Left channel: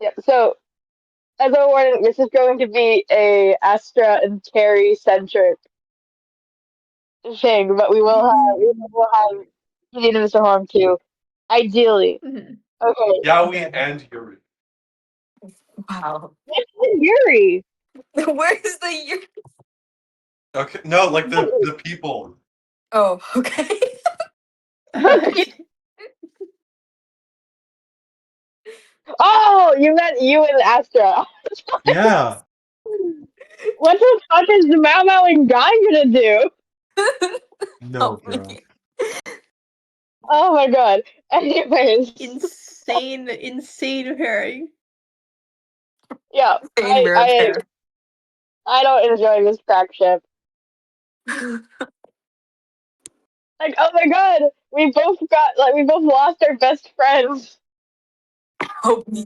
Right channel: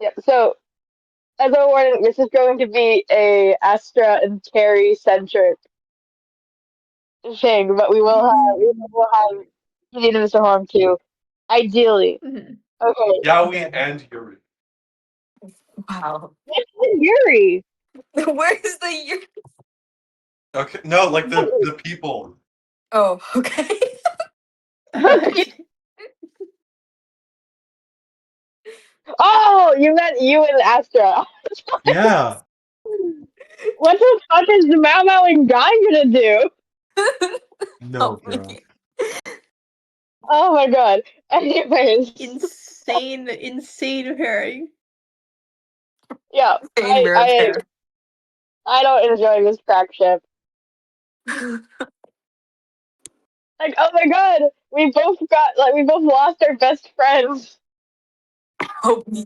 Yeah. So as a warning, this is going to be a Astra and Terry centric thing, but we will have Kate and Mr. Harm too. Ideally. Mhm. Okay. Yowie and Yuri. Wow. Yuri. Where's the Yuri? Okay, no, like the people. Oh, okay. Oh, you meant you and Astra. Yeah. What the fuck is the Mau Mauing guy gonna do? No, Help bro. me. Oh my god. Anyways. Insane pairing. Yeah. Insane rare pair. I don't enjoy this crack ship. Like, oh my god, we both lost our best friends. Help me.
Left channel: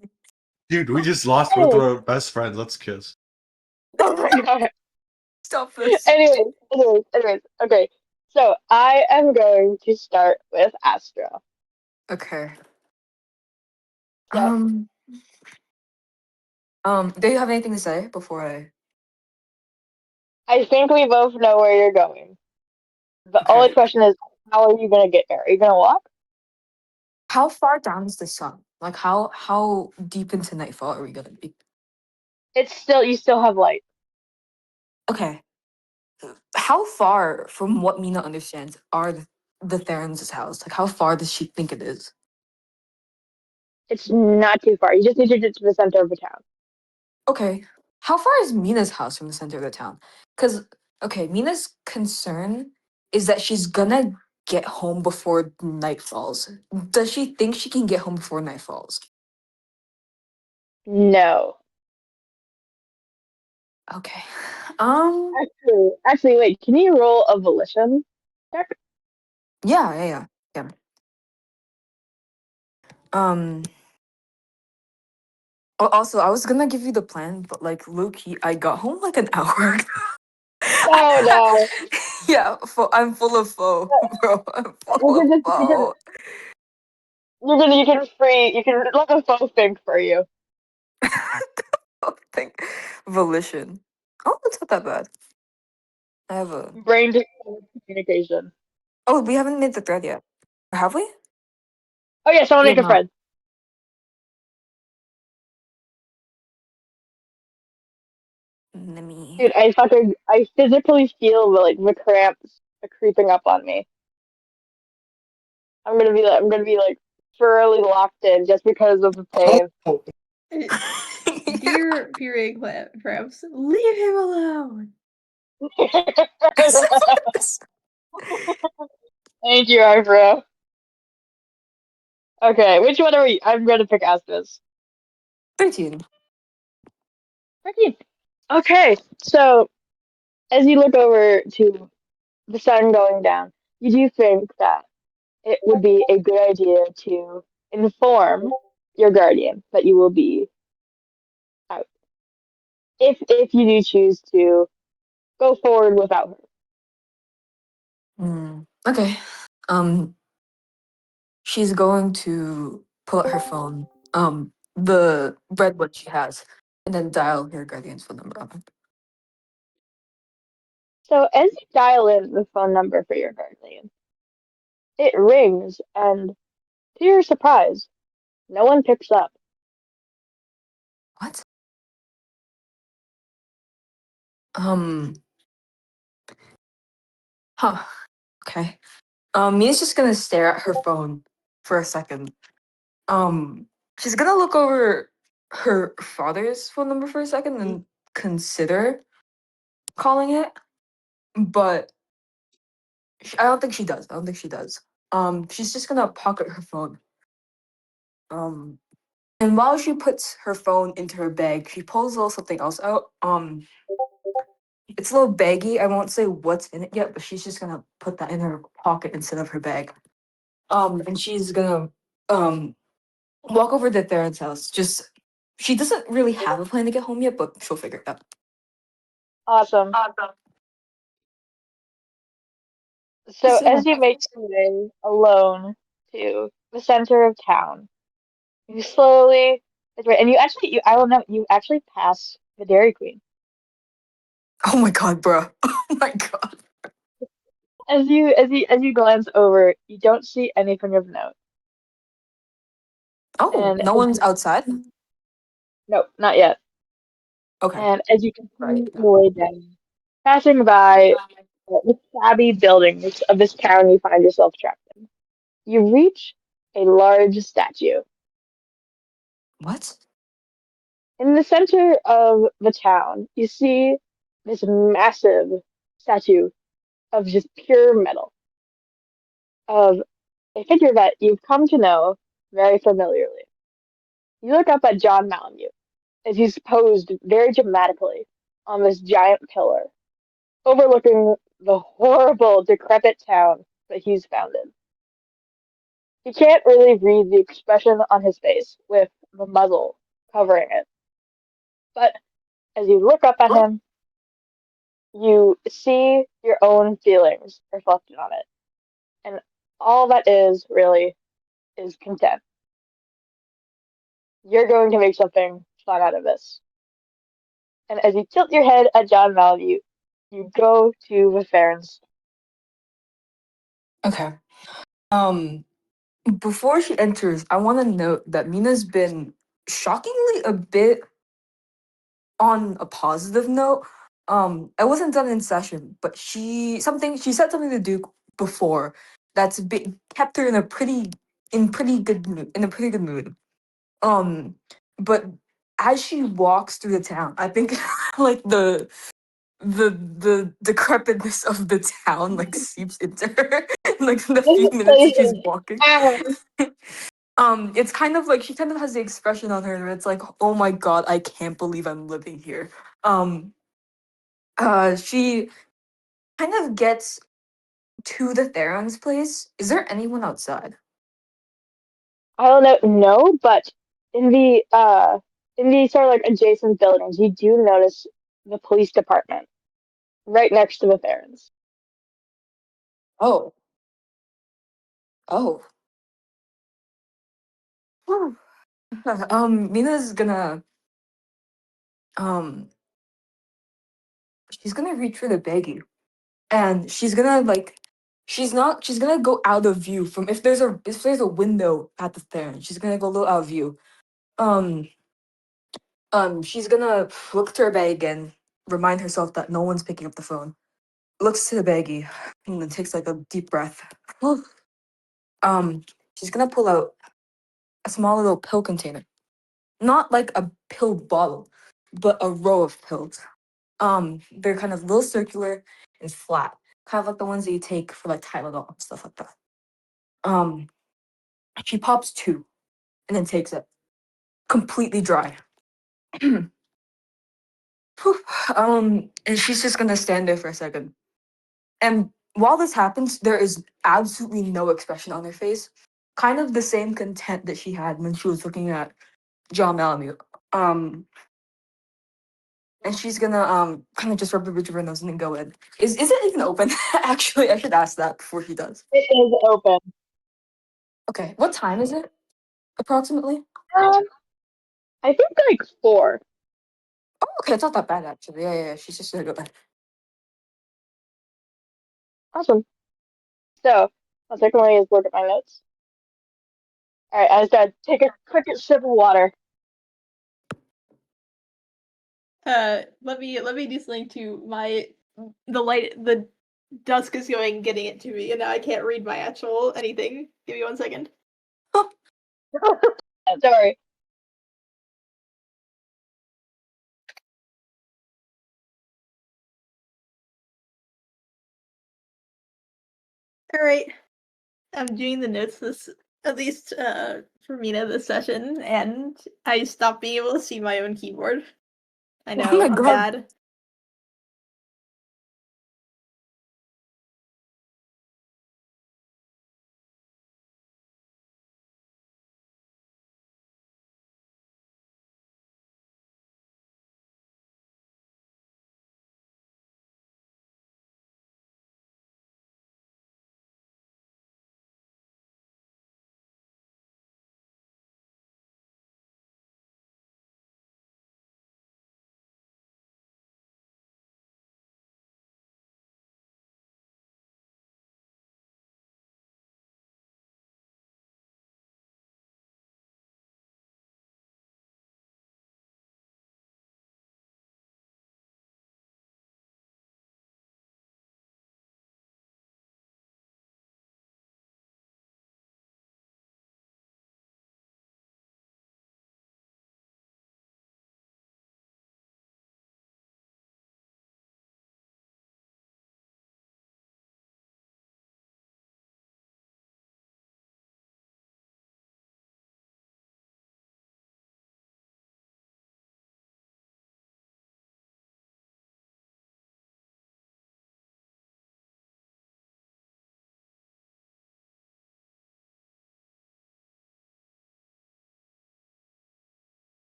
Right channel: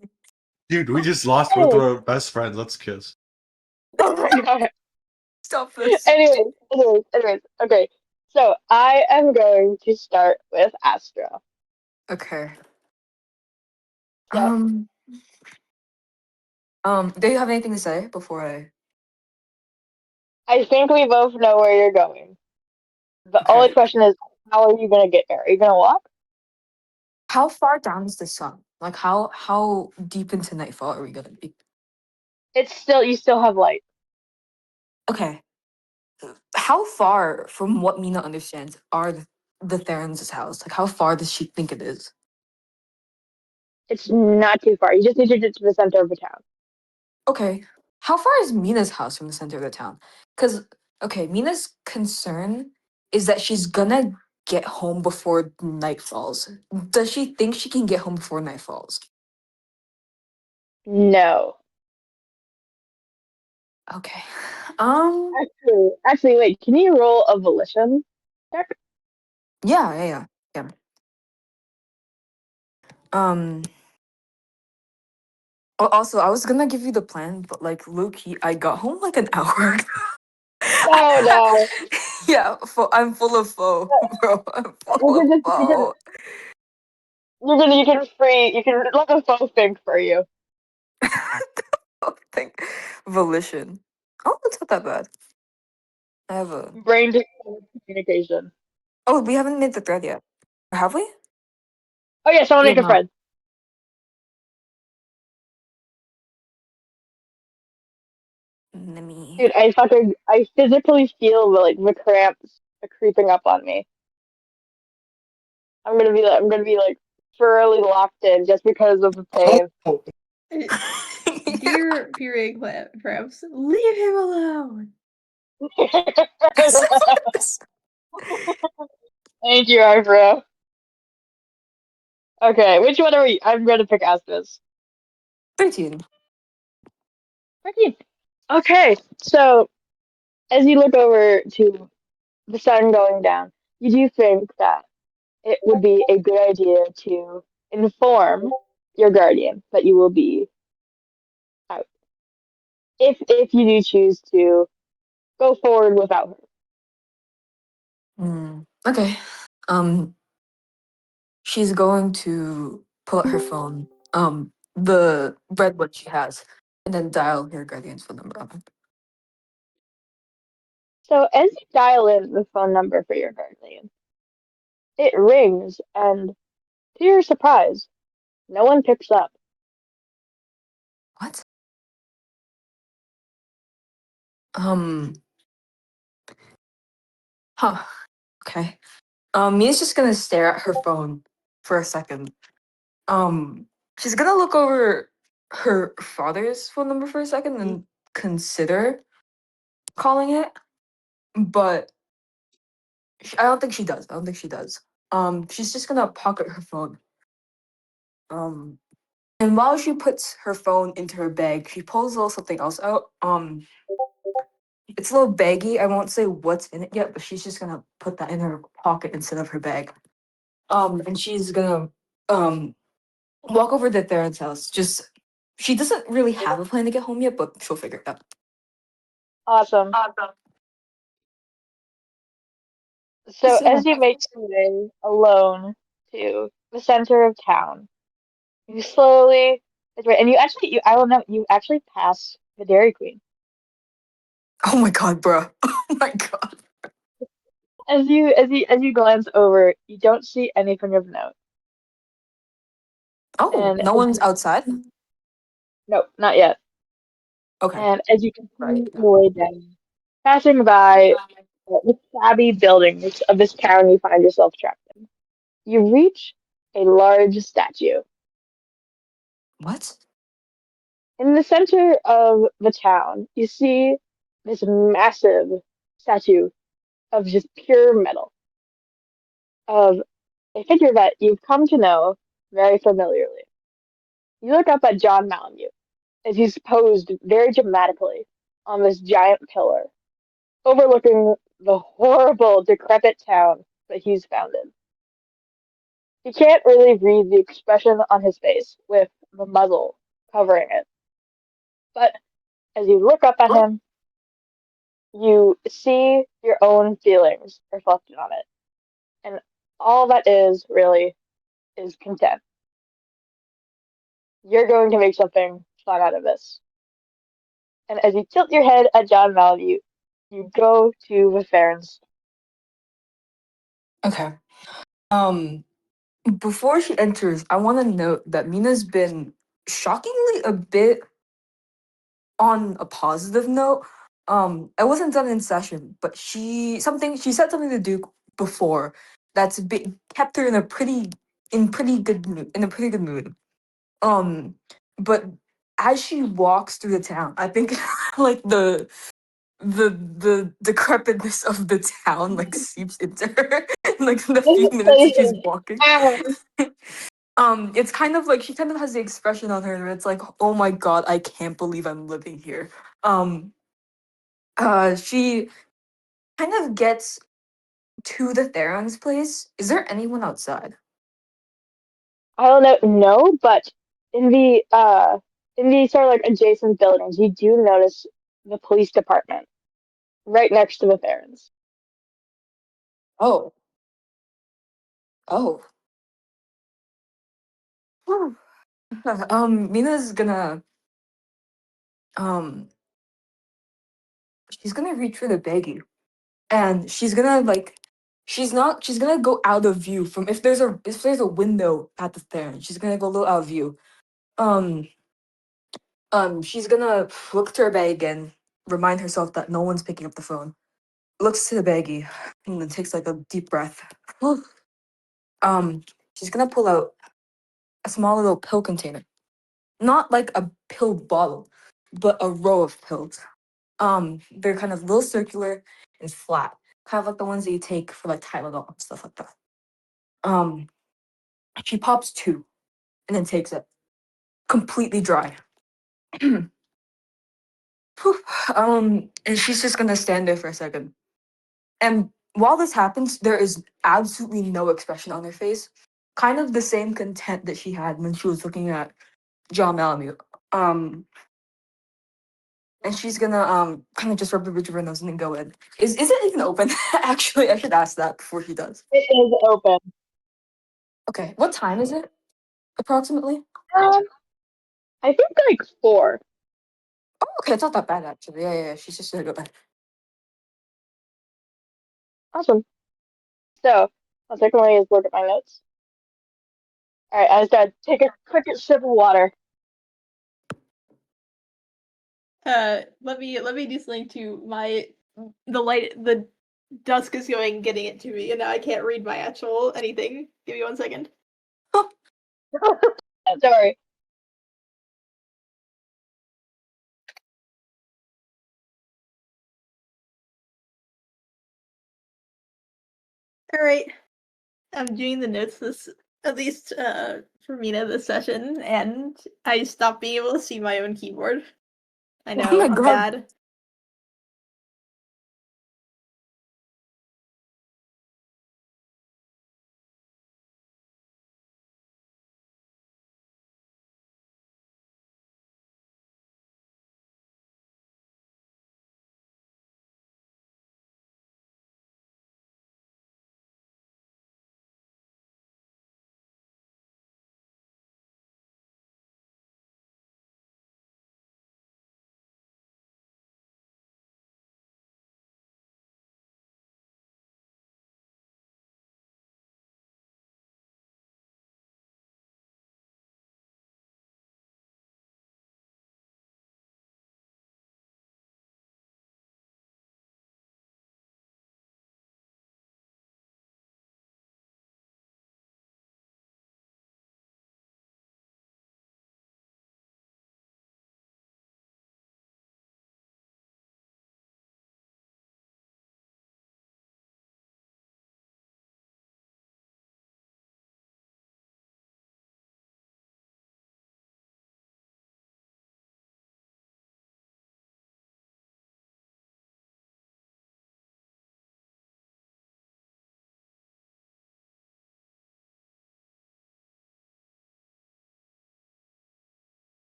Dude, we just lost one of our best friends. Let's kiss. Oh my god. Stop this. Anyways. Okay. So I am going to start with Astra. Okay. So Do you have anything to say before I... I think we both know where you're going. The Okay. only question is, how are you gonna get there? Are you gonna walk? How far down is the sun? Like, how deep into nightfall are we gonna be? You still have light. Okay. How far, from what Mina understands, are the Theron's house? Like, how far does she think it is? It's not too far. You just need to get to the center of the town. Okay. How far is Mina's house from the center of the town? Because, okay, Mina's concern is that she's gonna get home before night falls. Does she think she can get home before night falls? No. Okay. Actually, wait. Can you roll a volition check? Yeah. Um. Also, I was gonna give you the plan, but like low key, I got home like an hour ago. Oh no. Yeah, I'm full of foe, bro. I'm full of You can foe. you can look a faux thing for you. Think volition. Oh, it's not that bad. I have a. Brain communication. Oh, we haven't made the thread yet. Have we? Oh yeah, someone Yeah, make a no. friend. Let me. Dude, I physically feel the cramps creeping up on me. I'm gonna be like thoroughly locked in just because of the pain. Dear cramps, leave him alone. Thank you, Arfro. Okay, which one are we? I'm gonna pick Aspas. 13. 13. Okay, so as you look over to the sun going down, you do think that it would be a good idea to inform your guardian that you will be out. If you do choose to go forward without Okay. Um, she's going to pull out her phone, the red one she has, and then dial her guardian's phone number up. So as you dial in the phone number for your guardian, it rings, and to your surprise, no one picks up. What? Um, huh. Okay. Mia's just gonna stare at her phone for a second. She's gonna look over her father's phone number for a second and consider calling it, but I don't think she does. I don't think she does. She's just gonna pocket her phone. And while she puts her phone into her bag, she pulls a little something else out. It's a little baggy. I won't say what's in it yet, but she's just gonna put that in her pocket instead of her bag. And she's gonna walk over to Theron's house. Just she doesn't really have a plan to get home yet, but she'll figure it out. Awesome. So as you make your way alone to the center of town, You slowly, it's right, and I will know, you actually pass the Dairy Queen. Oh my god, bruh. Oh my god. As you glance over, you don't see anything of note. Oh, And no one's outside? no, not yet. Okay. And as you Right. continue your way down, passing by the shabby buildings of this town you find yourself trapped in, you reach a large statue. What? In the center of the town, you see this massive statue of just pure metal, of a figure that you've come to know very familiarly. You look up at John Malamute as he's posed very dramatically on this giant pillar, overlooking the horrible, decrepit town that he's founded. You can't really read the expression on his face with the muzzle covering it, but as you look up at Oh, him, you see your own feelings reflected on it. And all that is really is content. You're going to make something fun out of this. And as you tilt your head at John Mal, you go to the Farron's. okay. Um, Before she enters, I want to note that Mina's been shockingly a bit on a positive note. I wasn't done in session, but she said something to Duke before kept her in a pretty good mood. Um, but as she walks through the town, I think like the decrepitness of the town like seeps into her like the few His minutes face she's is walking. down. It's kind of like she kind of has the expression on her where it's like, oh my god, I can't believe I'm living here. Um, she kind of gets to the Theron's place. Is there anyone outside? I don't know, no, but in the sort of like adjacent buildings, you do notice the police department right next to the Farron's. Oh, oh. Whew. Mina's gonna um she's gonna reach for the baggie and she's gonna go out of view from if there's a window at the Theron, she's gonna go a little out of view. Um she's gonna look to her bag again, remind herself that no one's picking up the phone. Looks to the baggie and then takes like a deep breath. um, she's gonna pull out a small little pill container. Not like a pill bottle, but a row of pills. They're kind of little circular and flat, kind of like the ones that you take for like Tylenol and stuff like that. Um, she pops two and then takes it completely dry. And she's just gonna stand there for a second. And while this happens, there is absolutely no expression on her face. Kind of the same content that she had when she was looking at John Malamute. Um, and she's gonna kind of just rub the bridge of her nose and then go in. Is it even open? Actually, I should ask that before he does. It is open. Okay, what time is it approximately? Um, I think like four. Oh, okay, it's not that bad actually. Yeah. She's just gonna go back. Awesome. So, I'll take away and look at my notes. All right, I just gotta take a quick sip of water. Let me do something to my the dusk is going getting it to me, and now I can't read my actual anything. Give me 1 second. Sorry. All right, I'm doing the notes this at least for Mina this session, and I stopped being able to see my own keyboard. I Oh know my I'm god. bad.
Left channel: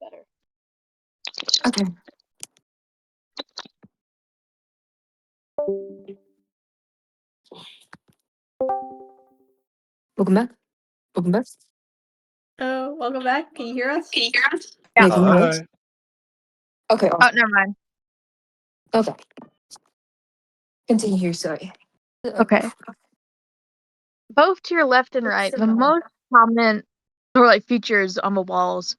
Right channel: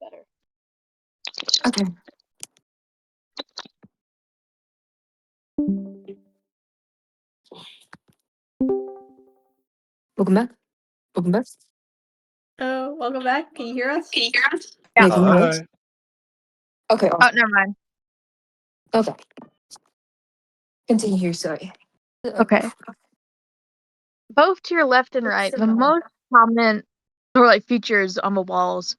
better. Okay. Welcome back. Welcome back. Oh, welcome back. Can you hear us? Yeah, Yeah. can you hear us? Hi. Okay. Oh, never mind. Okay. Continue here. Sorry. Okay. Both to your left and right, the most prominent or like features on the walls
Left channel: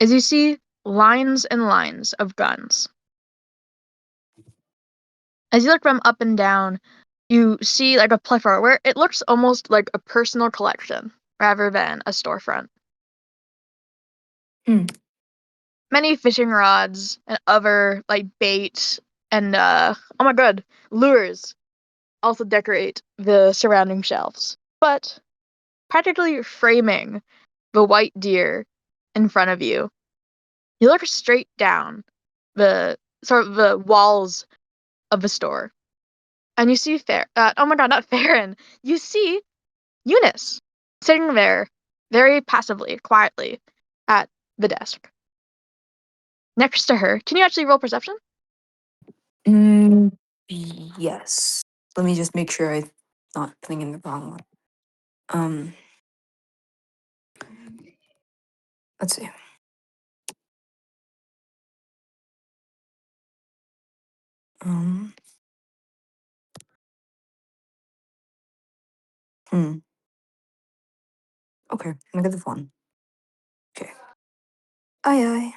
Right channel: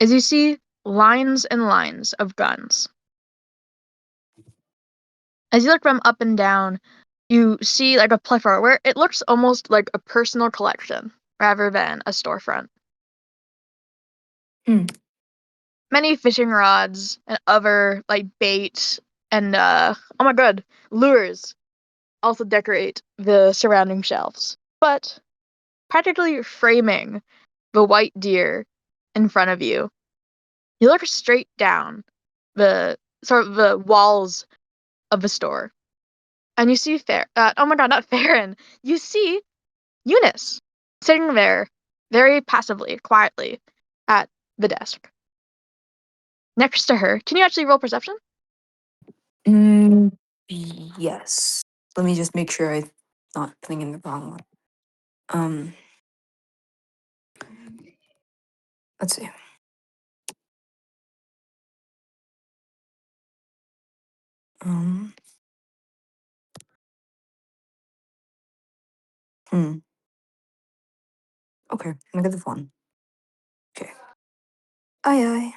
is you see lines and lines of guns. As you look from up and down, you see like a plethora where it looks almost like a personal collection rather than a storefront. Hmm. Many fishing rods and other like bait and oh my god, lures also decorate the surrounding shelves. But practically framing the white deer in front of you, you look straight down the sort of the walls of the store, and you see oh my god, not Farron. You see Eunice sitting there, very passively, quietly, at the desk. Next to her, can you actually roll perception? Yes. Let me just make sure I'm not putting in the wrong one. Let's see. Um. Okay. -1. Okay. Aye, aye.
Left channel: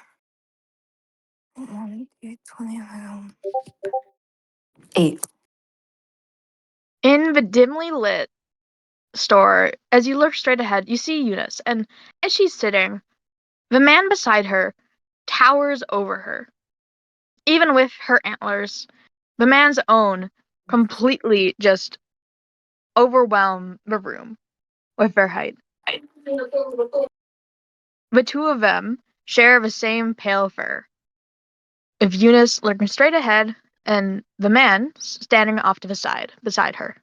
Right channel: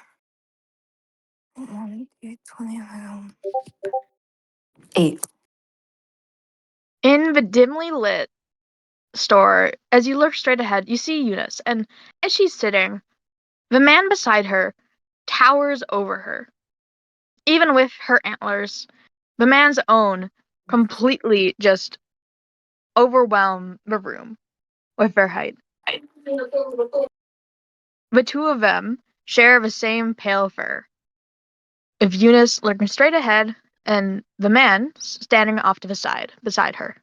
1, 2, 20, 8. In the dimly lit store, as you look straight ahead, you see Eunice, and as she's sitting, the man beside her towers over her. Even with her antlers, the man's own completely just overwhelm the room with their height. The two of them share the same pale fur, with Eunice looking straight ahead and the man standing off to the side beside her.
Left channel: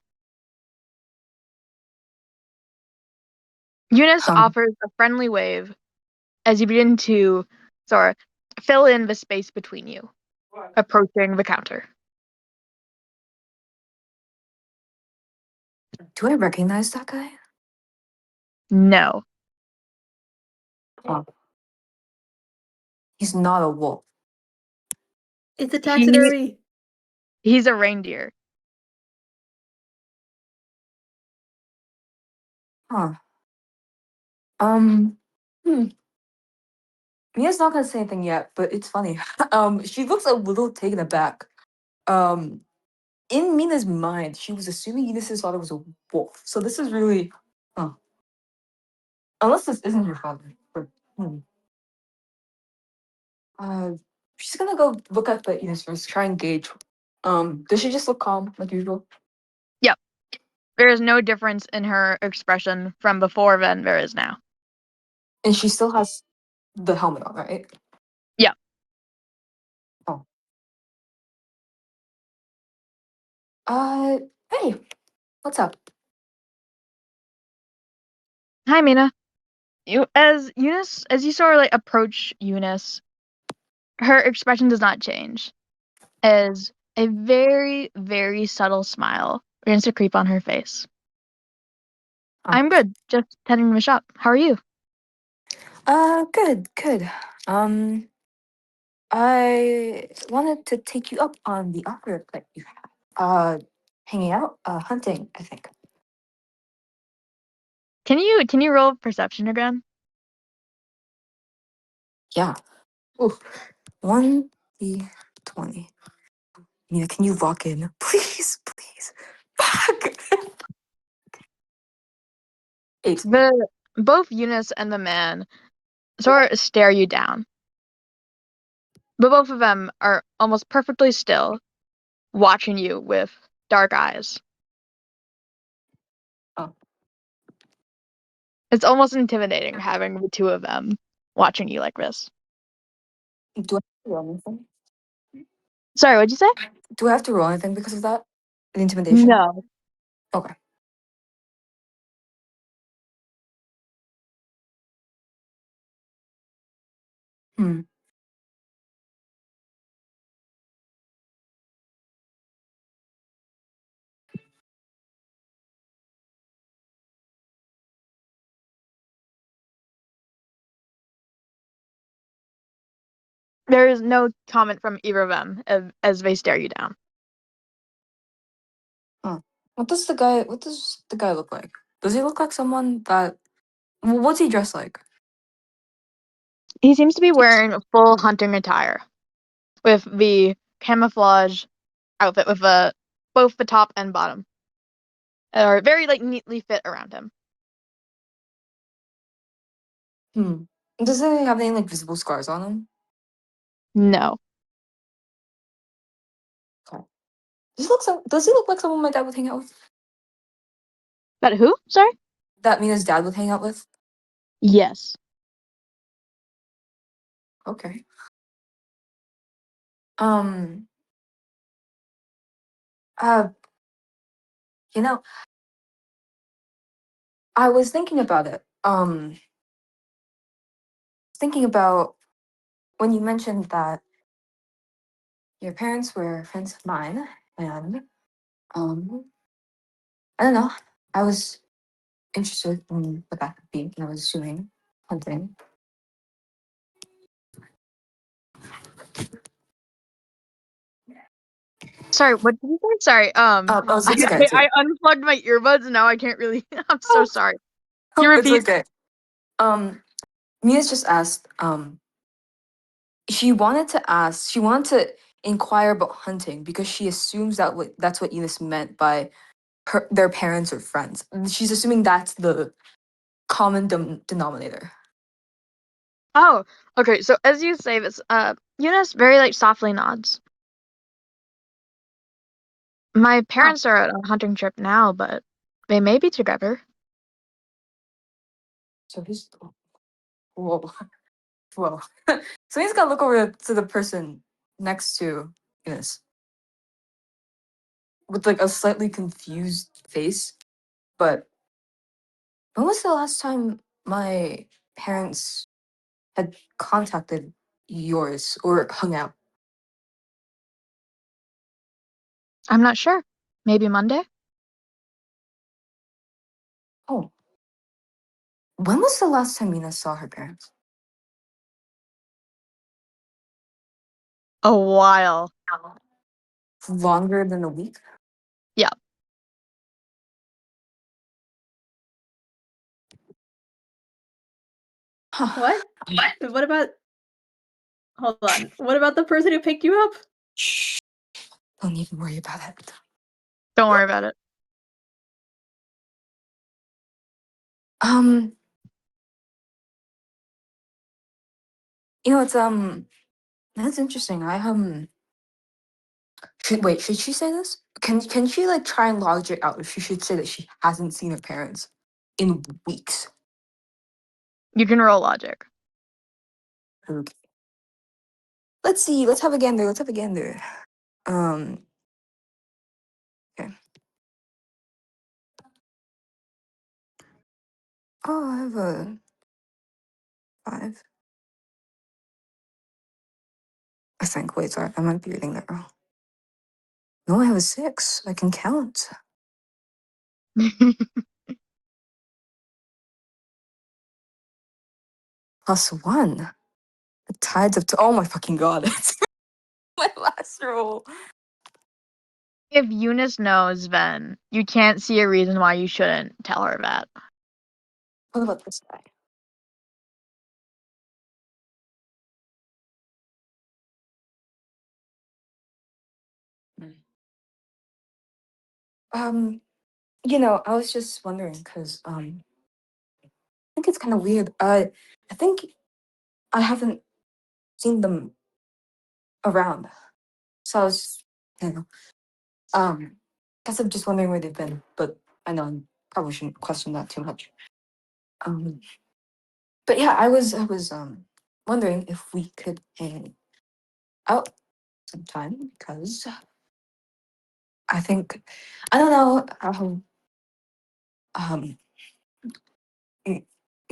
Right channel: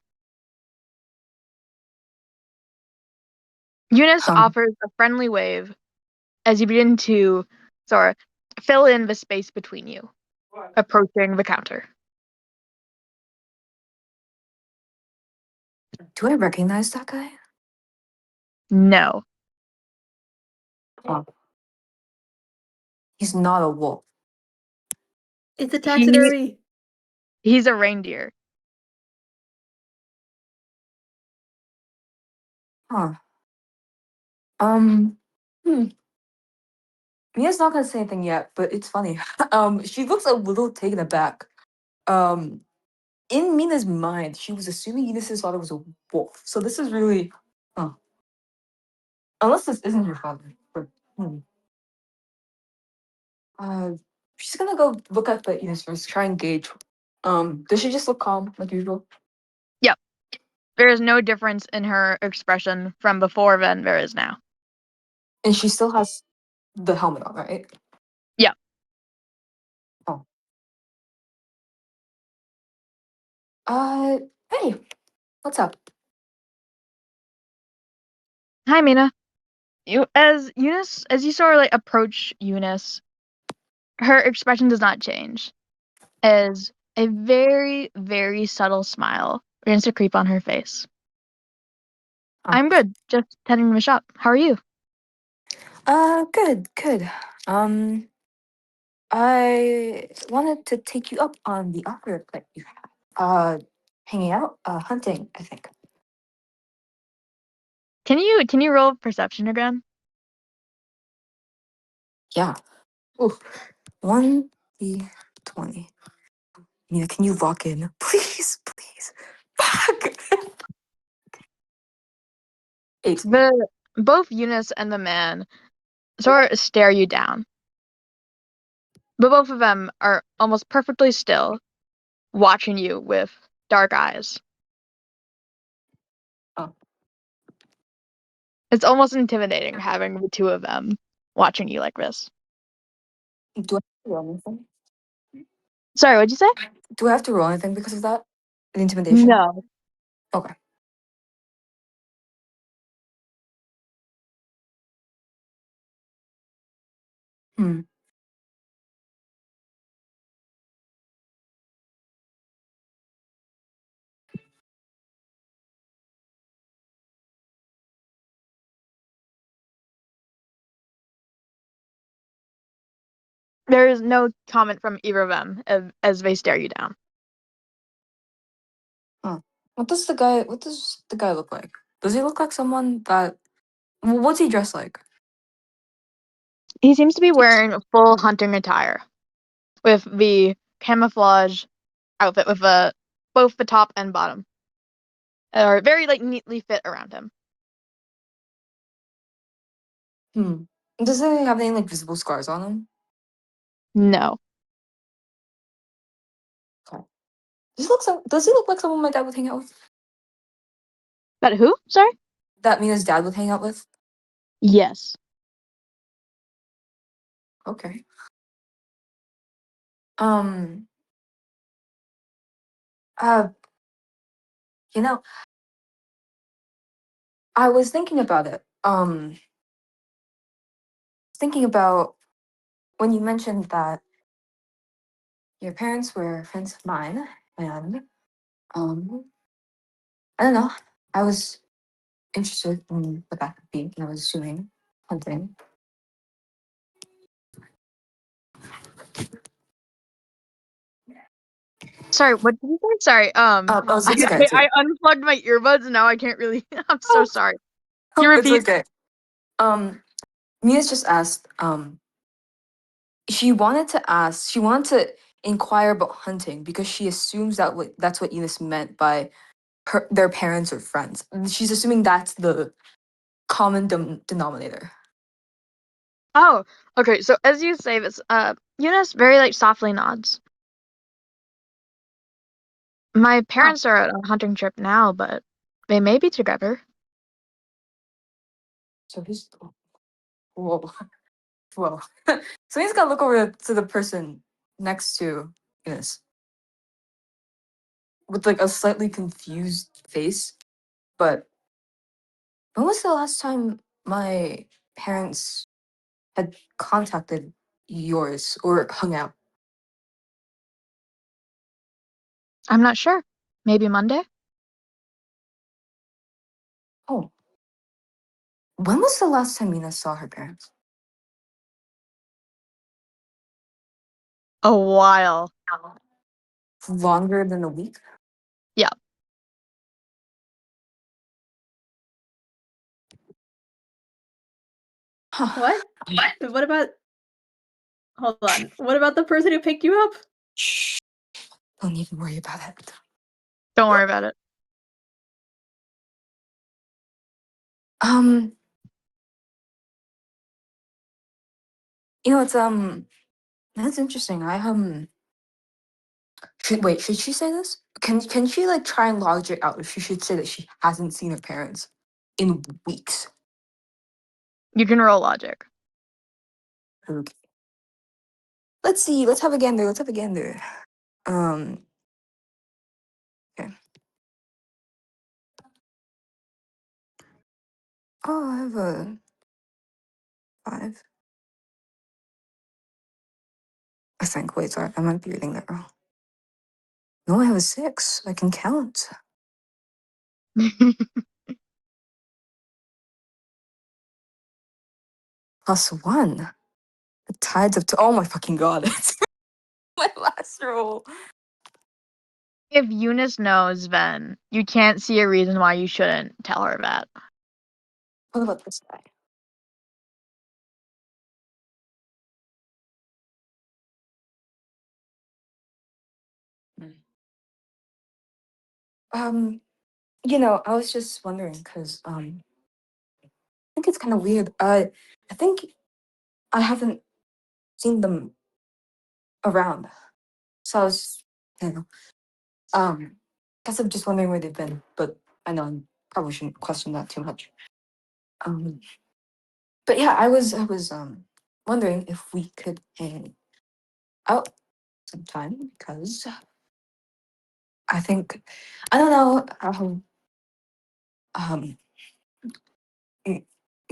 Eunice offers a friendly wave as you begin to sort of fill in the space between you, approaching the counter. Do I recognize that guy? No. Oh, he's not a wolf. It's a He, taxidermy. he's a reindeer. Huh. Um. Hmm. Mia's not gonna say anything yet, but it's funny. She looks a little taken aback. Um, in Mina's mind, she was assuming Eunice's father was a wolf. So this is really, huh. Unless this isn't her father. But, she's gonna go look at the Eunice first, try and gauge. Does she just look calm like usual? Yep. There is no difference in her expression from before than there is now. And she still has the helmet on, right? Yeah. Oh. Hey, what's up? Hi, Mina. As you saw her like approach Eunice, her expression does not change. As a very, very subtle smile begins to creep on her face. I'm good. Just tending the shop. How are you? Good. I wanted to take you up on the offer that you have. Hanging out, hunting, I think. Can you roll perception again? Yeah. Ooh, 1d20. Mina, can you lock in? Please. Fuck. 8. Both Eunice and the man sort of stare you down. But both of them are almost perfectly still, watching you with dark eyes. Oh. It's almost intimidating having the two of them watching you like this. Do I have to roll anything? Sorry, what'd you say? Do I have to roll anything because of that? An intimidation? No. Okay. Hmm. There is no comment from either of them as they stare you down. What does the guy look like? Does he look like someone that what's he dressed like? He seems to be wearing a full hunting attire with the camouflage outfit with both the top and bottom are very neatly fit around him. Does he have any visible scars on him? No. Okay. Does he look like someone my dad would hang out with? But who? Sorry? That Mina's dad would hang out with? Yes. Okay. You know, I was thinking about it. Thinking about when you mentioned that your parents were friends of mine, and I don't know. I was interested in what that could be, and I was assuming hunting. Sorry, what did you say? Sorry, It's okay. I unplugged my earbuds and now I can't really. I'm so sorry. Can you It's repeat? okay. Mia's just asked. She wanted to inquire about hunting because she assumes that's what Eunice meant by their parents or friends. She's assuming that's the common denominator. Oh, okay. So as you say this, Eunice very softly nods. My parents are on a hunting trip now, but they may be together. So he's whoa, whoa. So he's gotta look over to the person next to Eunice with a slightly confused face. But when was the last time my parents had contacted yours or hung out? I'm not sure. Maybe Monday? Oh. When was the last time Mina saw her parents? A while. Longer than a week? Yeah. What? But what about? Hold on. What about the person who picked you up? Shh. Don't even worry about it. Don't worry about it. It's that's interesting. Should she say this? Can she try and lodge it out if she should say that she hasn't seen her parents in weeks? You can roll logic. Okay. Let's see. Let's have a gander. Let's have a gander. Okay. Oh, I have a 5. I think. Wait, sorry. I might be reading that wrong. No, I have a 6. I can count. +1. The tides of oh my fucking god. It's my last roll. If Eunice knows, then you can't see a reason why you shouldn't tell her that. What about this guy? I was just wondering because I think it's kind of weird. I think I haven't seen them around, so I was, you know, guess I'm just wondering where they've been. But I know I probably shouldn't question that too much. Um, but yeah, I was wondering if we could hang out sometime because I think I don't know how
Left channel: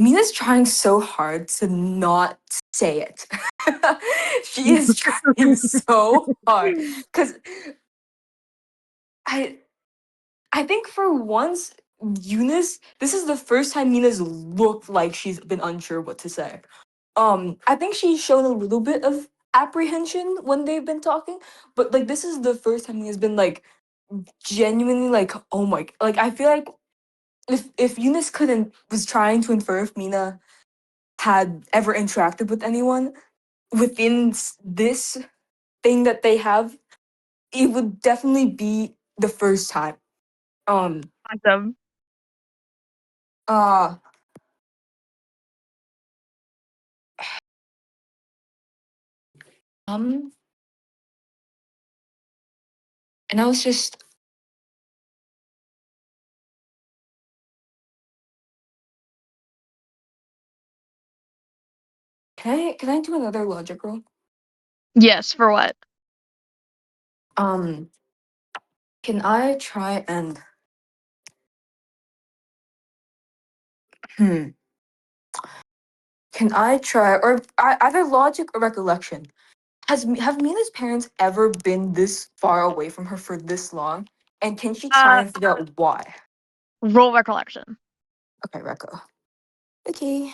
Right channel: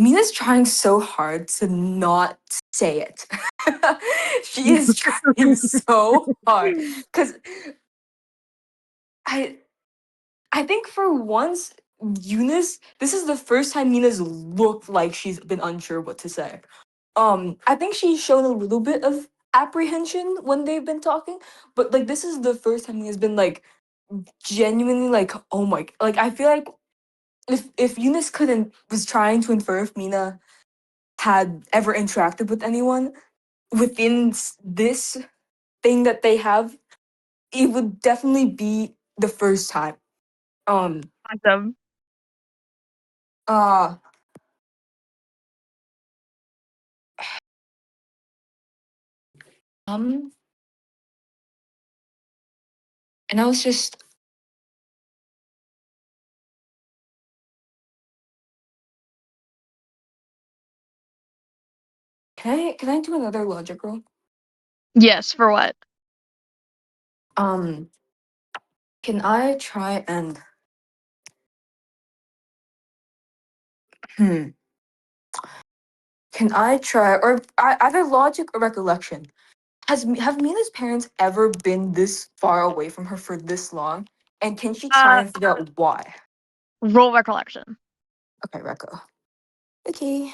Mina's trying so hard to not say it. She is trying so hard because I think for once, Eunice, this is the first time Mina's looked like she's been unsure what to say. I think she showed a little bit of apprehension when they've been talking, but like this is the first time Mina's been like genuinely like, oh my, like I feel like if Eunice couldn't was trying to infer if Mina had ever interacted with anyone within this thing that they have, it would definitely be the first time. Awesome. Uh um and I was just can I do another logic roll? Yes, for what? Um can I try and hmm can I try or either logic or recollection? Have Mina's parents ever been this far away from her for this long? And can she try and figure out why? Roll recollection. Okay, Recco. Okay.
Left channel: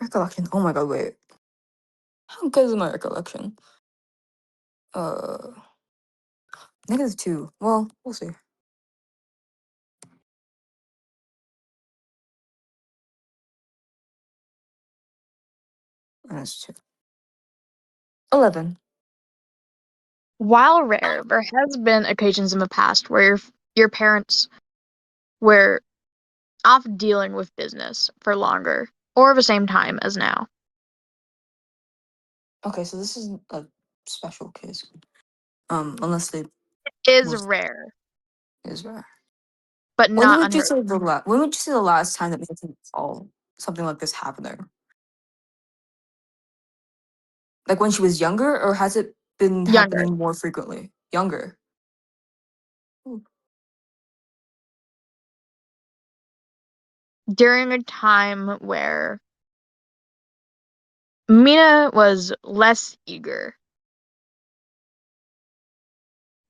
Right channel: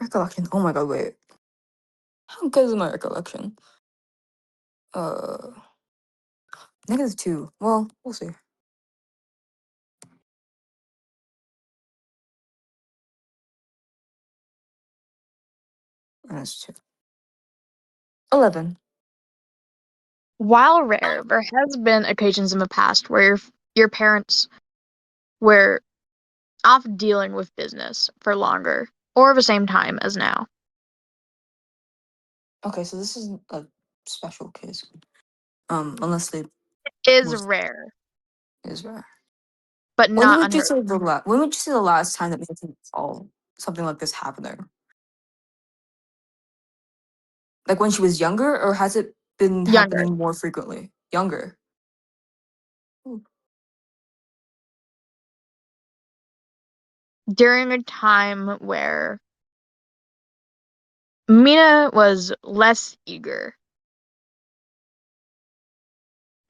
Recollection. Oh my god, wait. How good is my recollection? Uh -2. Well, we'll see. -2. 11. While rare, there has been occasions in the past where your parents were off dealing with business for longer or the same time as now. Okay, so this is a special case. Unless they Is was rare, is rare. but When not would you unheard say when would you say the last time that you saw something like this happening? Like when she was younger, or has it been of. Younger. happening more frequently? Younger. Ooh. During a time where Mina was less eager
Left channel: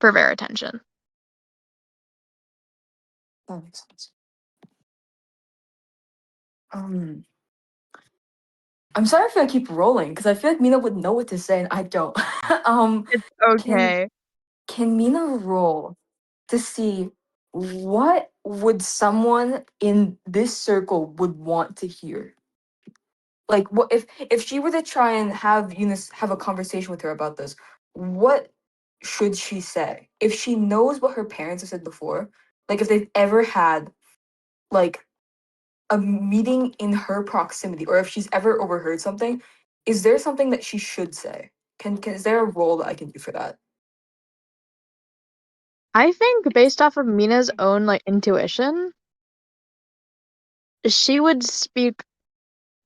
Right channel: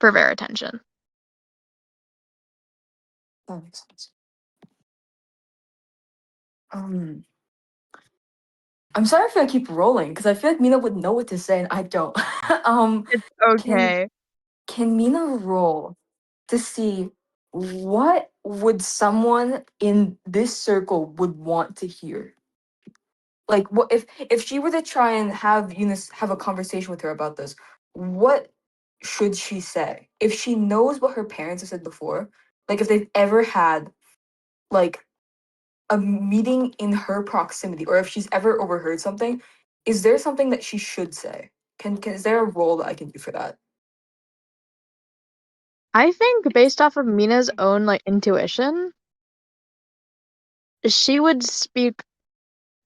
for their attention. That makes sense. Um, I'm sorry if I keep rolling because I feel like Mina would know what to say and I don't. It's Can okay. can Mina roll to see what would someone in this circle would want to hear? Like, what if she were to try and have Eunice have a conversation with her about this? What should she say if she knows what her parents have said before? Like, if they've ever had like a meeting in her proximity, or if she's ever overheard something, is there something that she should say? Can is there a role that I can do for that? I think based off of Mina's own intuition, she would speak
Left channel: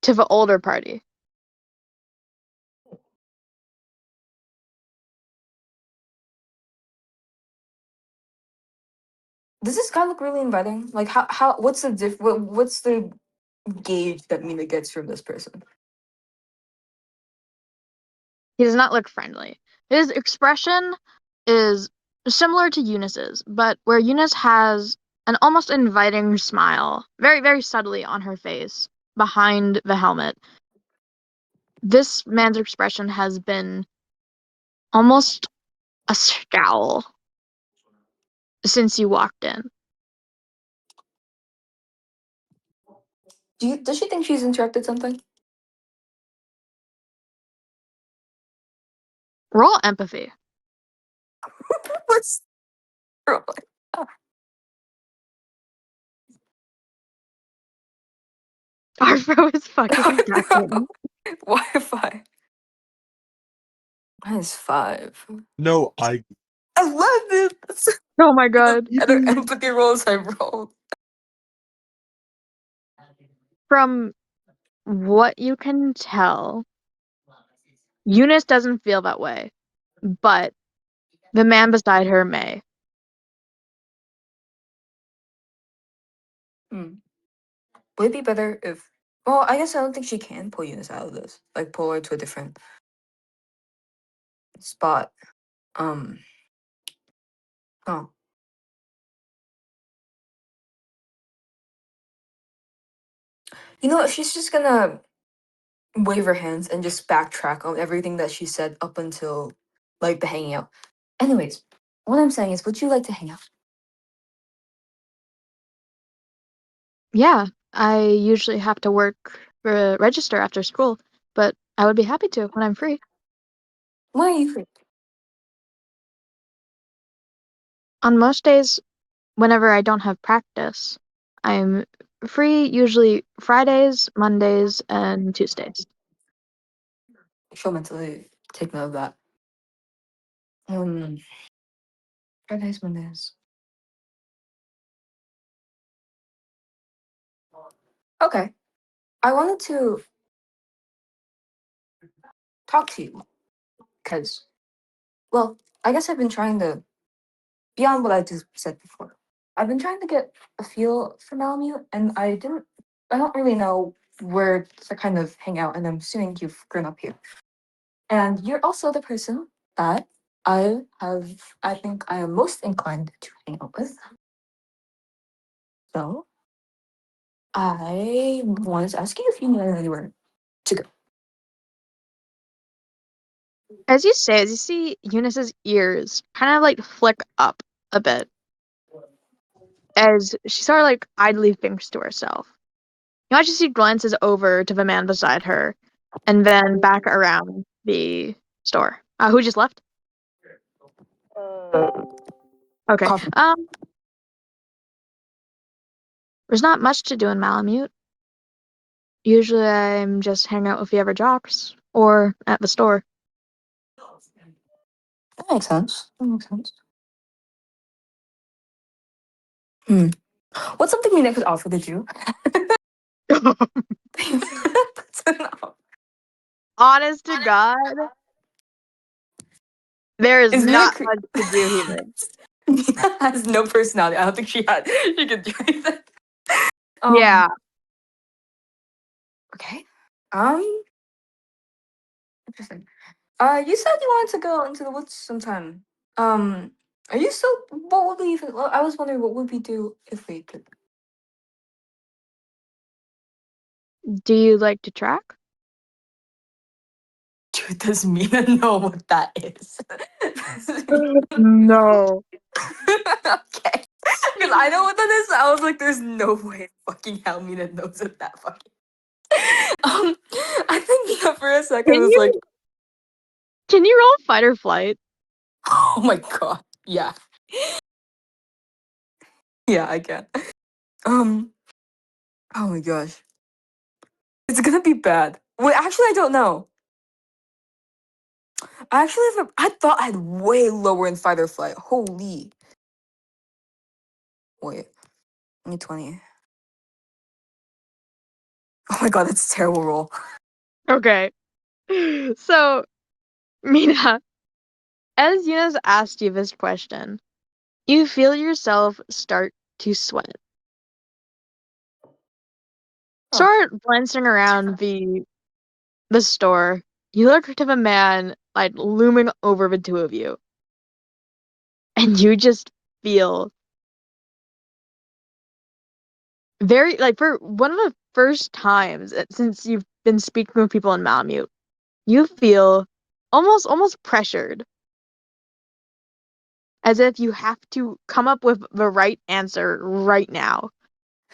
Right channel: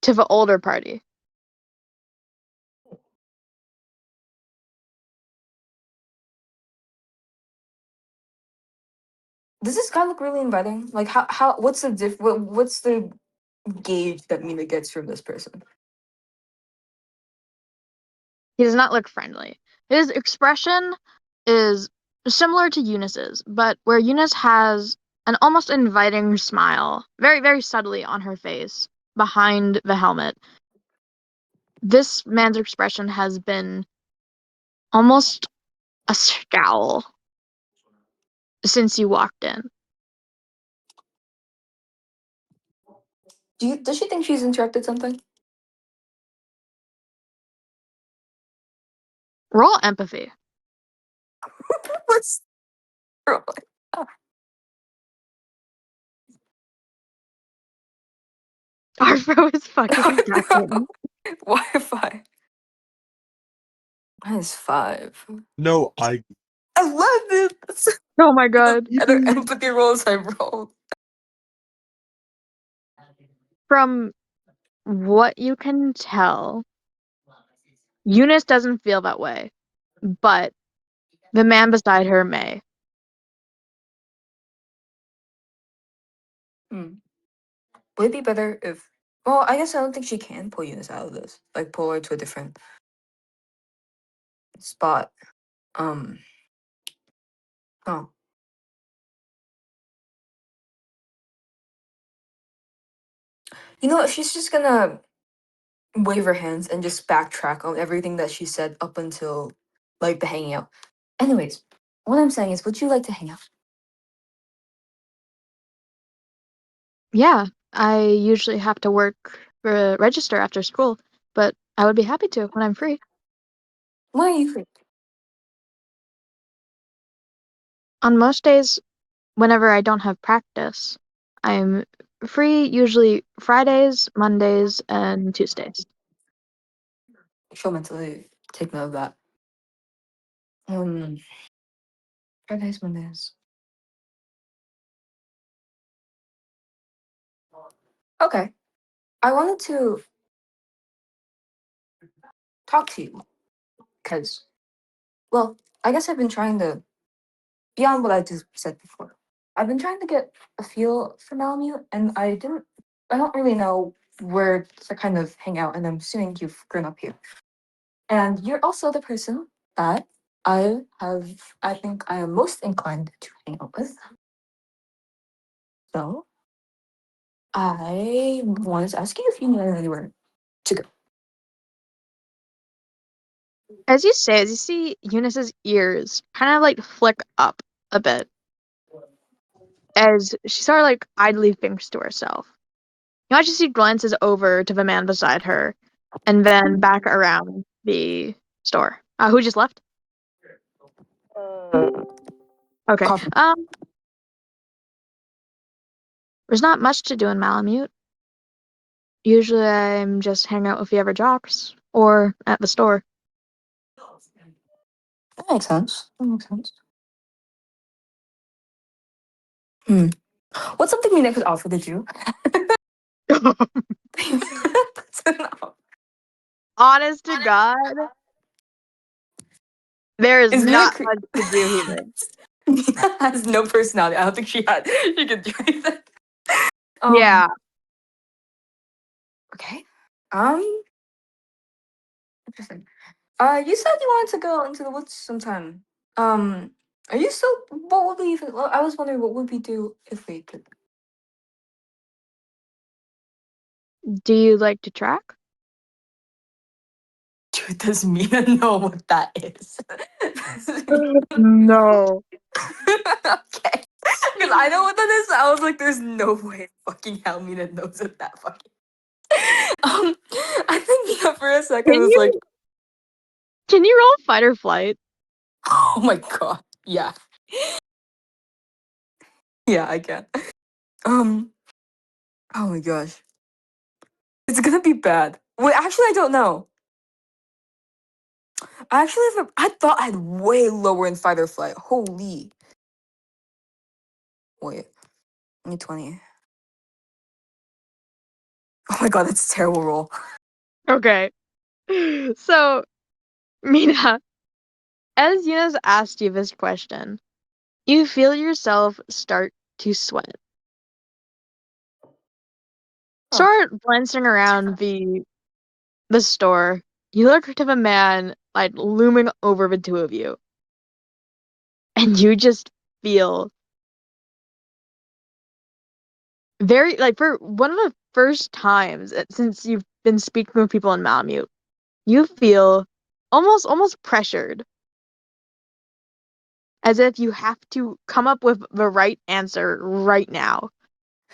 to the older party. Does this guy look really inviting? Like, how what's the what's the gauge that Mina gets from this person? He does not look friendly. His expression is similar to Eunice's, but where Eunice has an almost inviting smile, very, very subtly on her face, behind the helmet, this man's expression has been almost a scowl since you walked in. Does she think she's interrupted something? Roll empathy. What's Arvo is fucking ducking. Wi-Fi? -5. No, I 11. Oh my god. Other empathy rolls I rolled. From what you can tell, Eunice doesn't feel that way, but the man beside her may. Hmm. Would it be better if? Well, I guess I don't think she can pull Eunice out of this. Like pull her to a different spot. Oh. You know what? She's just gonna wave her hands and just backtrack on everything that she said up until like the hanging out. Anyways, what I'm saying is, would you like to hang out? Yeah, I usually have to work for register after school, but I would be happy to when I'm free. Why are you free? On most days, whenever I don't have practice, I'm free usually Fridays, Mondays, and Tuesdays. She'll mentally take note of that. Fridays, Mondays. Okay. I wanted to talk to you because, well, I guess I've been trying to, beyond what I just said before, I've been trying to get a feel for Malamute, and I don't really know where to kind of hang out, and I'm assuming you've grown up here. And you're also the person that I think I am most inclined to hang out with. So, I wanted to ask you if you knew anywhere to go. As you see Eunice's ears kind of like flick up a bit as she sort of like idly thinks to herself. You know, she glances over to the man beside her and then back around the store. Who just left? Okay. Coffee. There's not much to do in Malamute. Usually I'm just hanging out with the other jocks or at the store. That makes sense. That makes sense. Hmm. What's something Mina could offer to do? That's enough. Honest to God, there is Is Mina not much to do here. Mina has no personality. I don't think she could do anything. Yeah. Okay. Interesting. You said you wanted to go into the woods sometime. Are you still? What would we? Well, I was wondering what would we do if we could. Do you like to track? Dude, does Mina know what that is? No. Okay. Because I know what that is. I was like, there's no way fucking hell Mina knows what that fucking. I think Mina for a second Can was like, you roll fight or flight? oh my god. Yeah. Yeah, I can. Oh my gosh. It's gonna be bad. Wait, actually, I don't know. Actually, I thought I had way lower in fight or flight. Holy. Wait, give me 20. Oh my god, that's a terrible roll. Okay. So, Mina, as Eunice asked you this question, you feel yourself start to sweat. Oh. Start glancing around the store. You look to the man like looming over the two of you, and you just feel very like for one of the first times since you've been speaking with people in Malamute, you feel almost pressured, as if you have to come up with the right answer right now,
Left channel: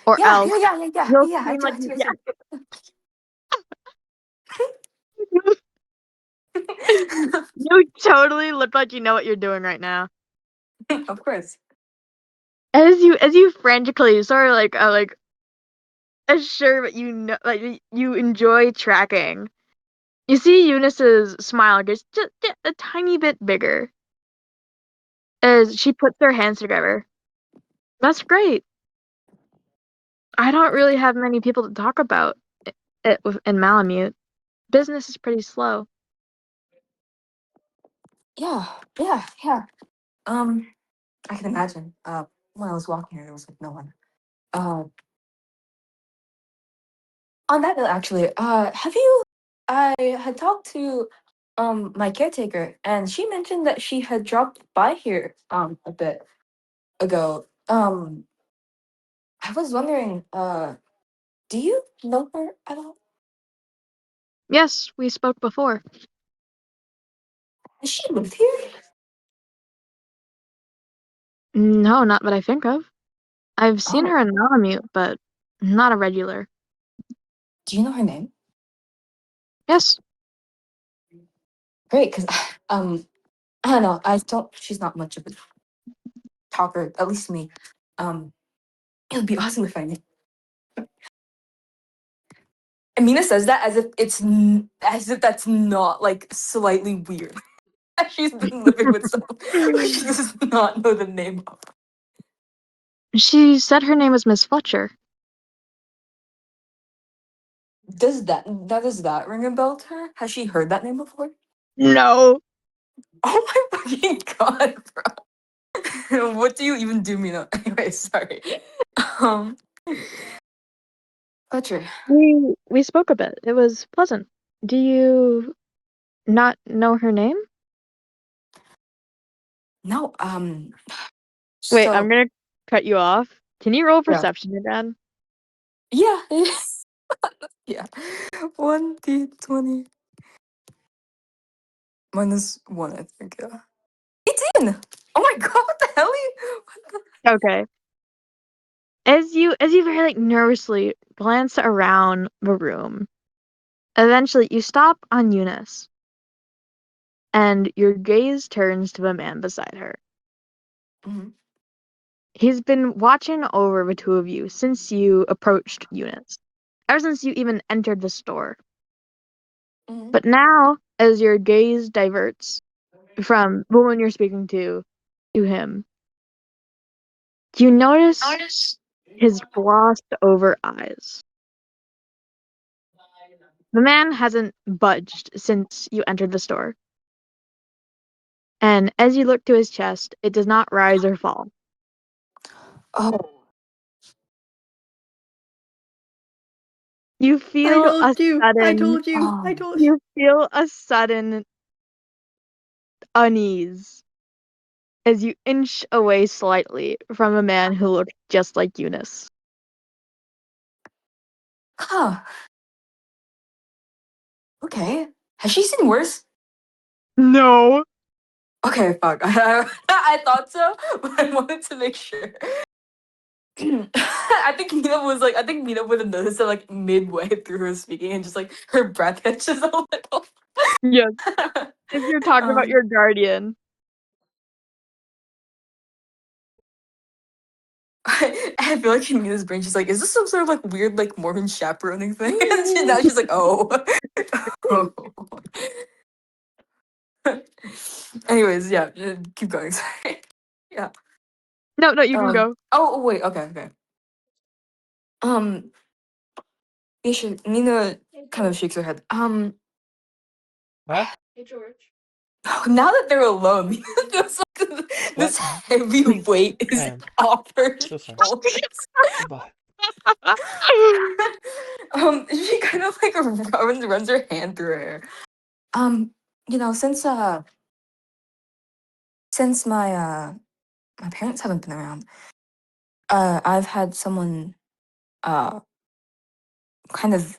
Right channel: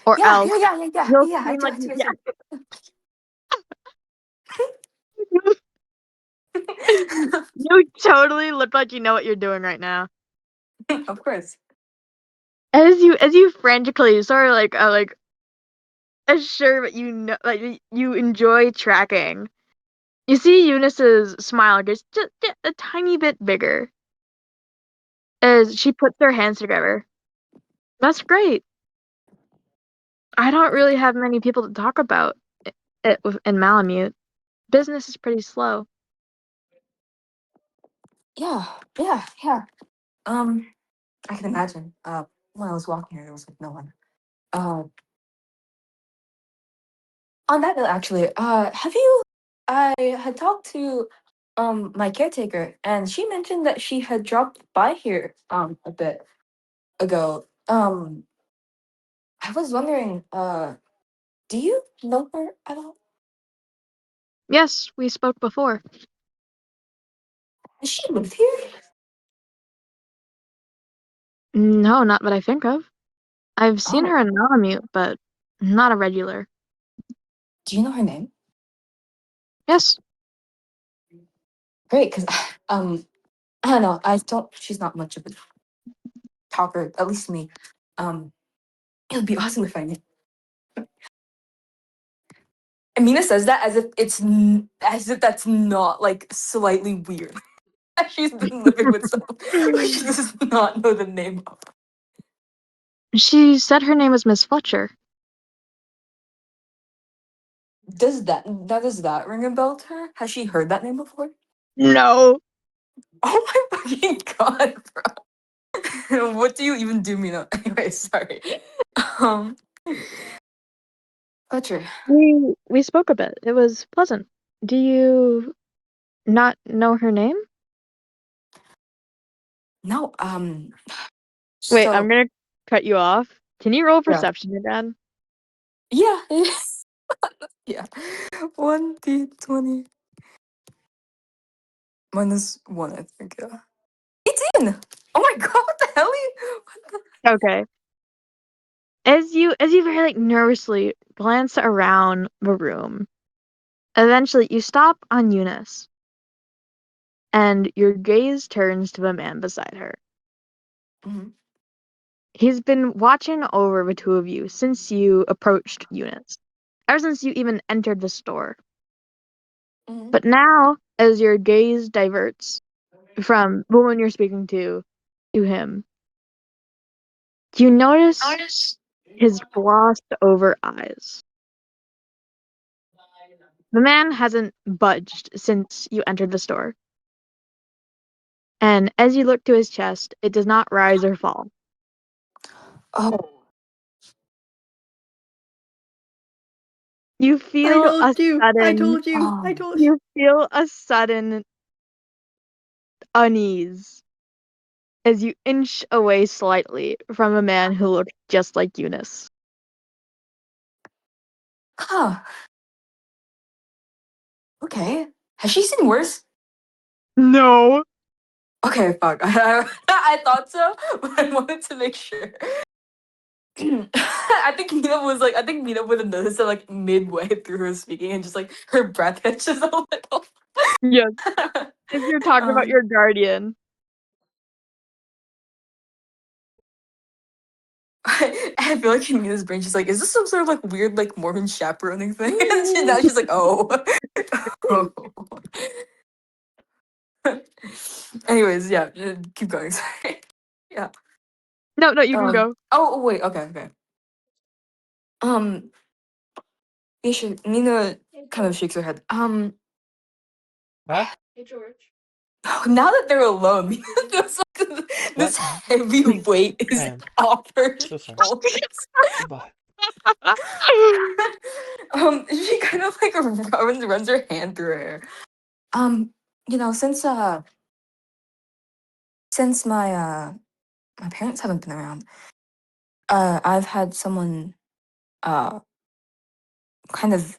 or Yeah, else yeah, yeah, yeah, yeah, you'll yeah. I seem do, like I do, I do. you totally look like you know what you're doing right now. Of course. As you frantically sort of like assure that you know like you enjoy tracking. You see Eunice's smile gets just a tiny bit bigger as she puts her hands together. That's great. I don't really have many people to talk about in Malamute. Business is pretty slow. Yeah, yeah, yeah. I can imagine. When I was walking here, there was like no one. On that note, actually, have you? I had talked to my caretaker, and she mentioned that she had dropped by here a bit ago. I was wondering, do you know her at all? Yes, we spoke before. Has she lived here? No, not that I think of. I've seen Oh, her in Malamute, but not a regular. do you know her name? Yes. Great, because I don't know. I don't. She's not much of a talker, at least to me. It would be awesome if I knew. Amina says that as if as if that's not like slightly weird. She's been living with someone who she does not know the name of. She said her name was Miss Fletcher. Does that ring a bell to her? Has she heard that name before? No. Oh my fucking god, bro! What do you even do, Mina? Anyway, sorry. Um, Fletcher. We spoke a bit. It was pleasant. Do you not know her name? No. Wait, I'm So gonna cut you off. Can you roll yeah, perception, your dad? yeah, yeah. 1d20 -1, I think. Yeah. 18. Oh my god! What the hell? What the- Okay. As you very like nervously glance around the room, eventually you stop on Eunice, and your gaze turns to the man beside her. Mhm, He's been watching over the two of you since you approached Eunice, ever since you even entered the store. mhm. But now, as your gaze diverts from the one you're speaking to him, you notice his glossed over eyes. The man hasn't budged since you entered the store. And as you look to his chest, it does not rise or fall. Oh, You I feel a told you. I sudden told you. I oh, told you. you feel a sudden unease as you inch away slightly from a man who looked just like Eunice. huh. Okay. Has she seen worse? No. Okay, fuck. I thought so, but I wanted to make sure. I think Mina would have noticed it like midway through her speaking and just like her breath catches a little. Yes. If you're talking about um, your guardian. I feel like in Mina's brain, she's like, is this some sort of like weird like Mormon chaperoning thing? And now she's like, oh. Oh. Anyways, yeah, keep going. Sorry. Yeah. No, you can go. Oh wait. Okay. Okay. Um. Isha, Mina kind of shakes her head. Huh? Now that they're alone, Mina feels like this What? heavy weight is I am off her so sorry. shoulders. Goodbye. She kind of like runs her hand through her hair. You know, since my parents haven't been around, I've had someone uh kind of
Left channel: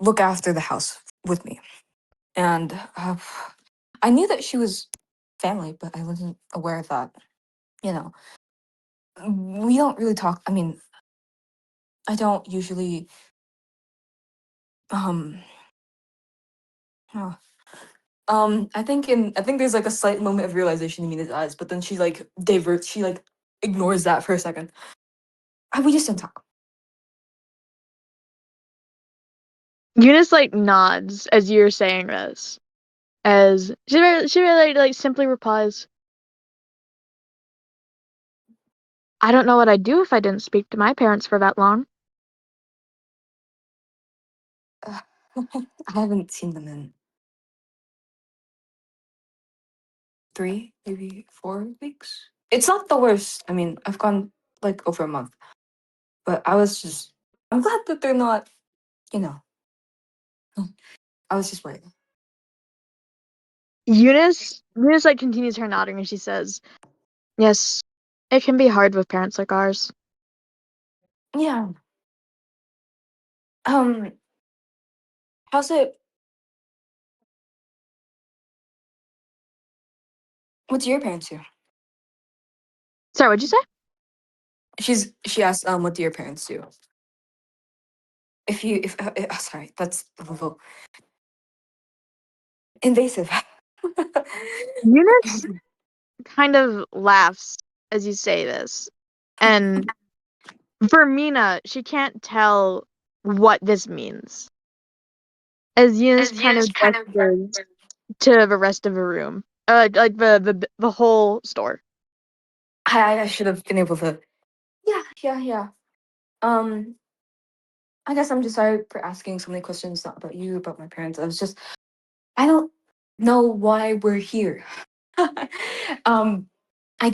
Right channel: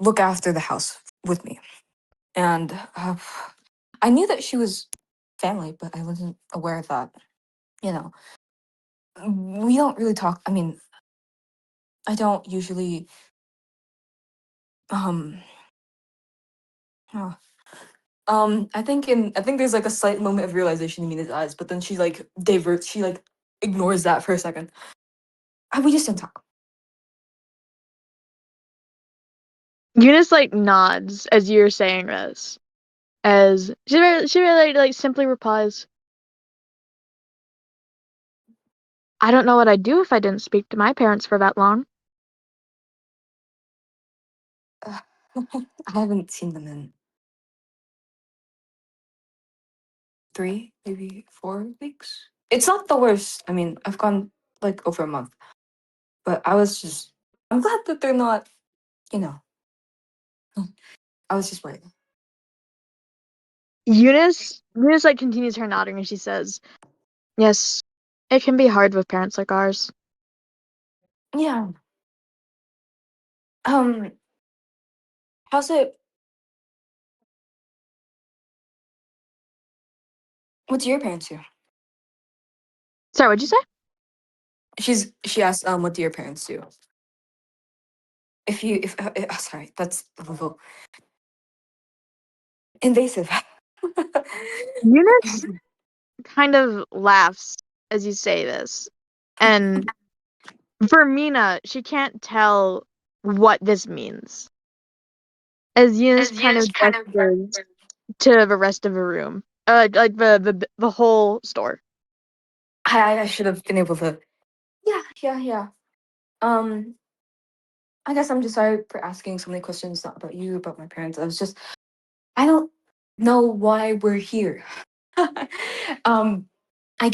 look after the house with me, and I knew that she was family, but I wasn't aware of that. You know, we don't really talk. I mean, I don't usually um. huh. I think there's like a slight moment of realization in Mina's eyes, but then she like diverts. She like ignores that for a second. We just didn't talk. Eunice like nods as you're saying this. As she really like simply replies, I don't know what I'd do if I didn't speak to my parents for that long. Uh, I haven't seen them in 3, maybe 4 weeks. It's not the worst. I mean, I've gone like over a month. But I'm glad that they're not, you know. I was just worried. Eunice like continues her nodding and she says, "Yes, it can be hard with parents like ours." Yeah. How's it? What do your parents do? Sorry, what'd you say? She asked, what do your parents do? Sorry, that's a little invasive. Eunice kind of laughs as you say this. And for Mina, she can't tell what this means. As Eunice kind of gestures to the rest of the room. Like the whole store. I should have been able to. Yeah. Um, I guess I'm just sorry for asking so many questions, not about you, about my parents. I don't know why we're here. um, I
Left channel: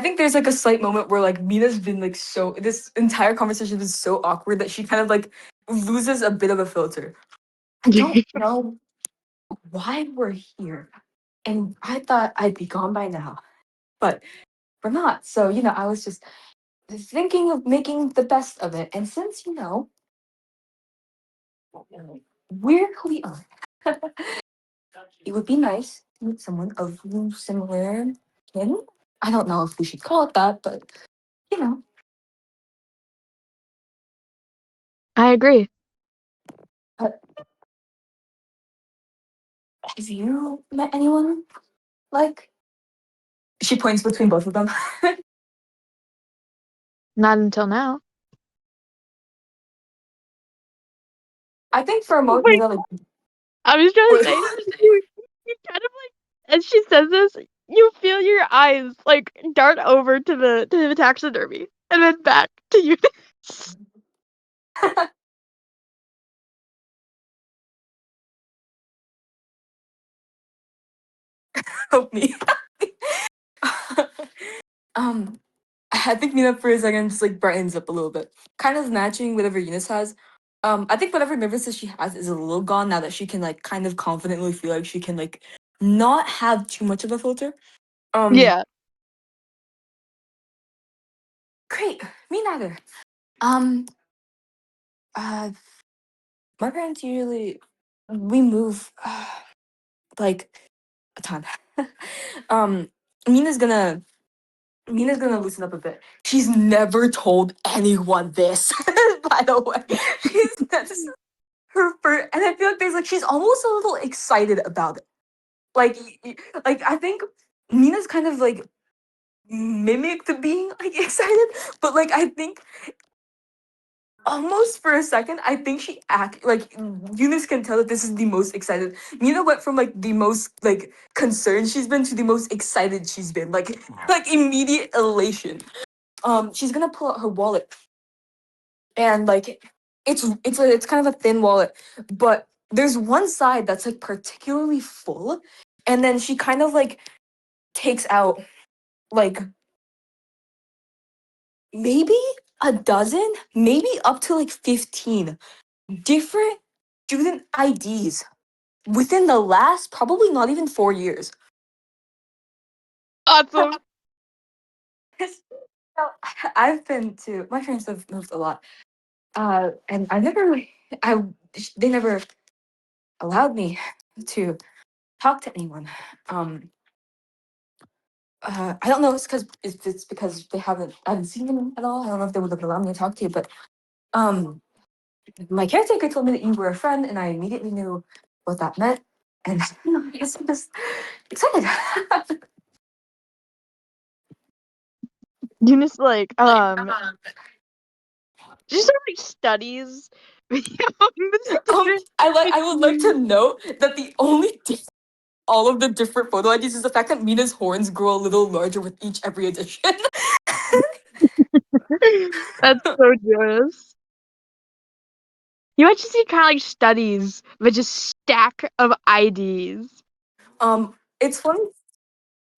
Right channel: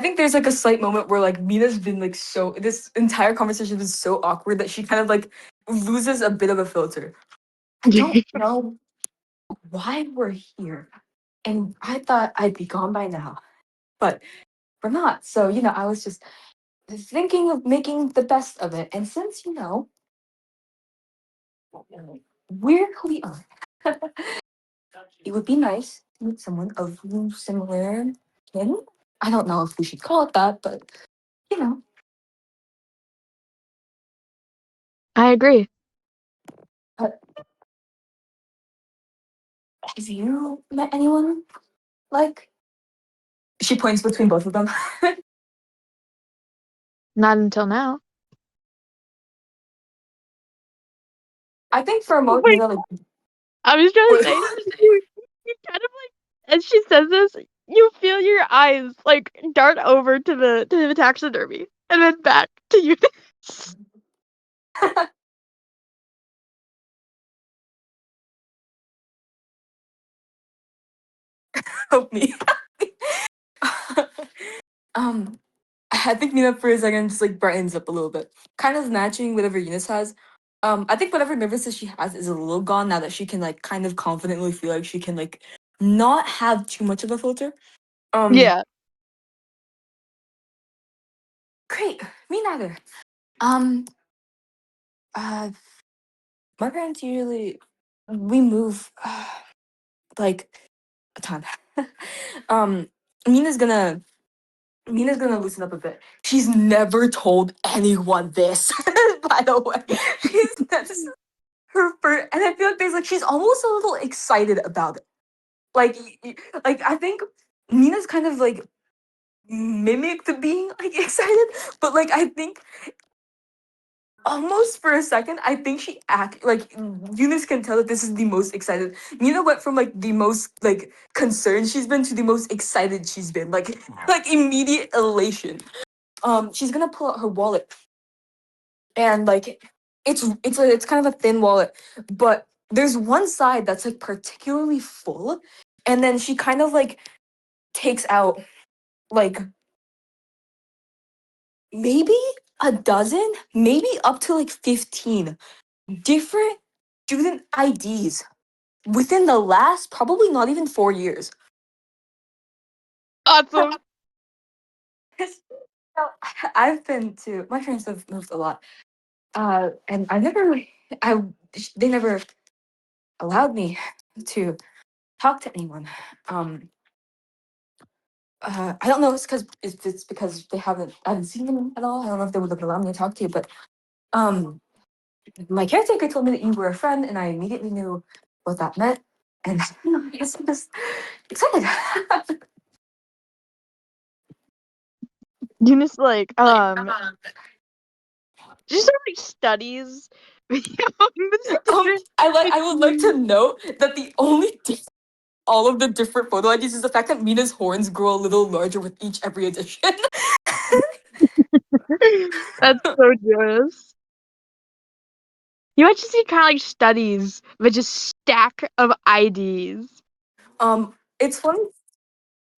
think there's like a slight moment where like Mina's been like this entire conversation is so awkward that she kind of like loses a bit of a filter. I don't know why we're here. And I thought I'd be gone by now, but we're not. So, I was just thinking of making the best of it. And since, we're who we are, it would be nice to meet someone of similar kin. I don't know if we should call it that, but, you know. I agree. But have you met anyone like? She points between both of them. Not until now. I think for a moment, Wait, like, I was gonna say, you kind of like, as she says this, you feel your eyes like dart over to the taxidermy and then back to you. help me. um, I think Mina for a second just like brightens up a little bit, kind of matching whatever Eunice has. I think whatever nervousness she has is a little gone now that she can like kind of confidently feel like she can like not have too much of a filter. Um, Yeah. Great, me neither. Um, uh, my parents usually we move like a ton. um, Mina's gonna Mina's gonna loosen up a bit. She's never told anyone this, by the way. That's her first, and I feel like she's almost a little excited about it. Like, like I think Mina's kind of like mimicked being like excited, but like I think almost for a second, I think she act like Eunice can tell that this is the most excited. Mina went from like the most like concerned she's been to the most excited she's been. Like immediate elation. She's gonna pull out her wallet and like it's kind of a thin wallet, but there's one side that's like particularly full, and then she kind of like takes out like maybe a dozen, maybe up to like 15 different student IDs within the last probably not even 4 years. Awesome. I've been to my parents have moved a lot, and I never, I they never allowed me to talk to anyone. Um, I don't know if it's because I haven't seen them at all. I don't know if they would have allowed me to talk to you, but um, my caretaker told me that you were a friend, and I immediately knew what that meant. And I guess I'm just excited. Eunice just sort of like studies the student. I would like to note that the only all of the different photo IDs is the fact that Mina's horns grow a little larger with every edition. That's so joyous. You actually see kind of like studies with just stack of IDs. It's funny.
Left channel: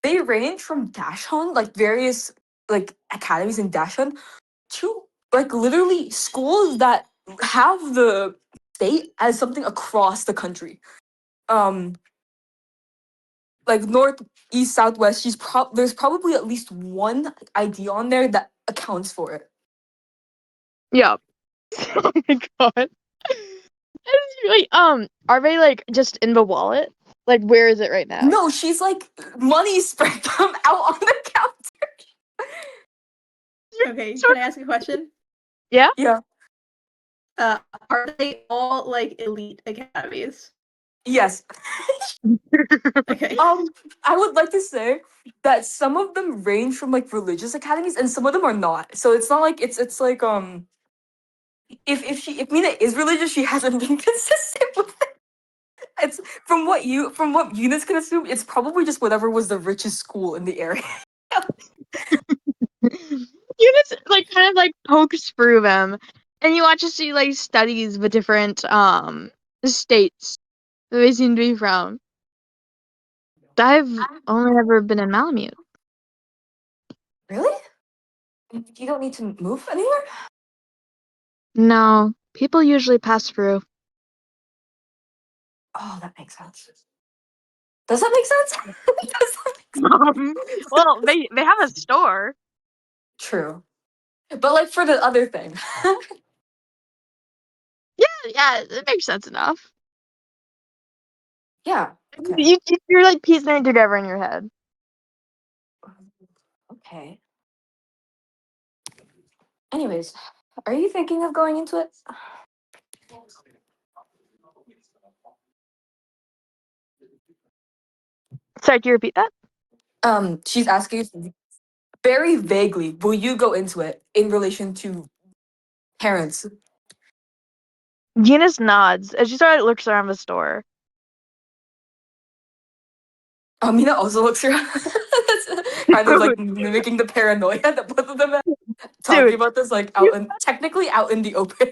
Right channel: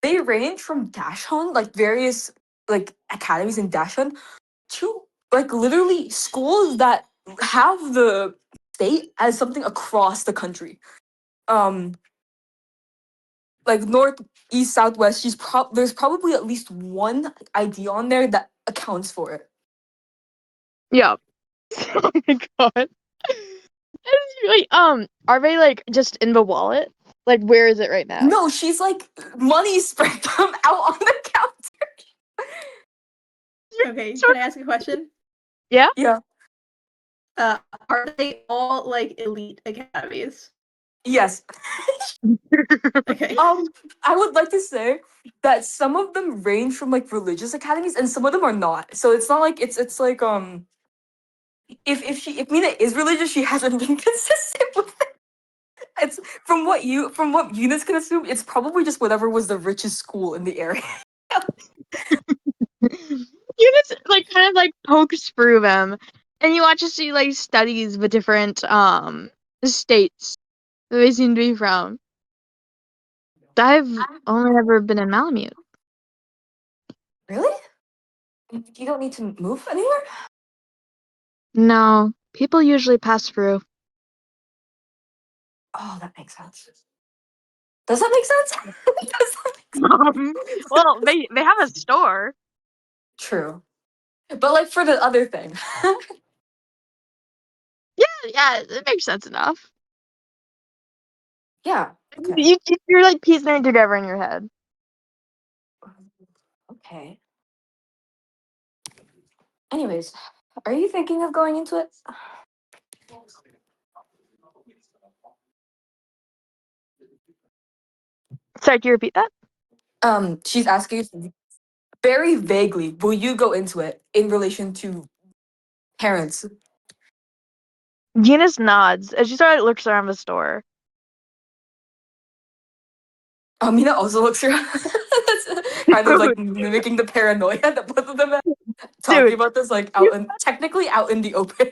They range from Dashon, like various like academies in Dashon, to like literally schools that have the state as something across the country. Like north, east, southwest. There's probably at least one ID on there that accounts for it. Yeah. Oh my god. Really, are they like just in the wallet? Like, where is it right now? No, she's like money spread them out on the counter. Okay, can I ask a question? Yeah. Yeah. Are they all like elite academies? Yes. Okay. I would like to say that some of them range from like religious academies and some of them are not. So it's not like it's like if Mina is religious, she hasn't been consistent with it. It's from what Eunice can assume, it's probably just whatever was the richest school in the area. You just like kind of like pokes through them, and you watch to see like studies with different states that they seem to be from. I've only ever been in Malamute. Really? You don't need to move anywhere? No, people usually pass through. Oh, that makes sense. Does that make sense? Does that make sense? Well, they have a store. True. But like for the other thing. Yeah, it makes sense enough. Yeah. Okay. You're like piecing it together in your head. Okay. Anyways, are you thinking of going into it? Sorry, can you repeat that? She's asking very vaguely, will you go into it in relation to parents? Eunice nods as she started looks around the store. Mina also looks around. That's kind of like mimicking the paranoia that both of them have. Talking Dude, about this like technically out in the open.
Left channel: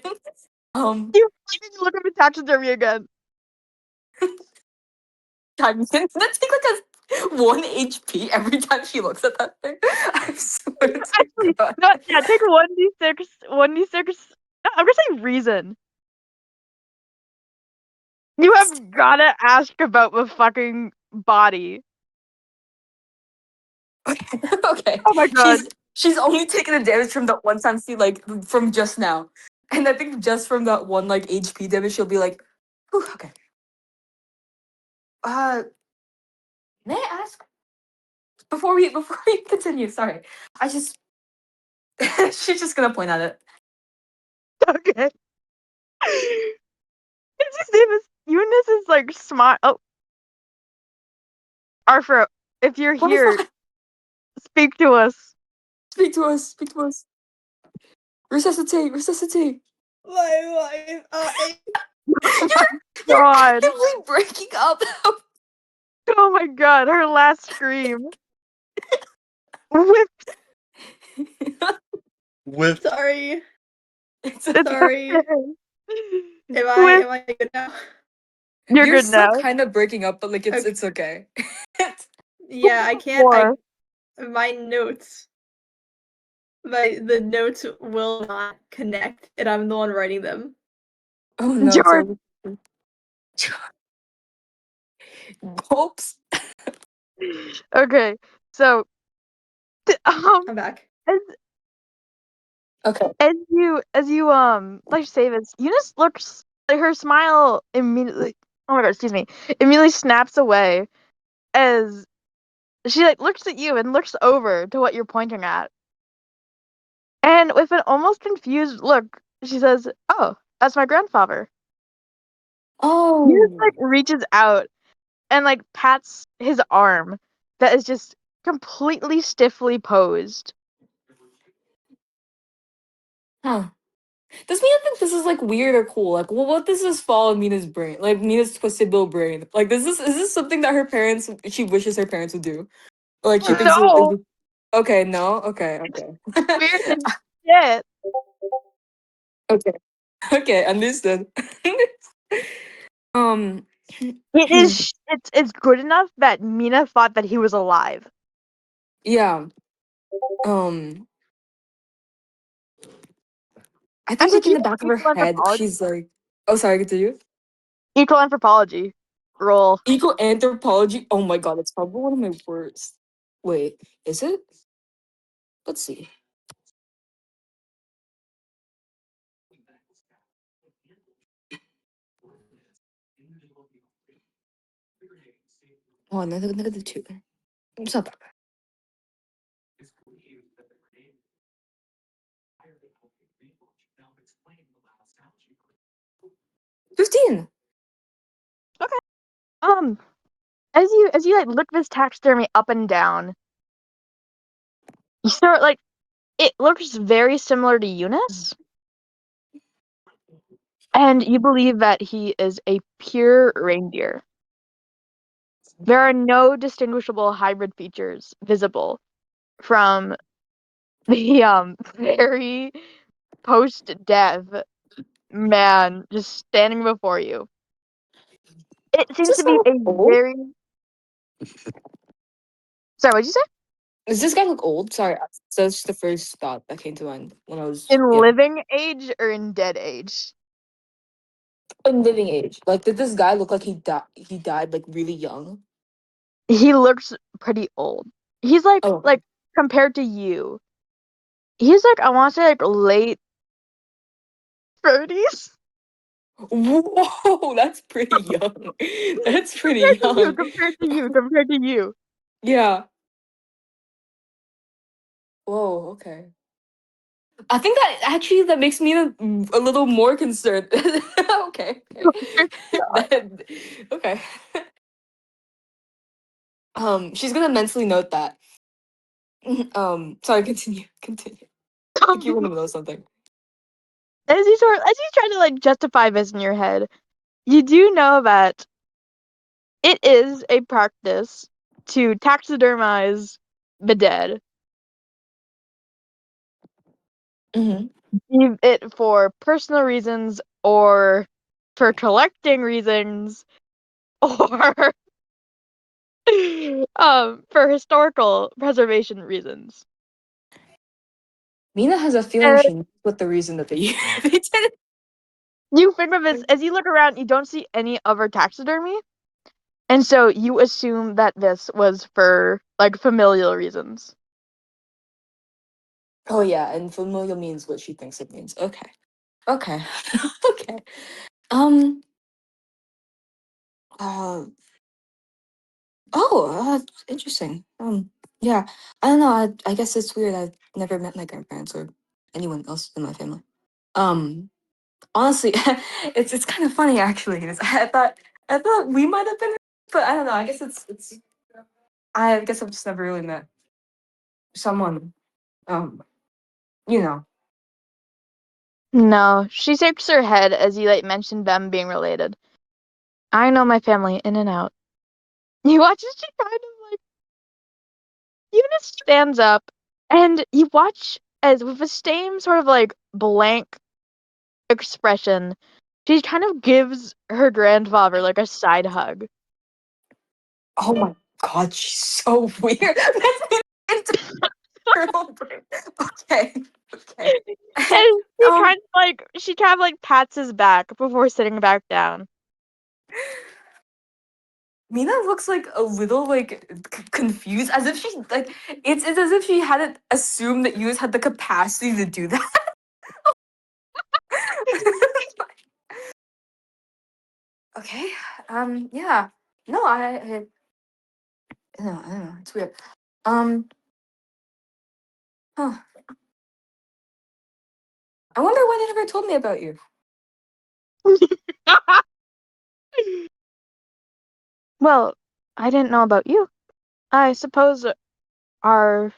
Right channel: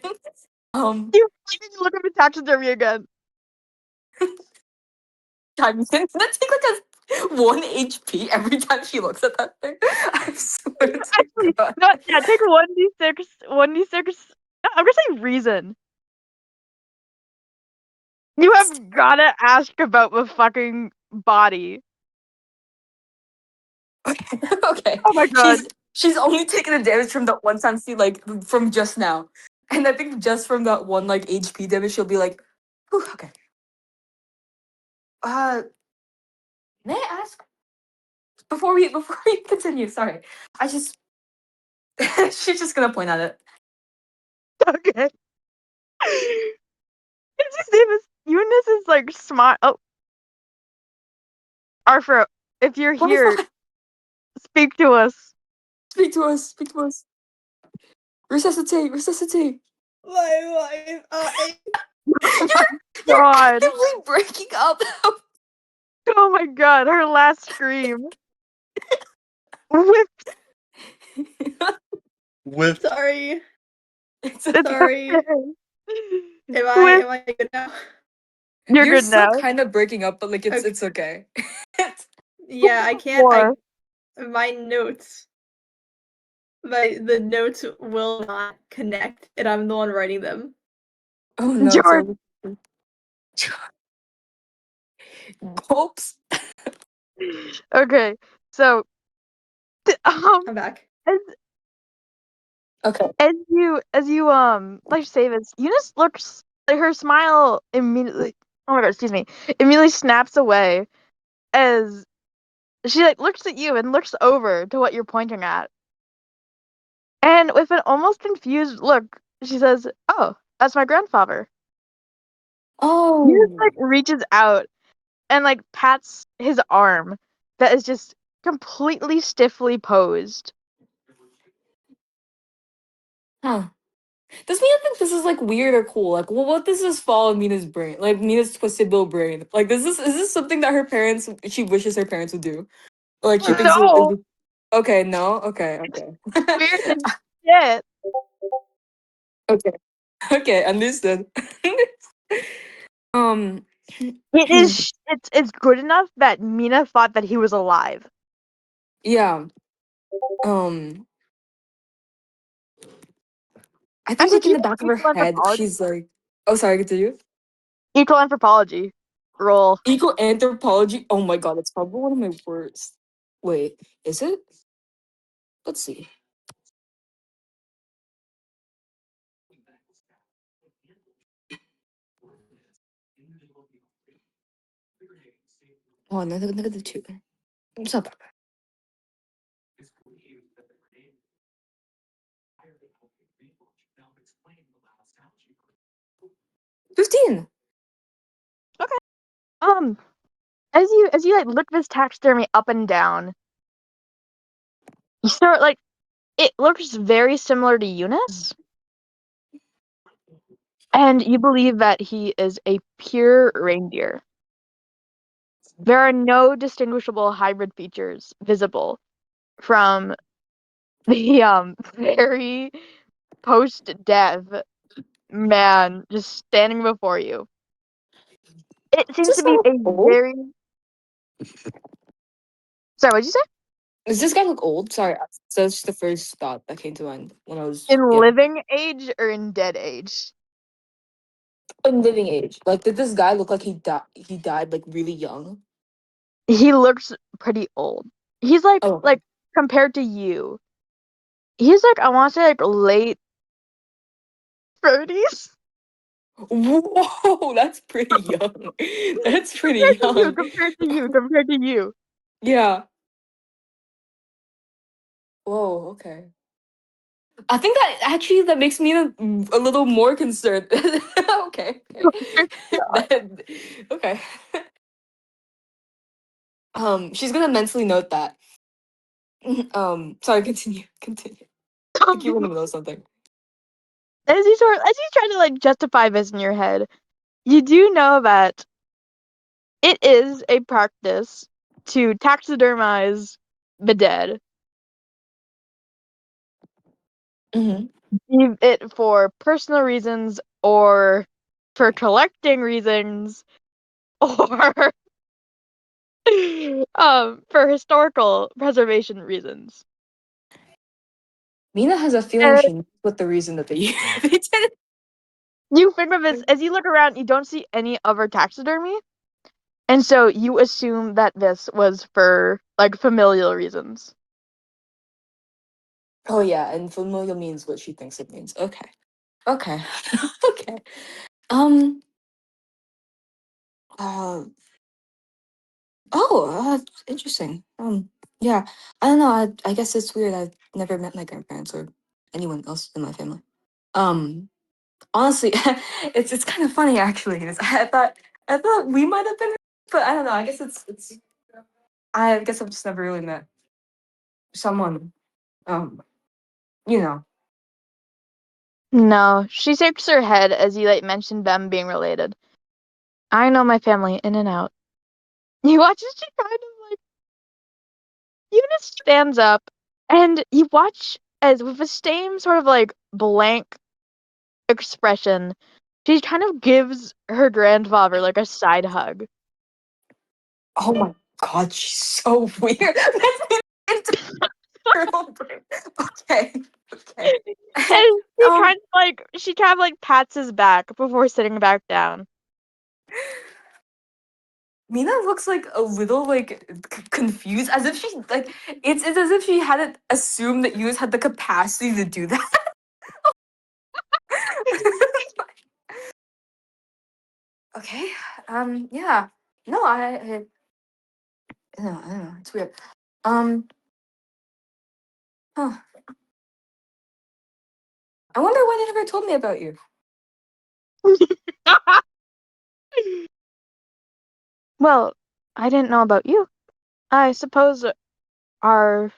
You look at the taxidermy again. That's take like a 1 HP every time she looks at that thing. I swear to Actually, God. no, yeah, take 1d6. 1d6. I'm gonna say reason. You have gotta ask about the fucking body. Okay. Oh my god. She's only taken a damage from that one time she like from just now. And I think just from that one like HP damage she'll be like, whew, okay. May I ask before we continue, sorry. I just she's just gonna point at it. Okay. It's his name is Eunice is like smart. Oh, Arthur, if you're What is here, that? speak to us. Speak to us, speak to us. Resuscitate, resuscitate. My life. You're God. actively breaking up. Oh my god, her last scream. Whip. With Sorry. It's Sorry. Whip. Am I good now? You're You're good still now. kind of breaking up, but like Okay. it's okay. Yeah, I can't. More. My notes. The notes will not connect, and I'm the one writing them. Oh no, George. Oops. Okay, so I'm back. Okay. as you like say this, Eunice looks like her smile immediately. Oh my god, excuse me. Immediately snaps away as she like looks at you and looks over to what you're pointing at. And with an almost confused look, she says, "Oh, that's my grandfather." Eunice Oh. like reaches out and like pats his arm that is just completely stiffly posed. Huh. Does Mina think this is like weird or cool? Like, well, what does this fall in Mina's brain? Like Mina's twisted little brain. Like, is this something that she wishes her parents would do? Like, she thinks. No, Okay, no, okay, okay, weird as shit. okay, okay, understood. um, It is. It's good enough that Mina thought that he was alive. yeah. Um, I think like in the back of her head, she's like, oh, sorry, continue. Equal anthropology roll. Eco anthropology. Oh my god, it's probably one of my worst. Wait, is it? Let's see. Oh, negative 2. It's not that bad. 15. As you like look this taxidermy up and down, you start like it looks very similar to Eunice, and you believe that he is a pure reindeer. There are no distinguishable hybrid features visible from the very post-death man just standing before you. It Does seems this to guy be look a old? very. Sorry, what'd you say? Does this guy look old? Sorry, that's the first thought that came to mind when I was In living age or in dead age? in living age. Like, did this guy look like he died like really young? He looks pretty old. He's like Oh, compared to you. He's like I want to say like late 30s. whoa, that's pretty young. That's pretty Compared to you, young. compared to you. Yeah. Whoa. Okay. I think that actually that makes me a little more concerned. Okay. Okay. She's gonna mentally note that. Sorry, continue. I think you want to know something. As you try to like justify this in your head, you do know that it is a practice to taxidermize the dead, Mm-hmm. be it for personal reasons or for collecting reasons or for historical preservation reasons. Mina has a feeling And she knows what the reason that they they did it. you figure this as you look around, you don't see any other taxidermy, and so you assume that this was for like familial reasons. Oh yeah, and familial means what she thinks it means. Okay. Okay. Okay. Um. Uh. Oh, interesting. Yeah. I don't know. I guess it's weird. I've never met my grandparents or anyone else in my family. Um. Honestly, it's kind of funny actually. I thought we might have been, but I don't know. I guess it's. I guess I've just never really met someone. Um. You know. No, she shakes her head as you like mention them being related. I know my family in and out. You watch as she kind of like Eunice stands up, and you watch as with the same sort of like blank expression, she kind of gives her grandfather like a side hug. Oh my god, she's so weird. Okay. Okay. And she kind of like pats his back before sitting back down. Mina looks like a little like confused, as if she like it's as if she hadn't assumed that Yus had the capacity to do that. Okay. Yeah. No, no, I don't know. It's weird. Um. Huh. I wonder why they never told me about you. Well, I didn't know about you. I suppose our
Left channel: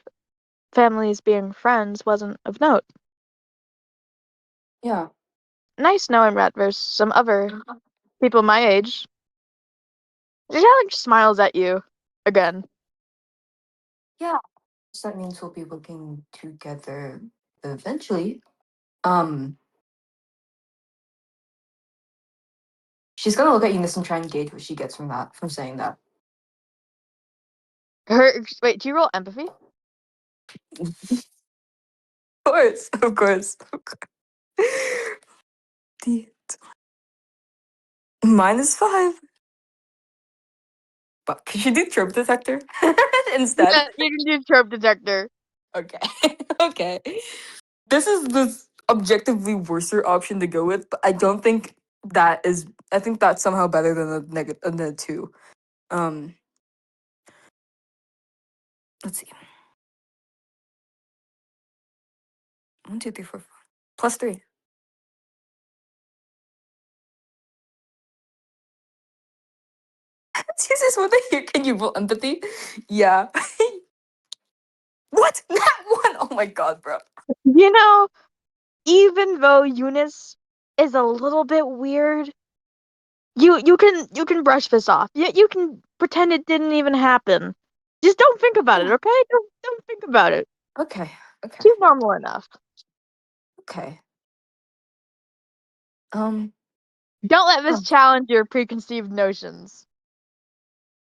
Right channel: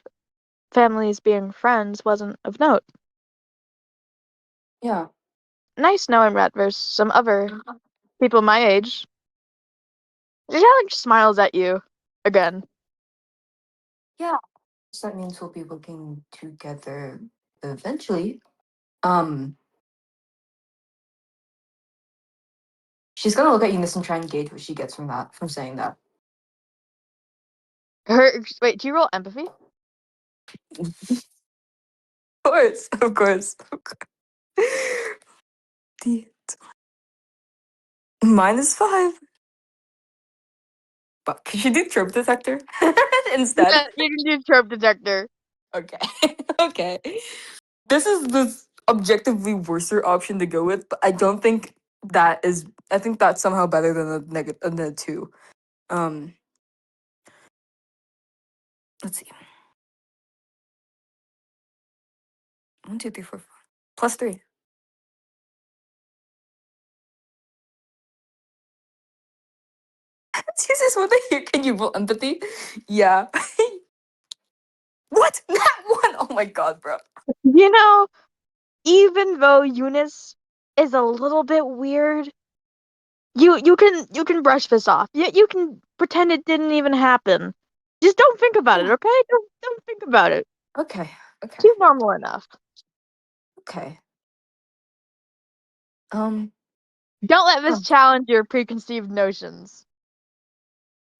families being friends wasn't of note. Yeah. Nice knowing that there's some other people my age. She like smiles at you again. Yeah. So that means we'll be looking together eventually. Um. She's gonna look at Eunice and try and gauge what she gets from that, from saying that. Wait, do you roll empathy? Of course, of course. -5. But should you do trope detector instead? Yeah, you can do trope detector. Okay. Okay. This is the objectively worser option to go with, but I don't think that is. I think that's somehow better than the 2. Let's see. 1, 2, 3, 4, 5. +3. Jesus, what the heck? Can you roll empathy? Yeah. What? That one? Oh my god, bro. You know, even though Eunice is a little bit weird, you can brush this off. You can pretend it didn't even happen. Just don't think about it, okay? Don't think about it. Okay. Okay. She's normal enough. Okay. Don't let this challenge your preconceived notions.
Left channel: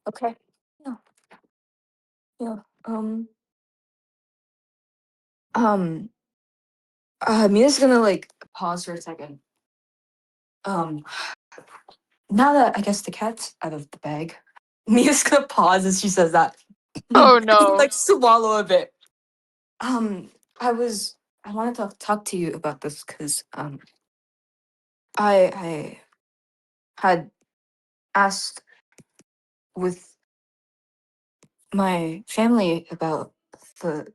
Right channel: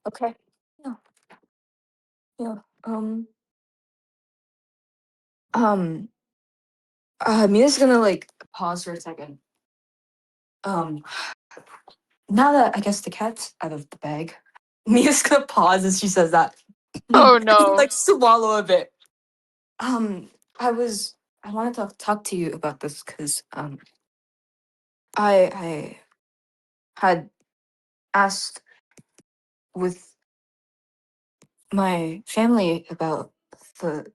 Okay. Yeah. Yeah. Mia's gonna like pause for a second. Now that I guess the cat's out of the bag, Mia's gonna pause as she says that. Oh And, no. like swallow a bit. I wanted to talk to you about this because I had asked with my family about the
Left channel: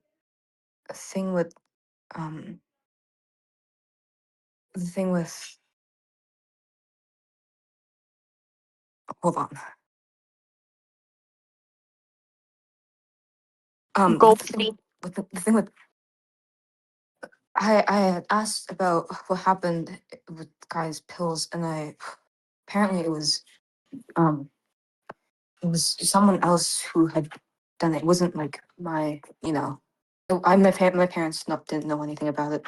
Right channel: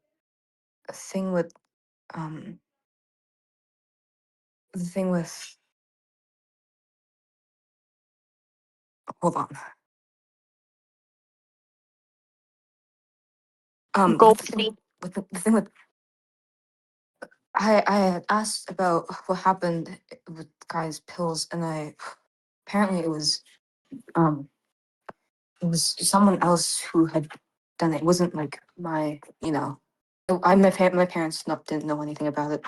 thing with the thing with hold on. Gold. The thing with I had asked about what happened with the guy's pills, and apparently um it was someone else who had done it. It wasn't like my parents didn't know anything about it.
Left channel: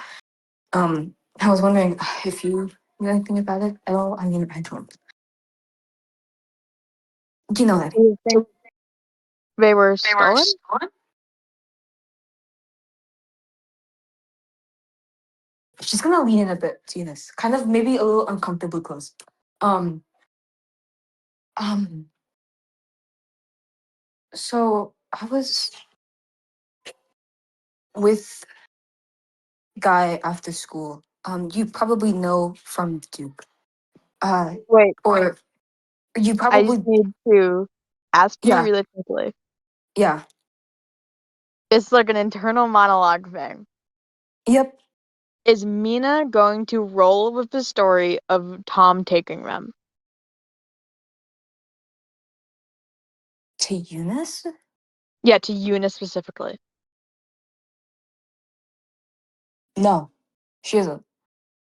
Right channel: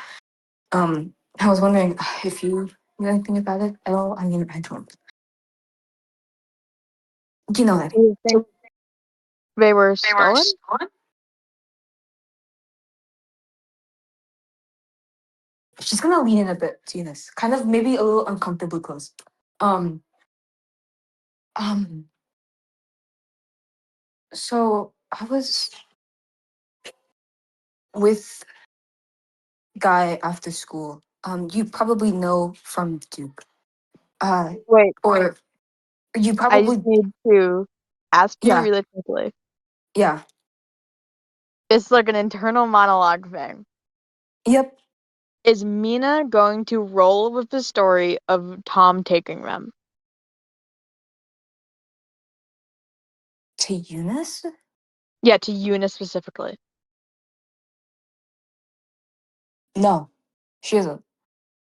I was wondering if you knew anything about it at all. I mean, I don't. You know that. Do you think they were They were stolen? stolen? She's gonna lean in a bit to this, kind of maybe a little uncomfortably close. Um, um. So I was with Guy after school. You probably know from Duke. Wait, Or you I just probably need to ask you yeah really quickly. yeah It's like an internal monologue thing. yep. Is Mina going to roll with the story of Tom taking them? To Eunice? Yeah, to Eunice specifically. No, she isn't.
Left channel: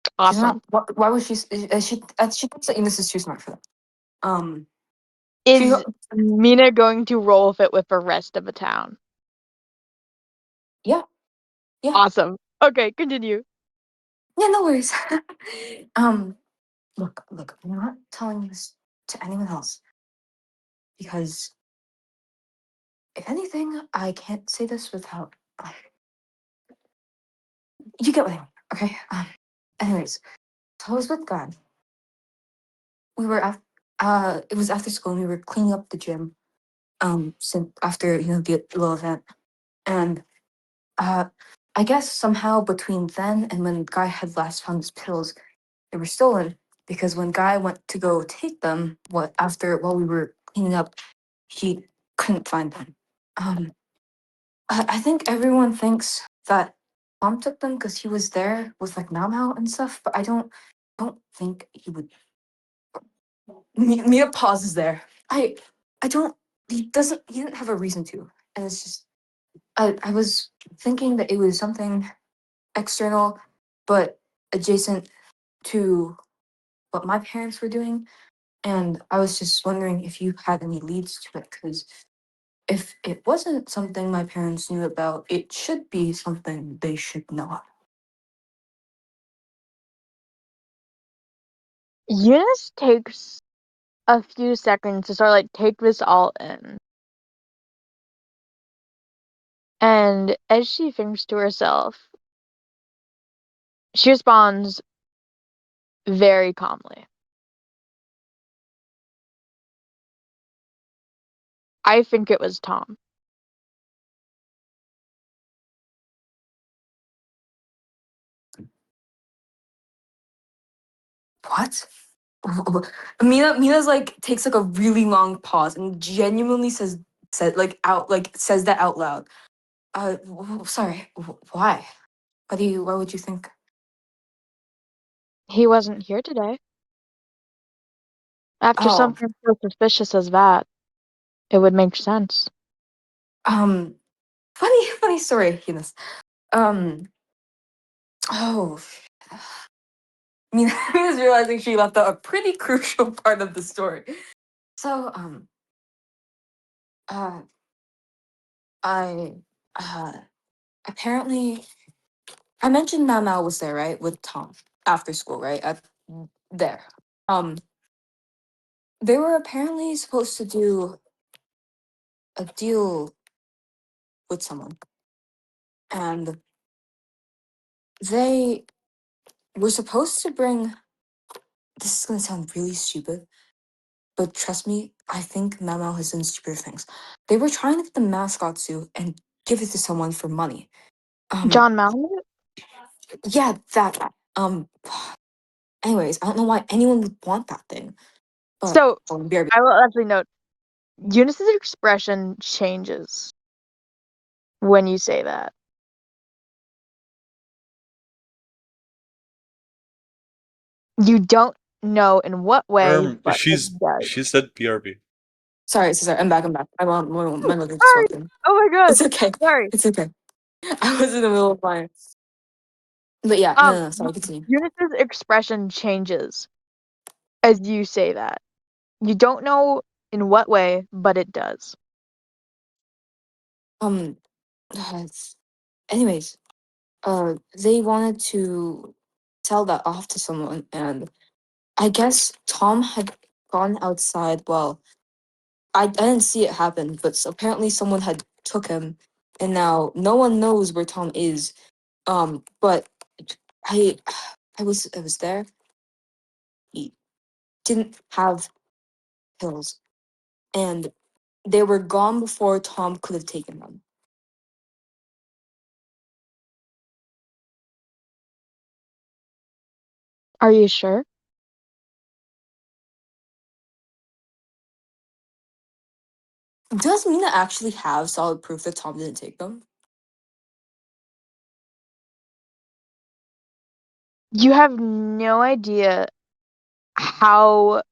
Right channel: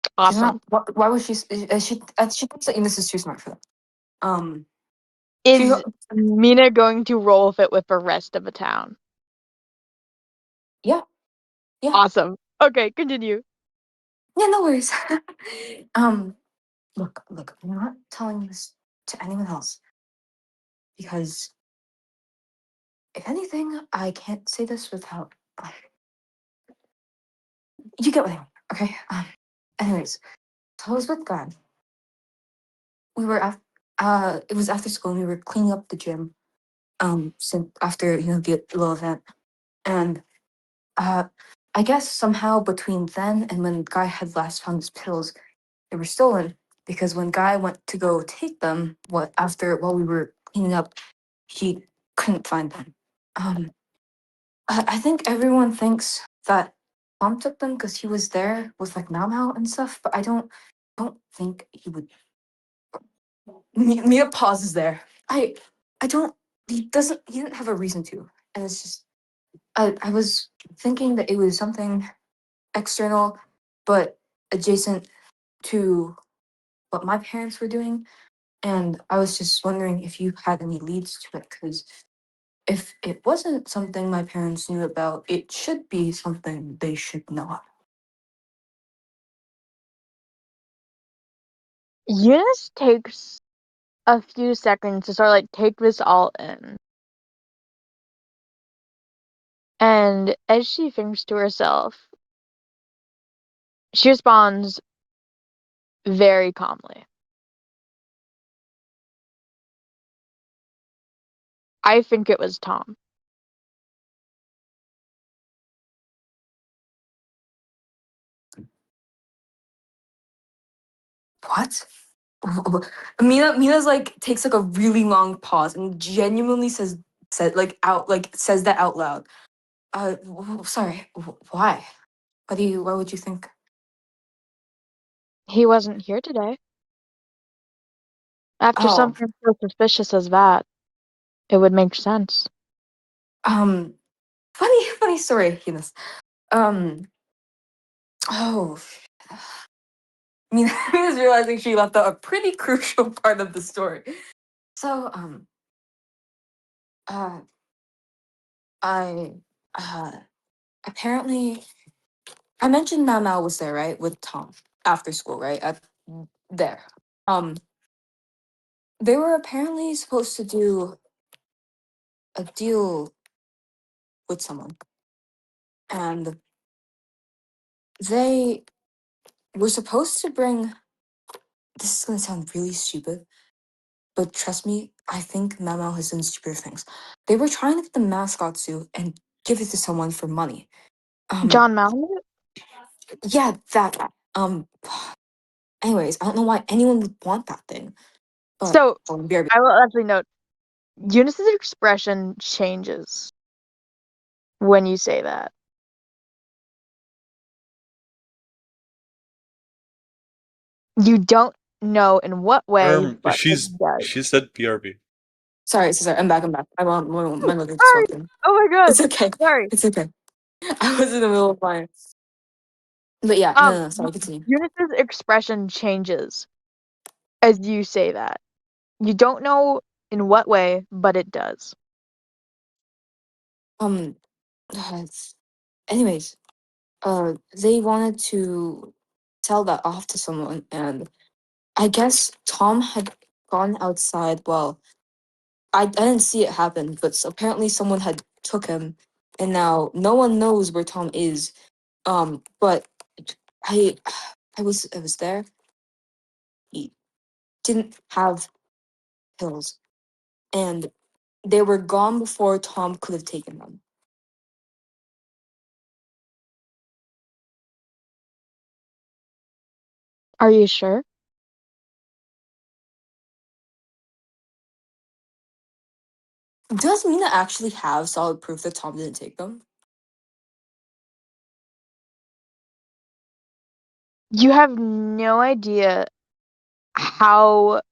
She's not. Awesome. Why would she? She thinks that Eunice is too smart for that. Um, she Is Mina going to roll with it with the rest of the town? yeah yeah Awesome. Okay, continue. yeah. No worries. Look, I'm not telling this to anyone else because if anything, I can't say this without. You get what I mean, okay? Anyways, so I was with God. We were it was after school and we were cleaning up the gym. Since after the little event, and I guess somehow between then and when Guy had last found his pills, they were stolen because when Guy went to go take them, while we were cleaning up, he couldn't find them. I think everyone thinks that Tom took them because he was there with like Namhao and stuff, but I don't think he would. Mia pauses there. I don't. He didn't have a reason to, and it's just I was thinking that it was something external, but adjacent to what my parents were doing, and I was just wondering if you had any leads to it, because if it wasn't something my parents knew about, it should be something they should know. Eunice takes a few seconds to sort of like take this all in. And as she thinks to herself, She responds very calmly. I think it was Tom. What? Mina's like takes like a really long pause and genuinely says that out loud. Sorry. Why? Why would you think? He wasn't here today. After Oh, something so suspicious as that, it would make sense. um, funny story, Eunice. Um, oh, Mina's realizing she left out a pretty crucial part of the story. So, uh, I, apparently, I mentioned Mama was there, right, with Tom after school, right? There. Um, they were apparently supposed to do a deal with someone, and they were supposed to bring. This is gonna sound really stupid, but trust me, I think Memo has done stupider things. They were trying to get the mascot suit and give it to someone for money. John Malamute? Yeah, that guy. Anyways, I don't know why anyone would want that thing, but So, BRB. I will actually note, Eunice's expression changes when you say that. You don't know in what way, but it does. She said BRB. Sorry, I'm back. I want my mother just Sorry! walked in. Oh my god! It's okay. Sorry. It's okay. I was in the middle of my. But yeah, no. Sorry, continue. Eunice's expression changes as you say that. You don't know in what way, but it does. Um. Anyways, they wanted to sell that off to someone, and I guess Tom had gone outside. Well, I didn't see it happen, but apparently someone had took him, and now no one knows where Tom is. But I, I was there. He didn't have pills, and they were gone before Tom could have taken them. Are you sure? Does Mina actually have solid proof that Tom didn't take them? You have no idea how,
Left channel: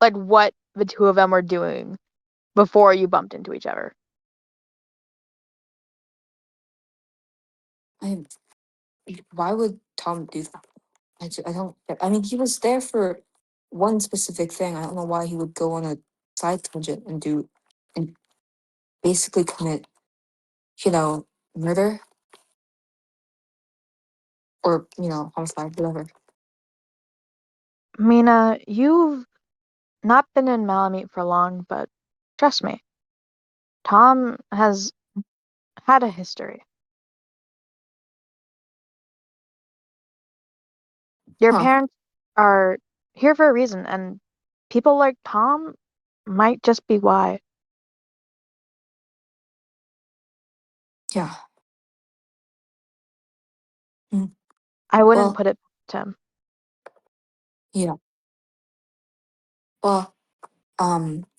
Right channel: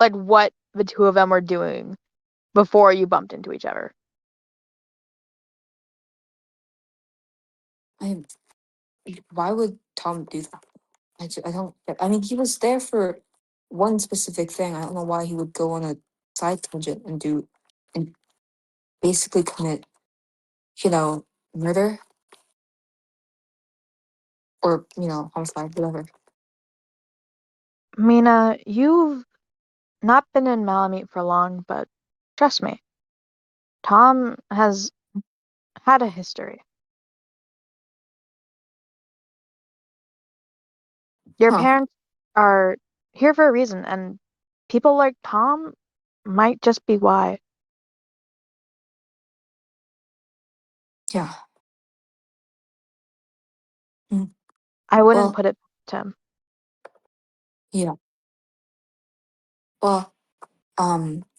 like, what the two of them were doing before you bumped into each other. Why would Tom do that? I don't. I mean, he was there for one specific thing. I don't know why he would go on a side tangent and basically commit, murder or homicide, whatever. Mina, you've not been in Malamute for long, but trust me, Tom has had a history. Your Huh? parents are here for a reason, and people like Tom might just be why. Yeah. Mm, I wouldn't well, put it to him. yeah. Well,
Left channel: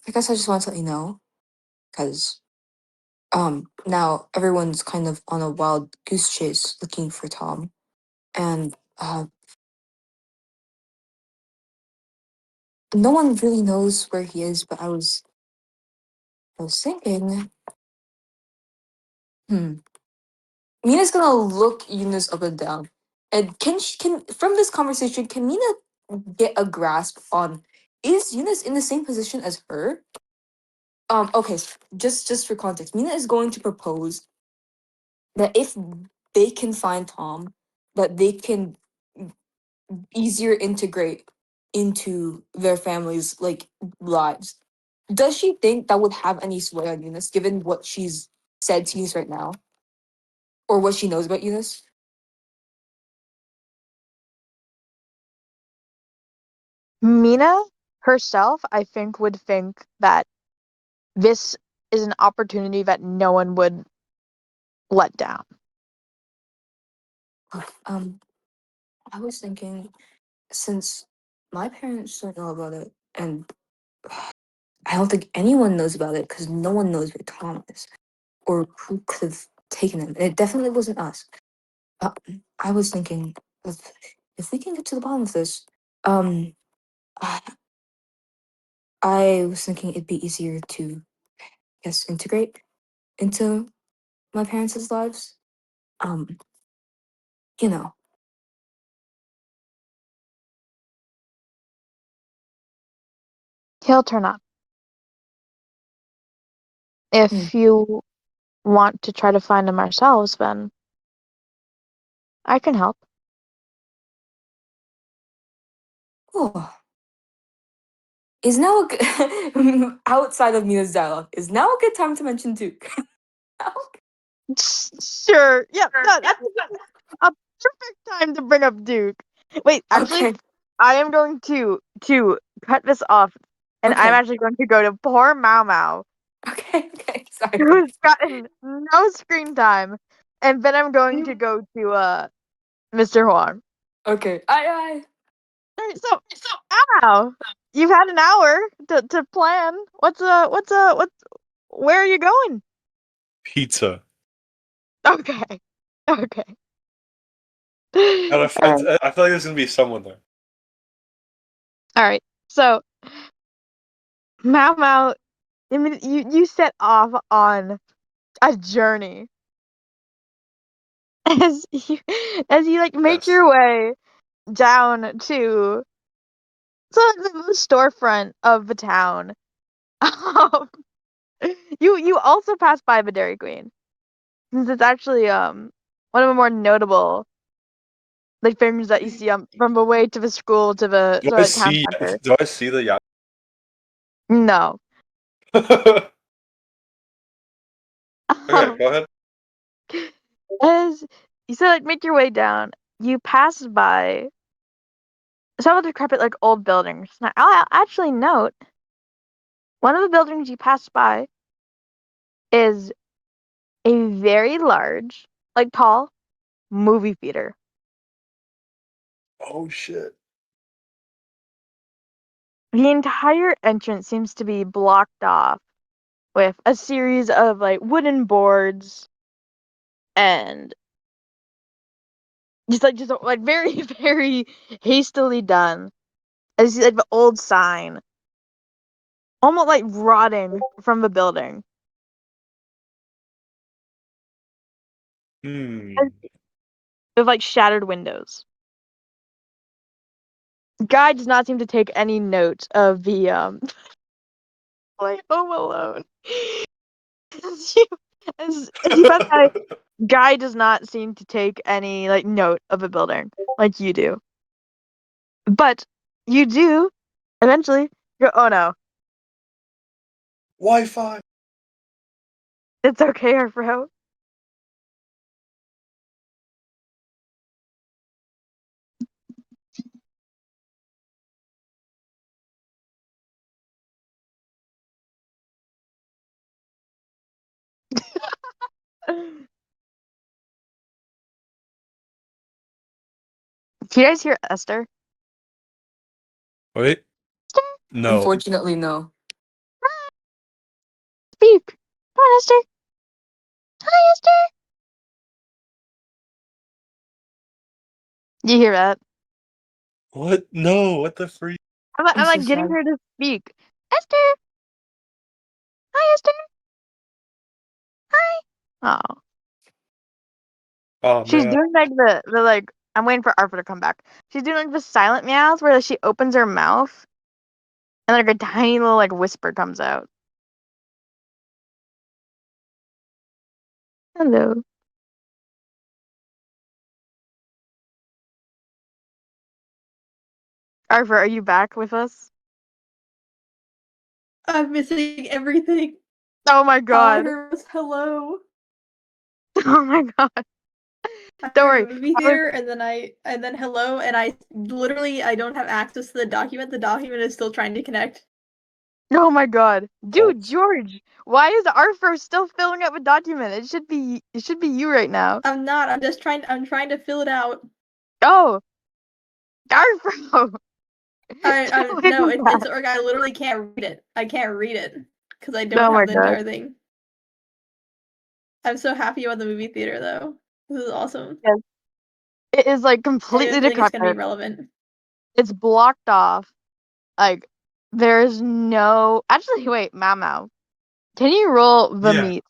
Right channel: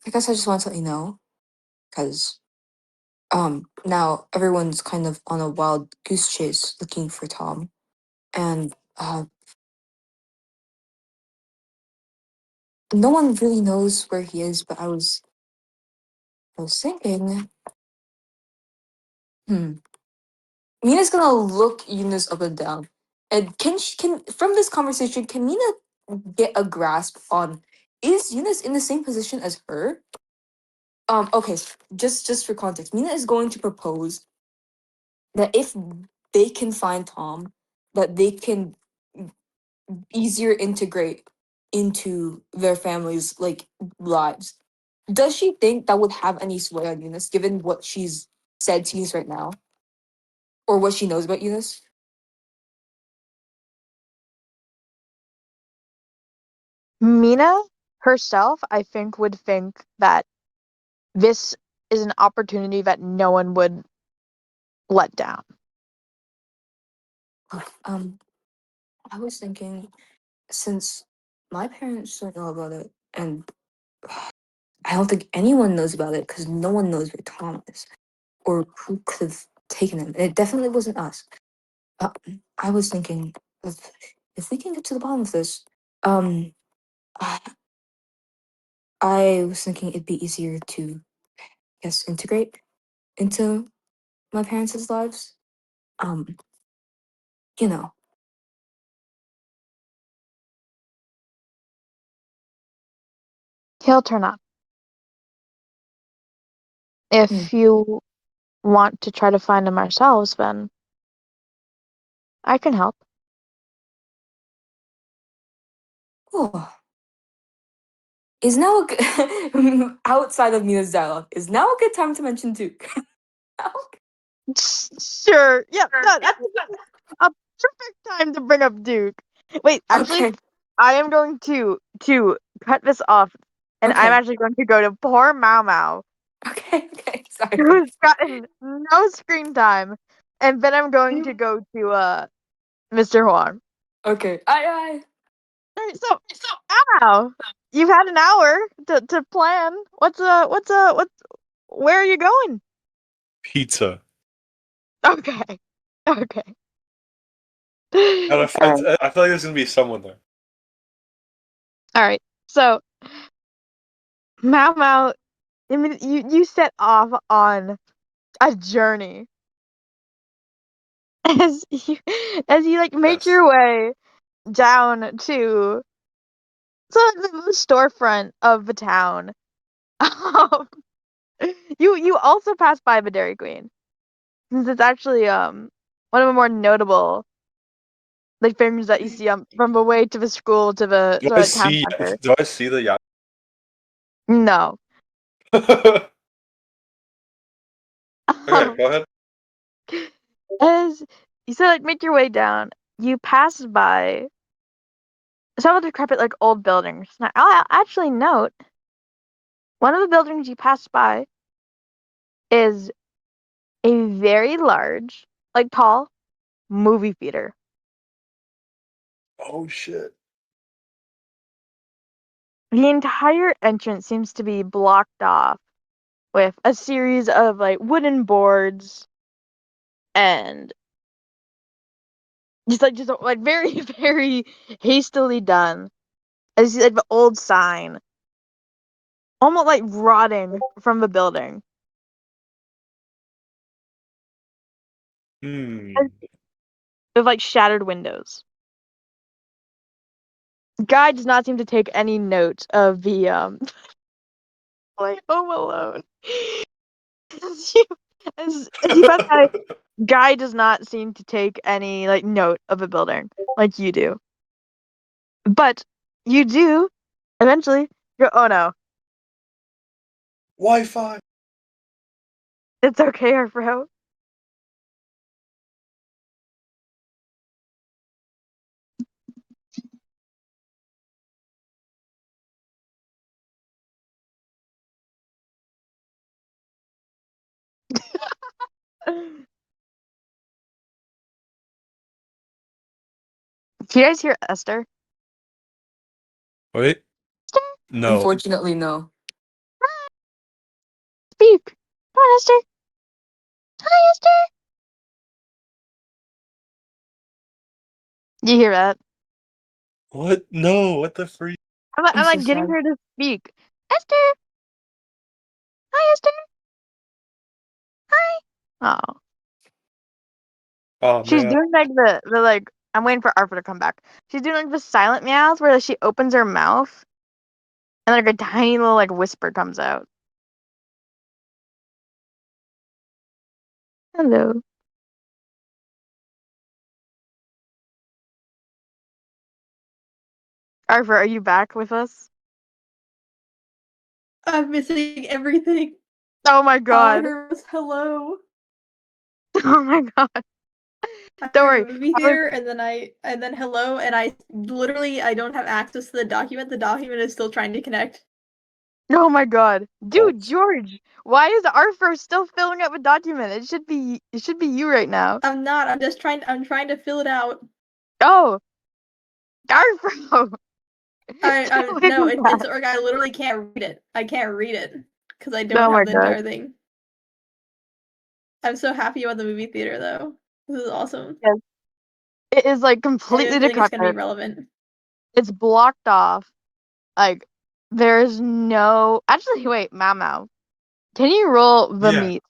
I guess I just want to let you know because now everyone's kind of on a wild goose chase looking for Tom, and no one really knows where he is. But I was thinking, Mina's gonna look Eunice up and down, and can from this conversation, can Mina get a grasp on is Eunice in the same position as her? Okay, just for context, Mina is going to propose that if they can find Tom, that they can easier integrate into their families' lives. Does she think that would have any sway on Eunice, given what she's said to Eunice right now, or what she knows about Eunice? Mina herself, I think, would think that this is an opportunity that no one would let down. I was thinking, since my parents don't know about it, and I don't think anyone knows about it because no one knows where Tom is or who could have taken him. It definitely wasn't us. I was thinking, if we can get to the bottom of this, I, I was thinking it'd be easier to, I guess, integrate into my parents' lives. Um, you know. He'll turn up. If you want to try to find him ourselves, then I can help. Oh. Is now a good outside of Mina's dialogue? Is now a good time to mention Duke? Sure. Yeah, that's a perfect time to bring up Duke. Wait, actually, Okay. I am going to cut this off, and I'm Okay. actually going to go to poor Mau Mau, Okay. Sorry. who's gotten no screen time, and then I'm going to go to Mr. Huang. Okay. Aye. Alright, so Mau, you've had an hour to plan. What's where are you going? Pizza. Okay. Okay. And I Alright. felt like there's gonna be someone there. Alright. So Mau Mau, I mean, you set off on a journey as you like make Yes. your way down to the storefront of the town. Um, you also pass by the Dairy Queen, since it's actually one of the more notable like things that you see from the way to the school to the town center. Do I see the yacht? No. Okay, Um, go ahead. as you said, like, make your way down, you pass by some of the decrepit, like, old buildings. Now, I'll actually note one of the buildings you pass by is a very large, like, tall movie theater. Oh shit. The entire entrance seems to be blocked off with a series of, like, wooden boards and just very, very hastily done. As you see, like, the old sign, almost like rotting from the building. Hmm. With like shattered windows. Guy does not seem to take any note of the like Home Alone. As you pass by, Guy does not seem to take any like note of a building like you do. But you do eventually go, oh no, Wi-Fi. it's okay, Arfro. Do you guys hear Esther? Wait. Esther, No. Unfortunately, no. speak. Come on, Esther. Hi, Esther. Do you hear that? What? No. What the freak? I'm So like getting sad. her to speak. Esther. Hi, Esther. Hi. Oh. Oh She's man. doing like the like I'm waiting for Arthur to come back. She's doing like the silent meows where she opens her mouth and like a tiny little like whisper comes out. Hello. Arthur, are you back with us? I'm missing everything. Oh my god. Hello. Oh my god. I'm Don't in worry. a movie theater, and then hello, and I don't have access to the document. The document is still trying to connect. Oh my god. Dude, George, why is Arthur still filling up a document? It should be you right now. I'm not. I'm trying to fill it out. Oh. Arthur. No, it's or I literally can't read it. I can't read it because I don't Oh my have the god. entire thing. I'm so happy about the movie theater though. This is awesome. Yes. It is like completely Everything is gonna be decrepit. relevant. It's blocked off. Like there's no actually wait, Mau. Can you roll the Yeah. meat?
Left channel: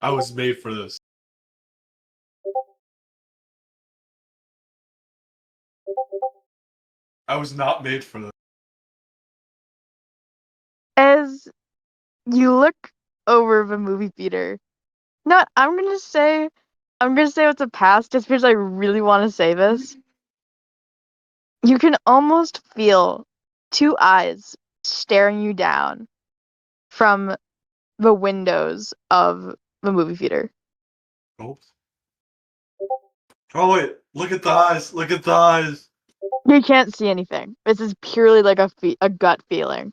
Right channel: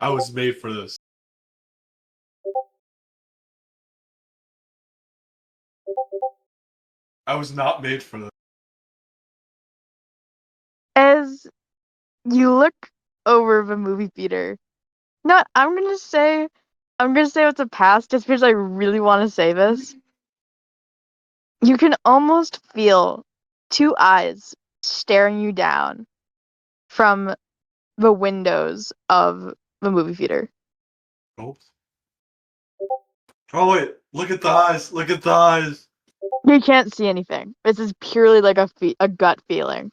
I was made for this. I was not made for this. As you look over the movie theater. No, I'm gonna say it's a pass just because I really want to say this. You can almost feel two eyes staring you down from the windows of the movie theater. Oh. Oh wait, look at the eyes. Look at the eyes. You can't see anything. This is purely like a gut feeling.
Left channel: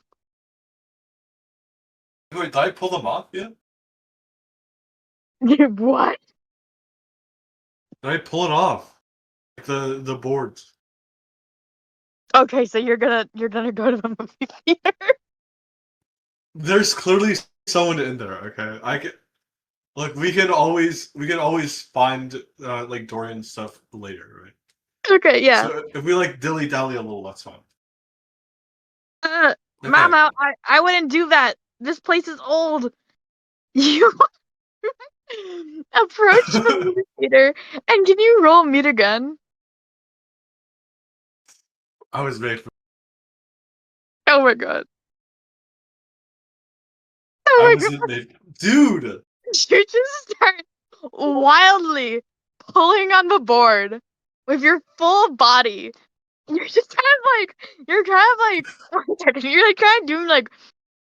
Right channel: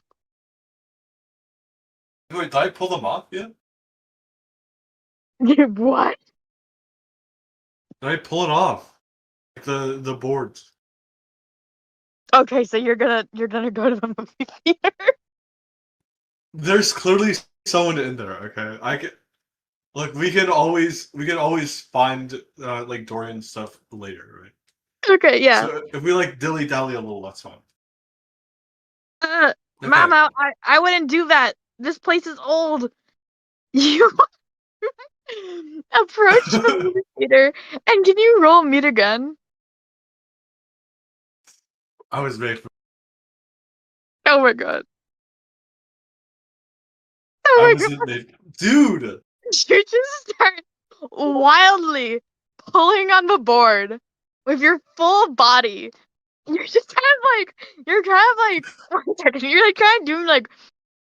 Wait, did I pull them off yet? What? Did I pull it off? Like the boards. Okay, so you're gonna go to the movie theater. There's clearly someone in there. Okay, look. We can always find like Dorian stuff later, right? Okay, yeah. So if we like dilly dally a little, that's fine. Okay. Mama, I wouldn't do that. This place is old. You approach the movie theater, and can you roll meet again? I was made for. Oh my god. I Oh my wasn't god. made. Dude. You just start wildly pulling on the board with your full body. You're just you're you're like kind of doing like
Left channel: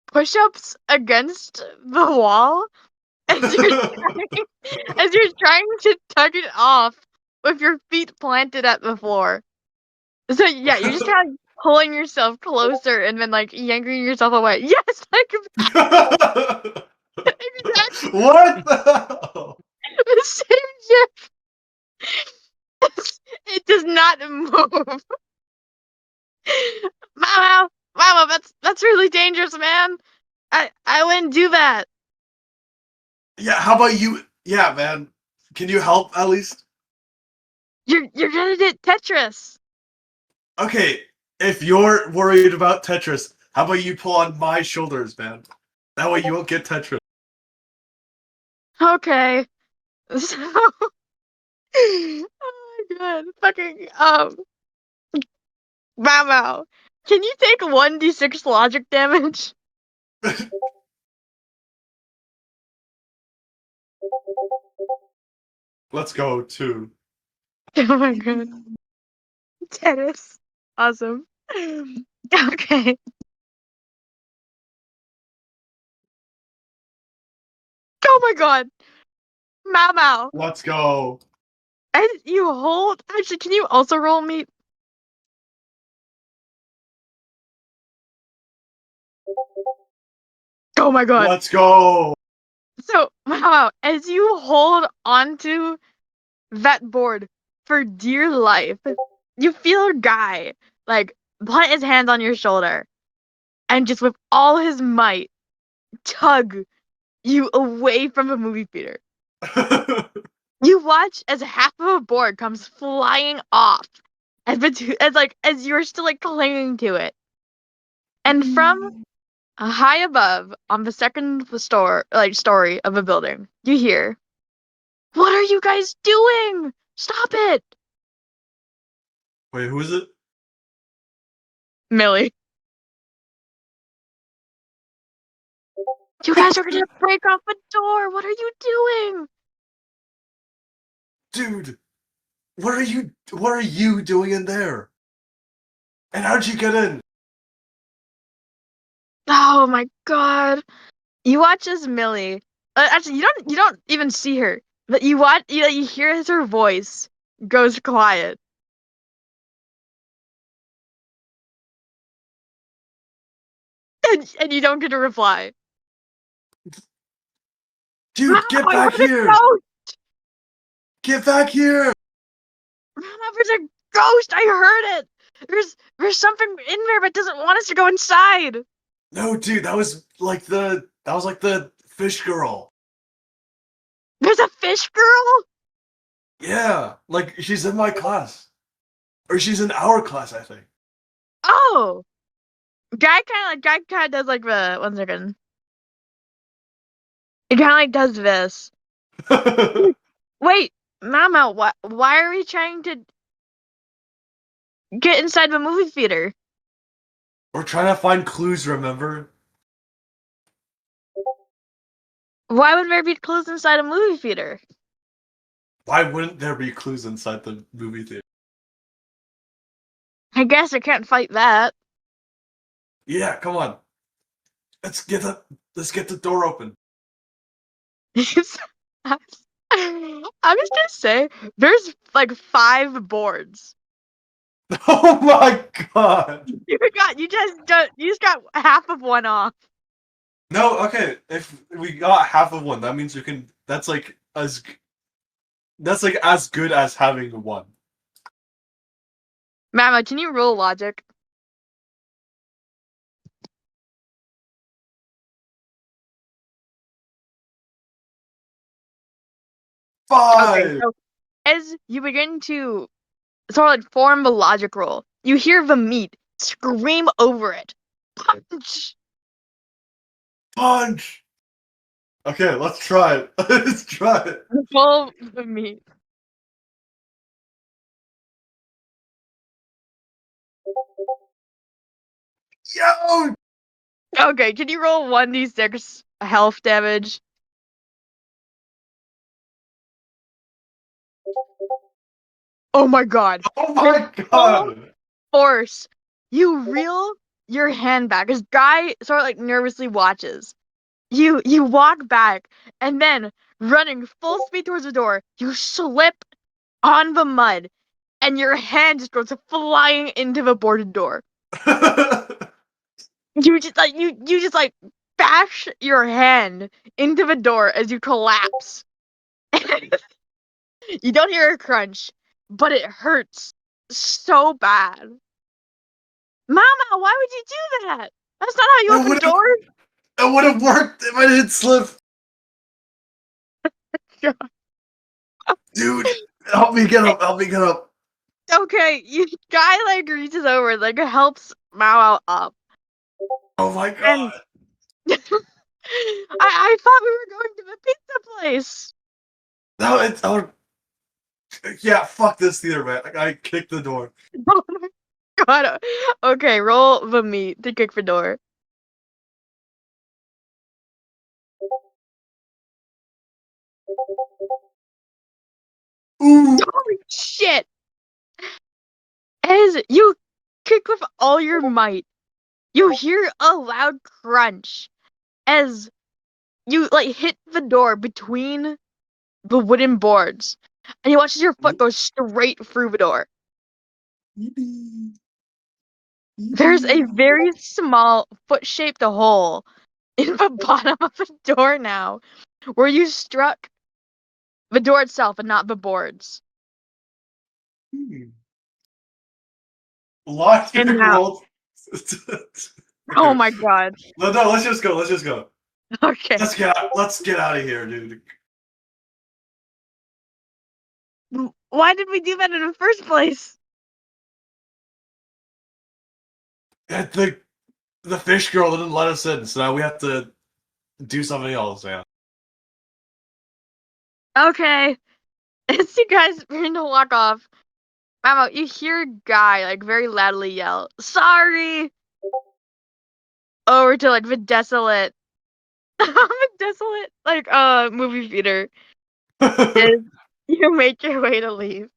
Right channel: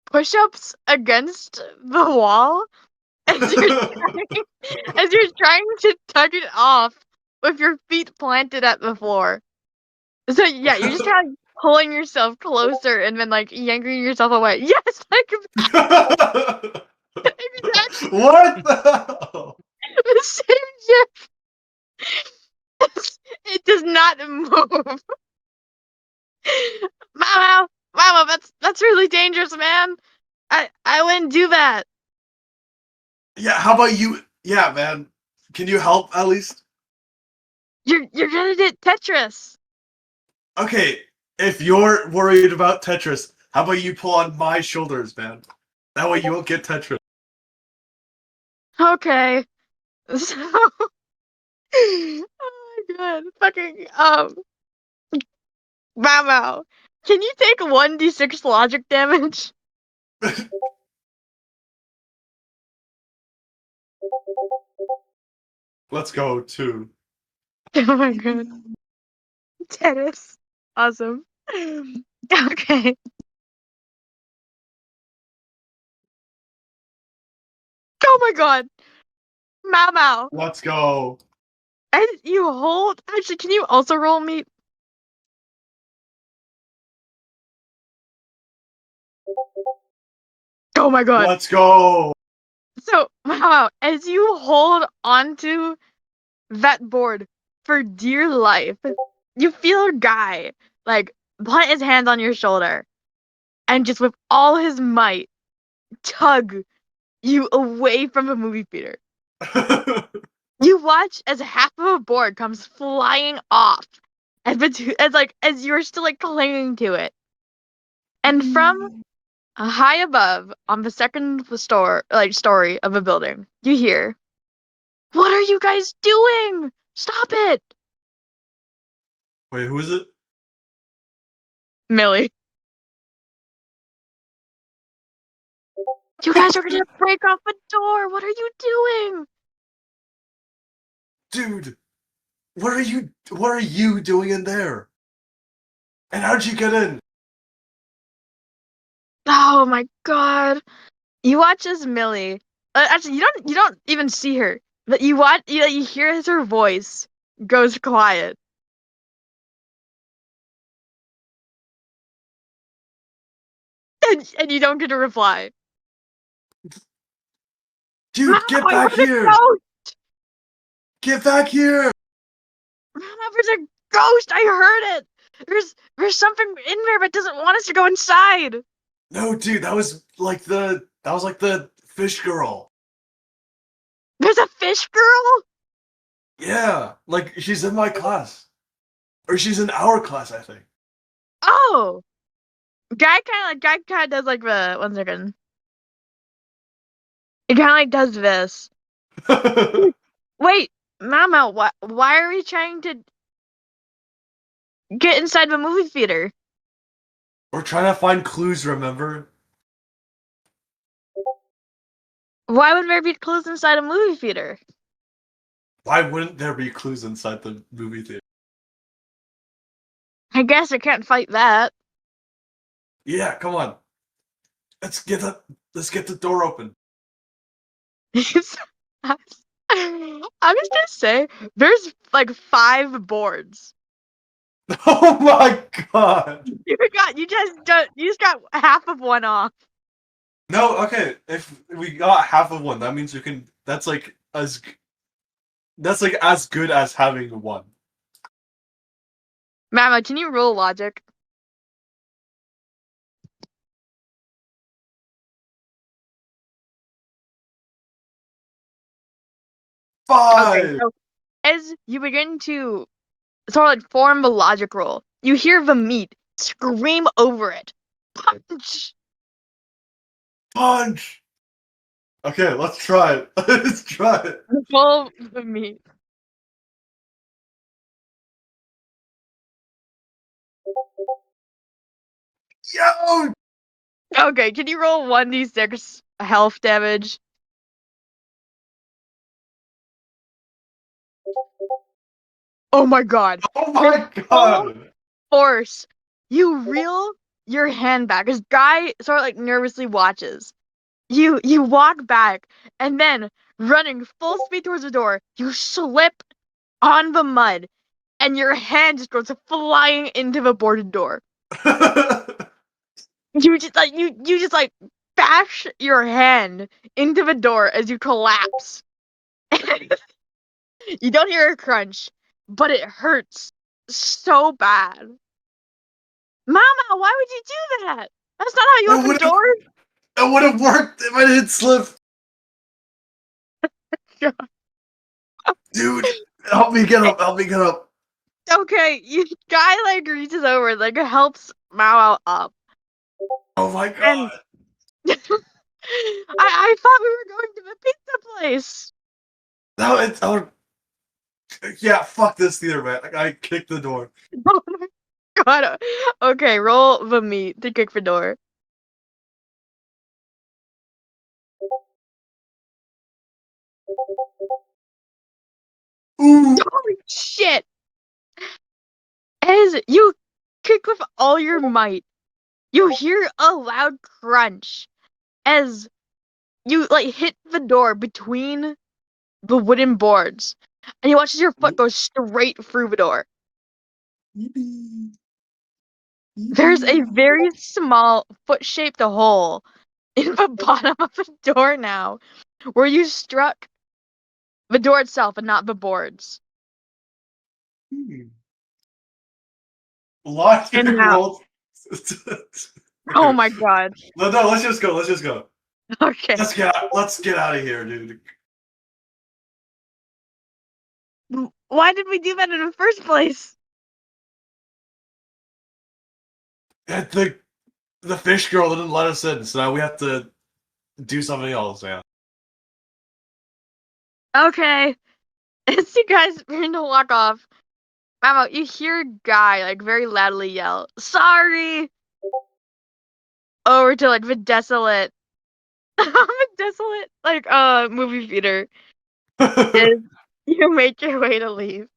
push-ups against the wall as you're trying to tug it off with your feet planted at the floor. So yeah, you're just kind of pulling yourself closer and then like yanking yourself away. Yes, like exactly What the hell? the same shit. It does not move. Mama, that's really dangerous, man. I wouldn't do that. Yeah, how about you? Yeah, man. Can you help at least? You're gonna get Tetris. Okay, if you're worried about Tetris, how about you pull on my shoulders, man? That way you won't get Tetris. Okay. So oh my god. Fucking Mama. Can you take 1d6 logic damage? Let's go to. Oh my god. Tennis. Awesome. Okay. Oh my god. Mama. Let's go. And you hold. Actually, can you also roll me? Oh my god. Let's go. So, wow, as you hold onto that board for dear life, you feel a guy, like, put his hands on your shoulder and just with all his might tug you away from the movie theater. You watch as half of a board comes flying off as you're still like clinging to it. And from high above on the second story of a building, you hear, "What are you guys doing? Stop it!" Wait, who is it? Millie. You guys are gonna break off the door. What are you doing? Dude, what are you doing in there? And how'd you get in? Oh my god. You watch as Millie. Actually, you don't even see her, but you hear as her voice goes quiet. And you don't get a reply. Dude, get I back heard a here! ghost! Get back here! Mama, there's a ghost! I heard it! There's something in there that doesn't want us to go inside! No, dude, that was like the fish girl. There's a fish girl? Yeah, like she's in my class. Or she's in our class, I think. Oh! Guy kinda does like the 1 second. It kinda like does this. Wait, Mama, why are we trying to get inside the movie theater? We're trying to find clues, remember? Why would there be clues inside a movie theater? Why wouldn't there be clues inside the movie theater? I guess I can't fight that. Yeah, come on. Let's get the door open. I'm just gonna say there's like 5 boards. Oh my god! You just got half of one off. No, okay. If we got half of one, that means we can. That's like as good as having one. Mama, can you roll logic? Okay, Five. so as you begin to sort of like form a logic roll, you hear the meat scream over it. Punch! Punch. Okay, let's try it. Let's try it. Roll the meat. Yo! Okay, can you roll 1d6 health damage? Oh my god. Oh my god! Force. You reel your hand back as Guy sort of like nervously watches. You walk back and then running full speed towards the door, you slip on the mud and your hand just goes flying into the boarded door. You just like bash your hand into the door as you collapse. You don't hear a crunch, but it hurts so bad. Mama, why would you do that? That's not how you That open would've- doors. That would have worked if I didn't slip. Dude, help me get up. Help me get up. Okay, Guy like reaches over, like helps Mao up. Oh my And god. I thought we were going to the pizza place. No, it's yeah. Fuck this theater, man. I kicked the door. Oh my god. Okay, roll the meat to kick the door. Ooh. Holy shit! As you kick with all your might, you hear a loud crunch as you like hit the door between the wooden boards, and you watch as your foot goes straight through the door. There's a very small foot-shaped hole in the bottom of the door now, where you struck the door itself and not the boards. Logic And now, rolls. oh Okay. my god. No, let's just go. Let's just go. Okay. Let's get out of here, dude. Why did we do that in the first place? I think the fish girl didn't let us in, so now we have to do something else, man. Okay. As you guys begin to walk off, Mamo, you hear a guy like very loudly yell, "Sorry!" over to like the desolate, the desolate like movie theater. Is you make your way to leave.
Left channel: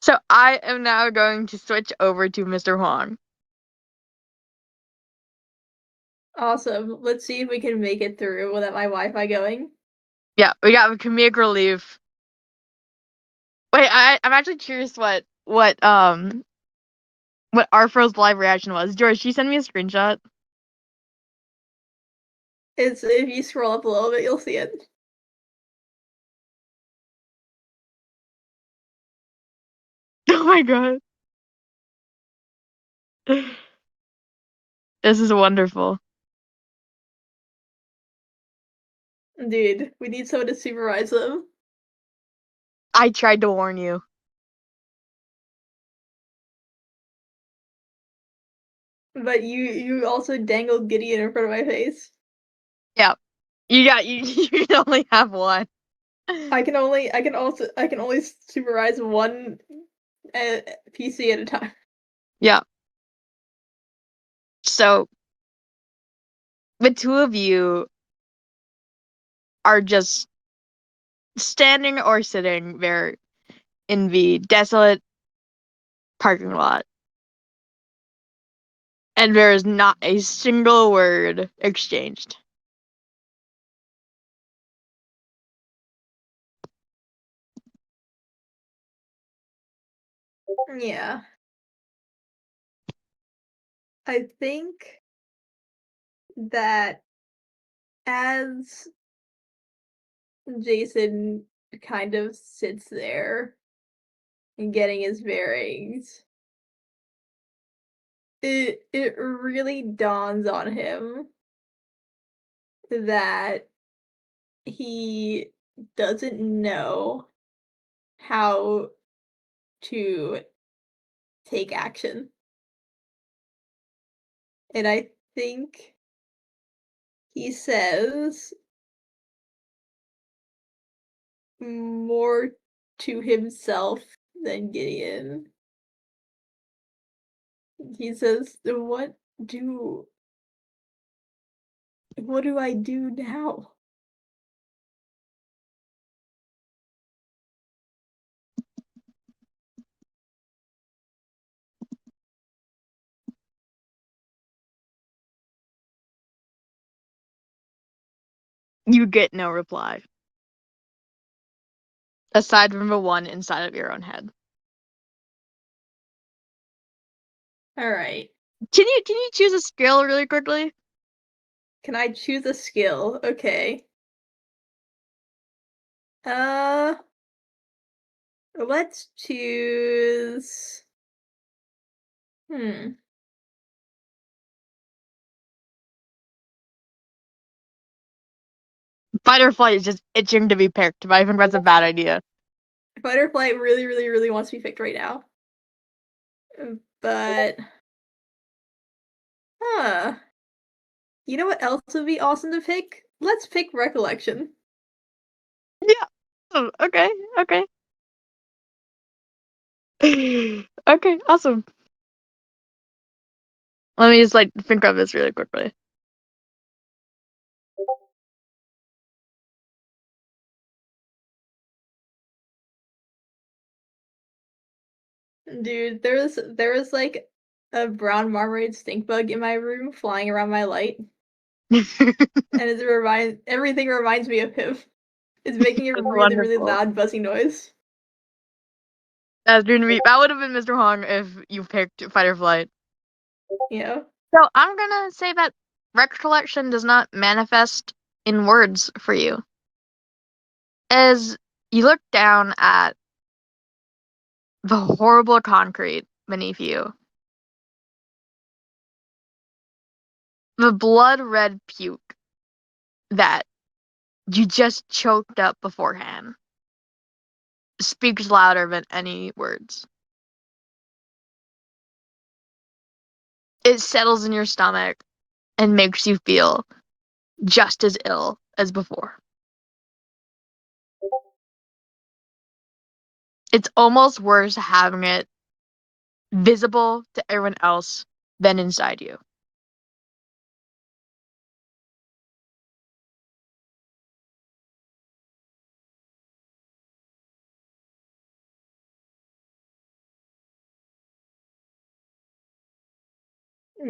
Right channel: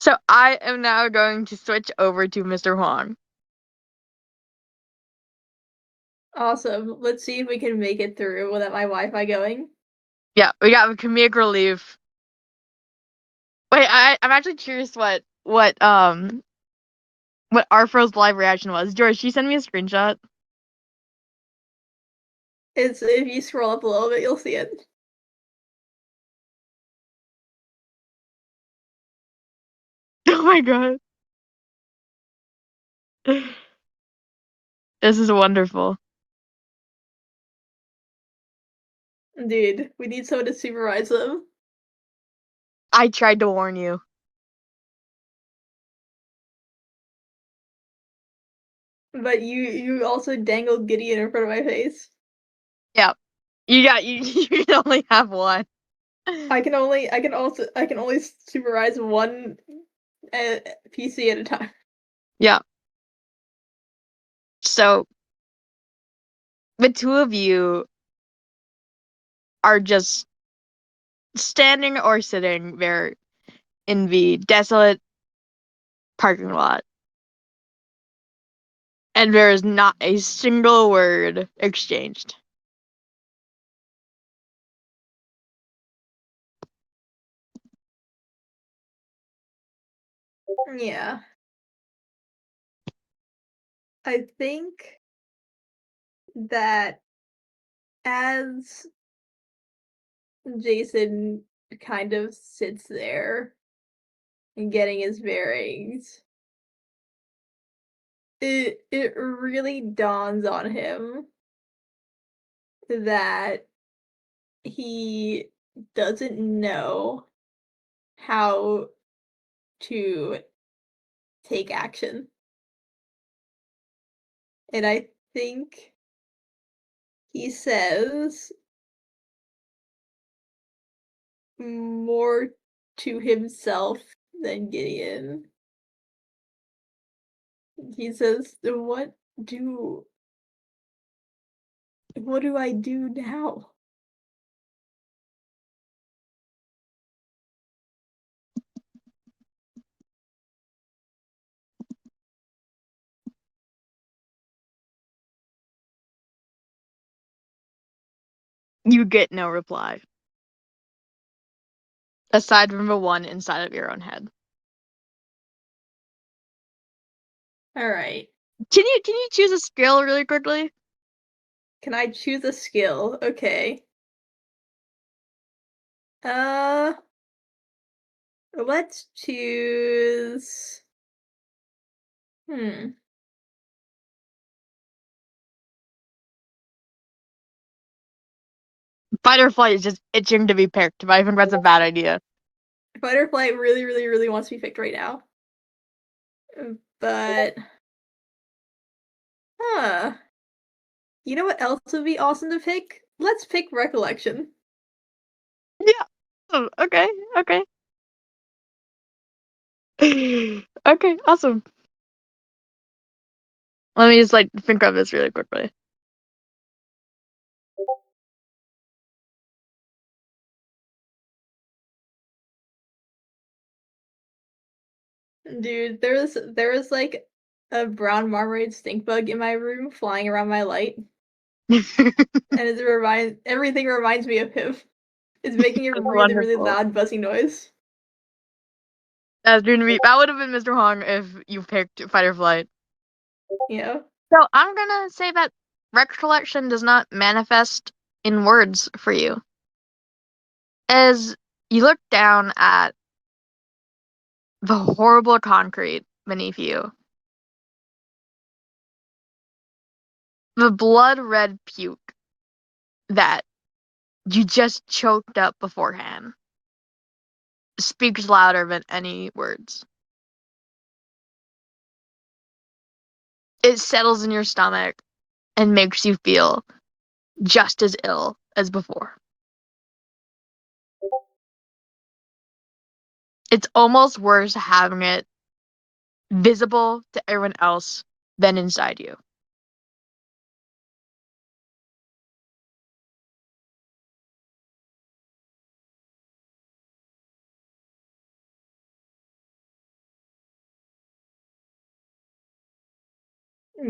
So I am now going to switch over to Mr. Huang. Awesome. Let's see if we can make it through without my Wi-Fi going. Yeah, we can make her leave. Wait, I'm actually curious what Arfro's live reaction was. George, she sent me a screenshot. It's if you scroll up a little bit, you'll see it. Oh my god. This is wonderful. Dude, we need someone to supervise them. I tried to warn you. But you also dangled Gideon in front of my face. Yeah. You can only have one. I can only supervise one PC at a time. Yeah. So the two of you are just standing or sitting there in the desolate parking lot. And there is not a single word exchanged. Yeah. I think that as Jason kind of sits there and getting his bearings, it really dawns on him that he doesn't know how to take action. And I think he says more to himself than Gideon. He says, do what do I do now? You get no reply. Aside from the one inside of your own head. All right. Can you choose a skill really quickly? Can I choose a skill? Okay. Let's choose. Hmm. Fight or flight is just itching to be picked, but I think that's a bad idea. Fight or flight really, really, really wants to be picked right now. But, you know what else would be awesome to pick? Let's pick recollection. Yeah. Oh, okay. Okay. Okay. Awesome. Let me just think of this really quickly. Dude, there was like a brown marmorated stink bug in my room flying around my light, and everything reminds me of him. It's making a That's really, really wonderful. loud buzzy noise. That would have been Mr. Hong if you picked fight or flight. You know? So I'm gonna say that recollection does not manifest in words for you. As you look down at the horrible concrete beneath you, the blood red puke that you just choked up beforehand speaks louder than any words. It settles in your stomach and makes you feel just as ill as before. It's almost worse having it visible to everyone else than inside you.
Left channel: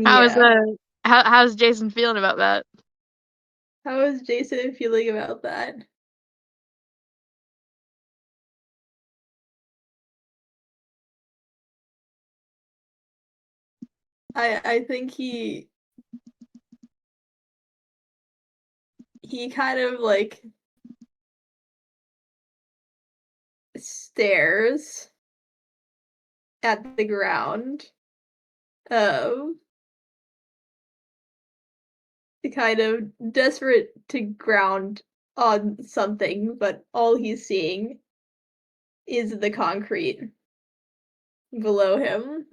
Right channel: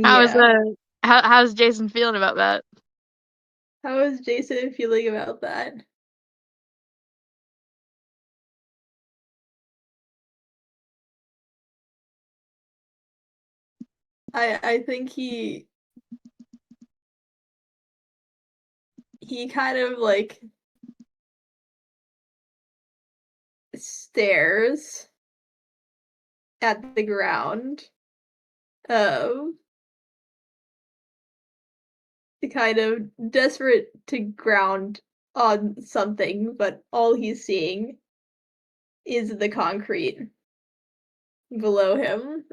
How is Yeah. it? How's Jason feeling about that? How is Jason feeling about that? I think he kind of like stares at the ground. Kind of desperate to ground on something, but all he's seeing is the concrete below him.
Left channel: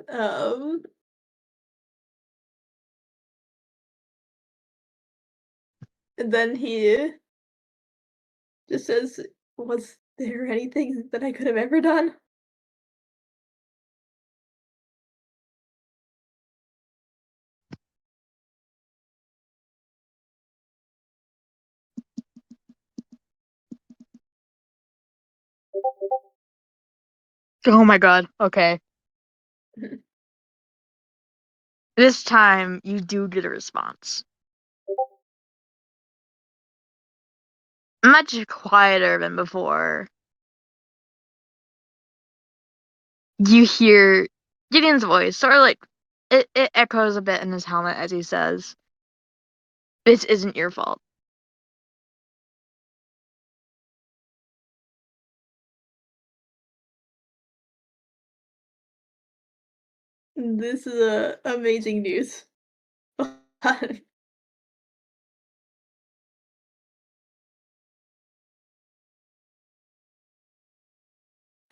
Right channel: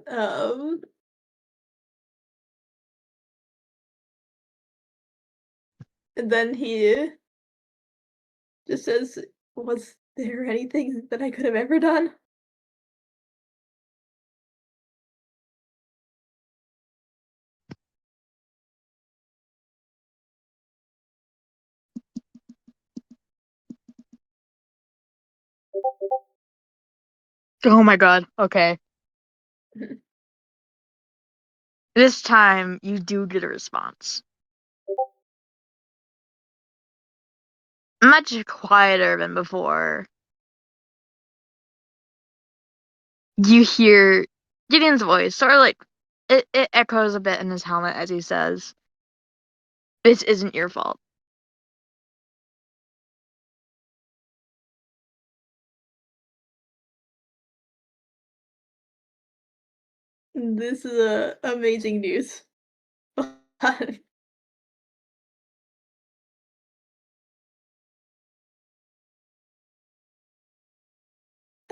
And then he just says, "Was there anything that I could have ever done?" Oh my god. Okay. This time you do get a response. Much quieter than before. You hear Gideon's voice, sort of like it echoes a bit in his helmet as he says, "This isn't your fault." This is amazing news. I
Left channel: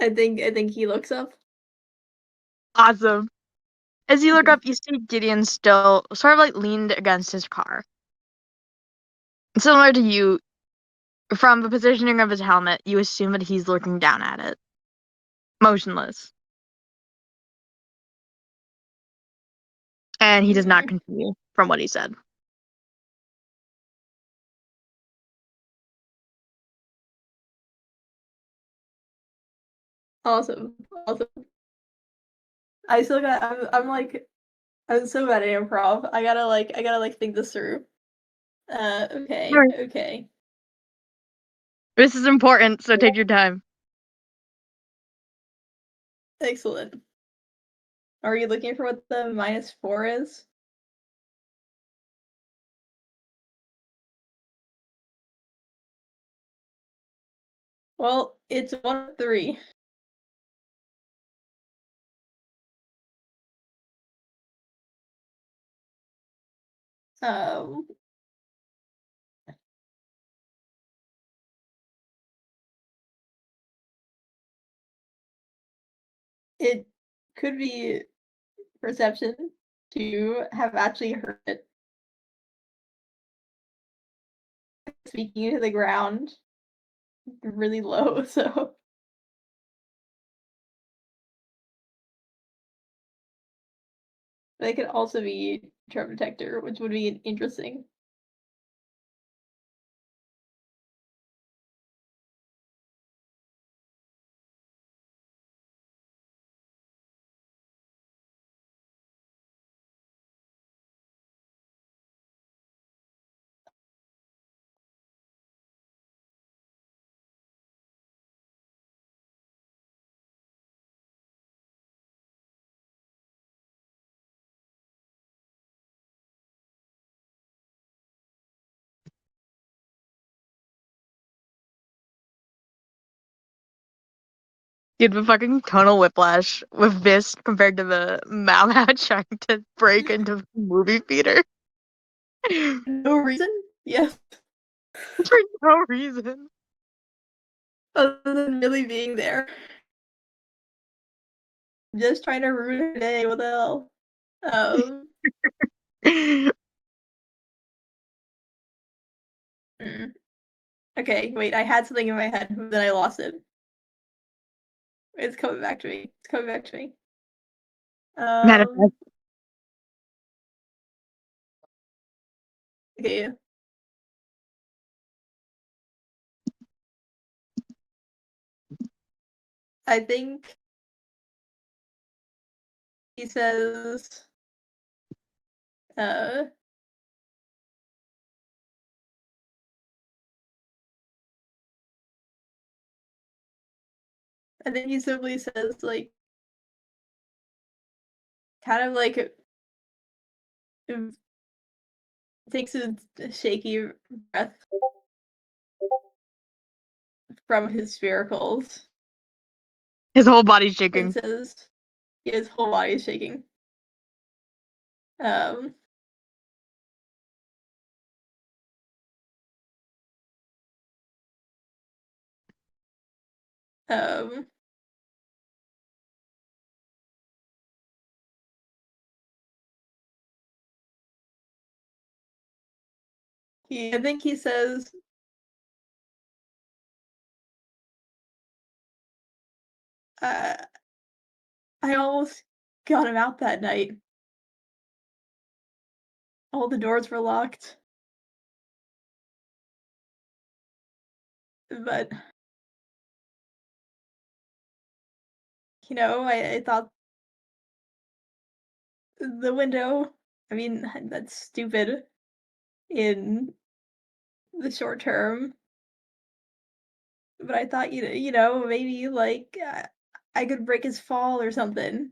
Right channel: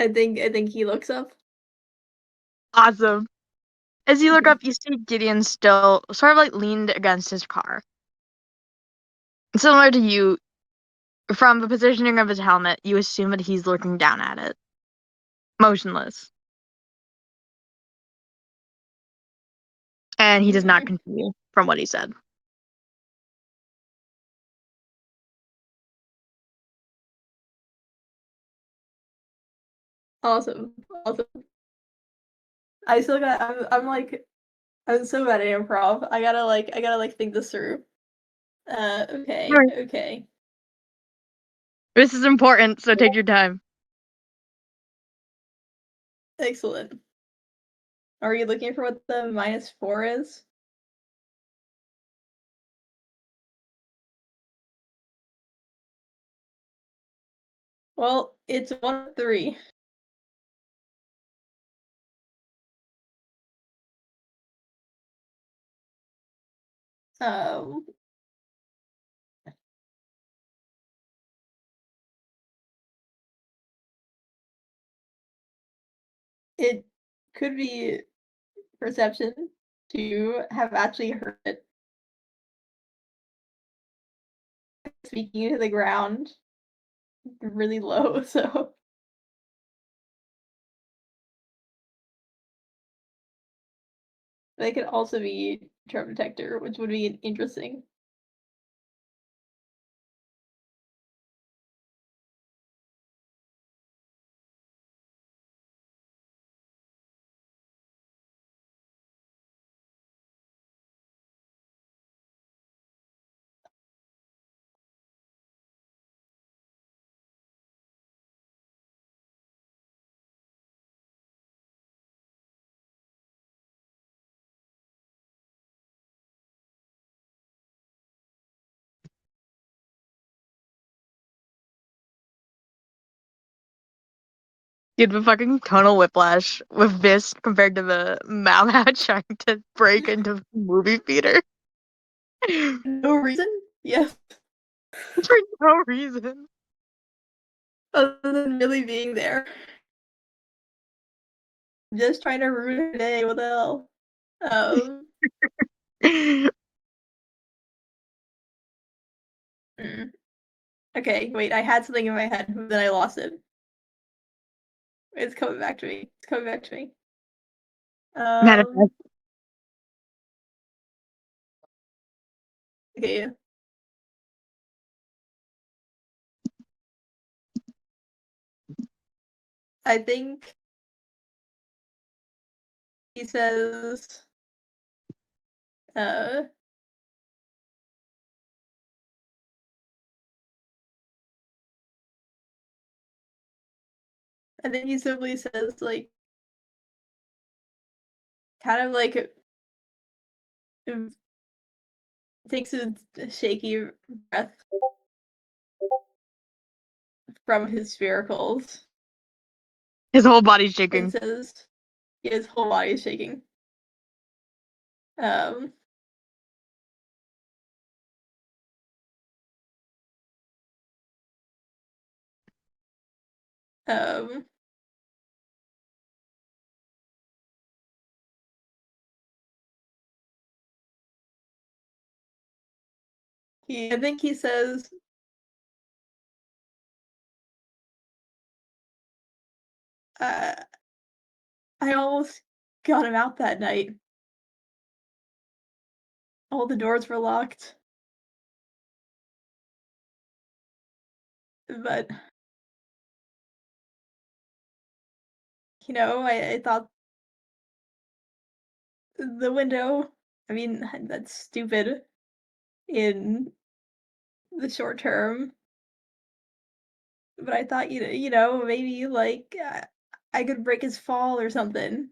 think he looks up. Awesome. As you look up, you see Gideon still sort of like leaned against his car. Similar to you, from the positioning of his helmet, you assume that he's looking down at it, motionless. And he does not continue from what he said. Awesome. I still got. I'm so bad at improv. I gotta think this through. Okay. This is important, so take your time. Excellent. Are you looking for what the -4 is? Well, it's 1-3. Um, it could be perception to have actually heard it speaking into the ground really low, so but it could also be trap detector, which would be interesting. Dude, the fucking tonal whiplash with this compared to the Malad trying to break into the movie theater. No reason? Yes. For no reason. Other than really being there. Just trying to ruin her day, what the hell? Okay, wait, I had something in my head, but then I lost it. It's coming back to me. Manifest. Okay. I think he says, And then he simply says, like, kind of like, takes a shaky breath from his sphericals His whole body's and shaking. says, his whole body is shaking. Um, um, I think he says, I almost got him out that night. All the doors were locked. But, you know, I thought the window, I mean, that's stupid in the short term. But I thought, you know, maybe, like, I could break his fall or something.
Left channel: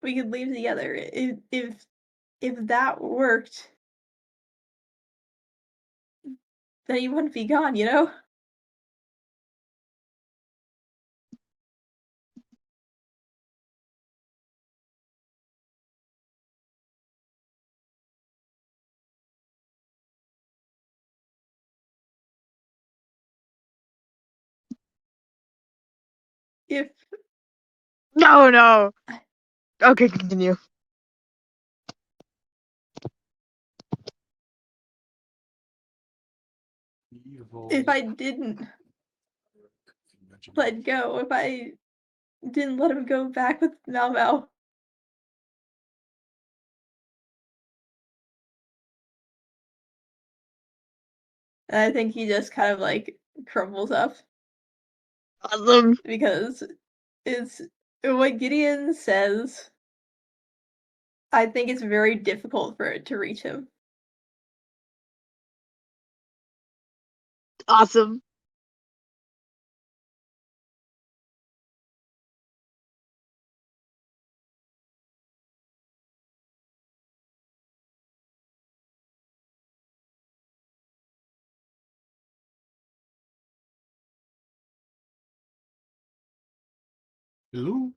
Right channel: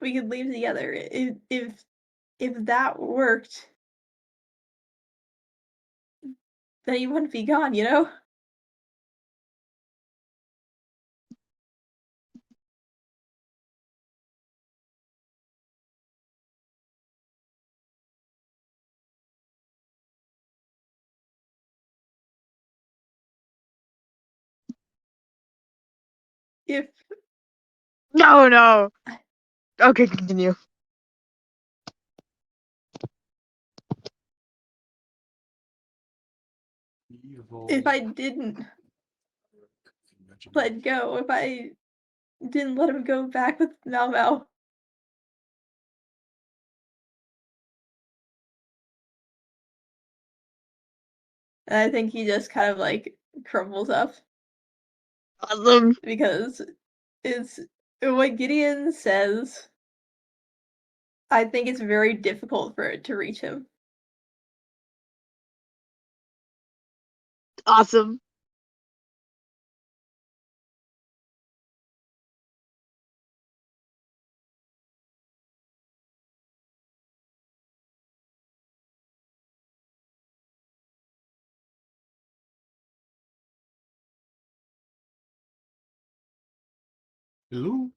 We could leave together. If that worked, then he wouldn't be gone, you know? If No. Okay, continue. if I didn't let go, if I didn't let him go back with Mal, and I think he just kind of like crumbles up Awesome. because it's what Gideon says. I think it's very difficult for it to reach him. Awesome. Who?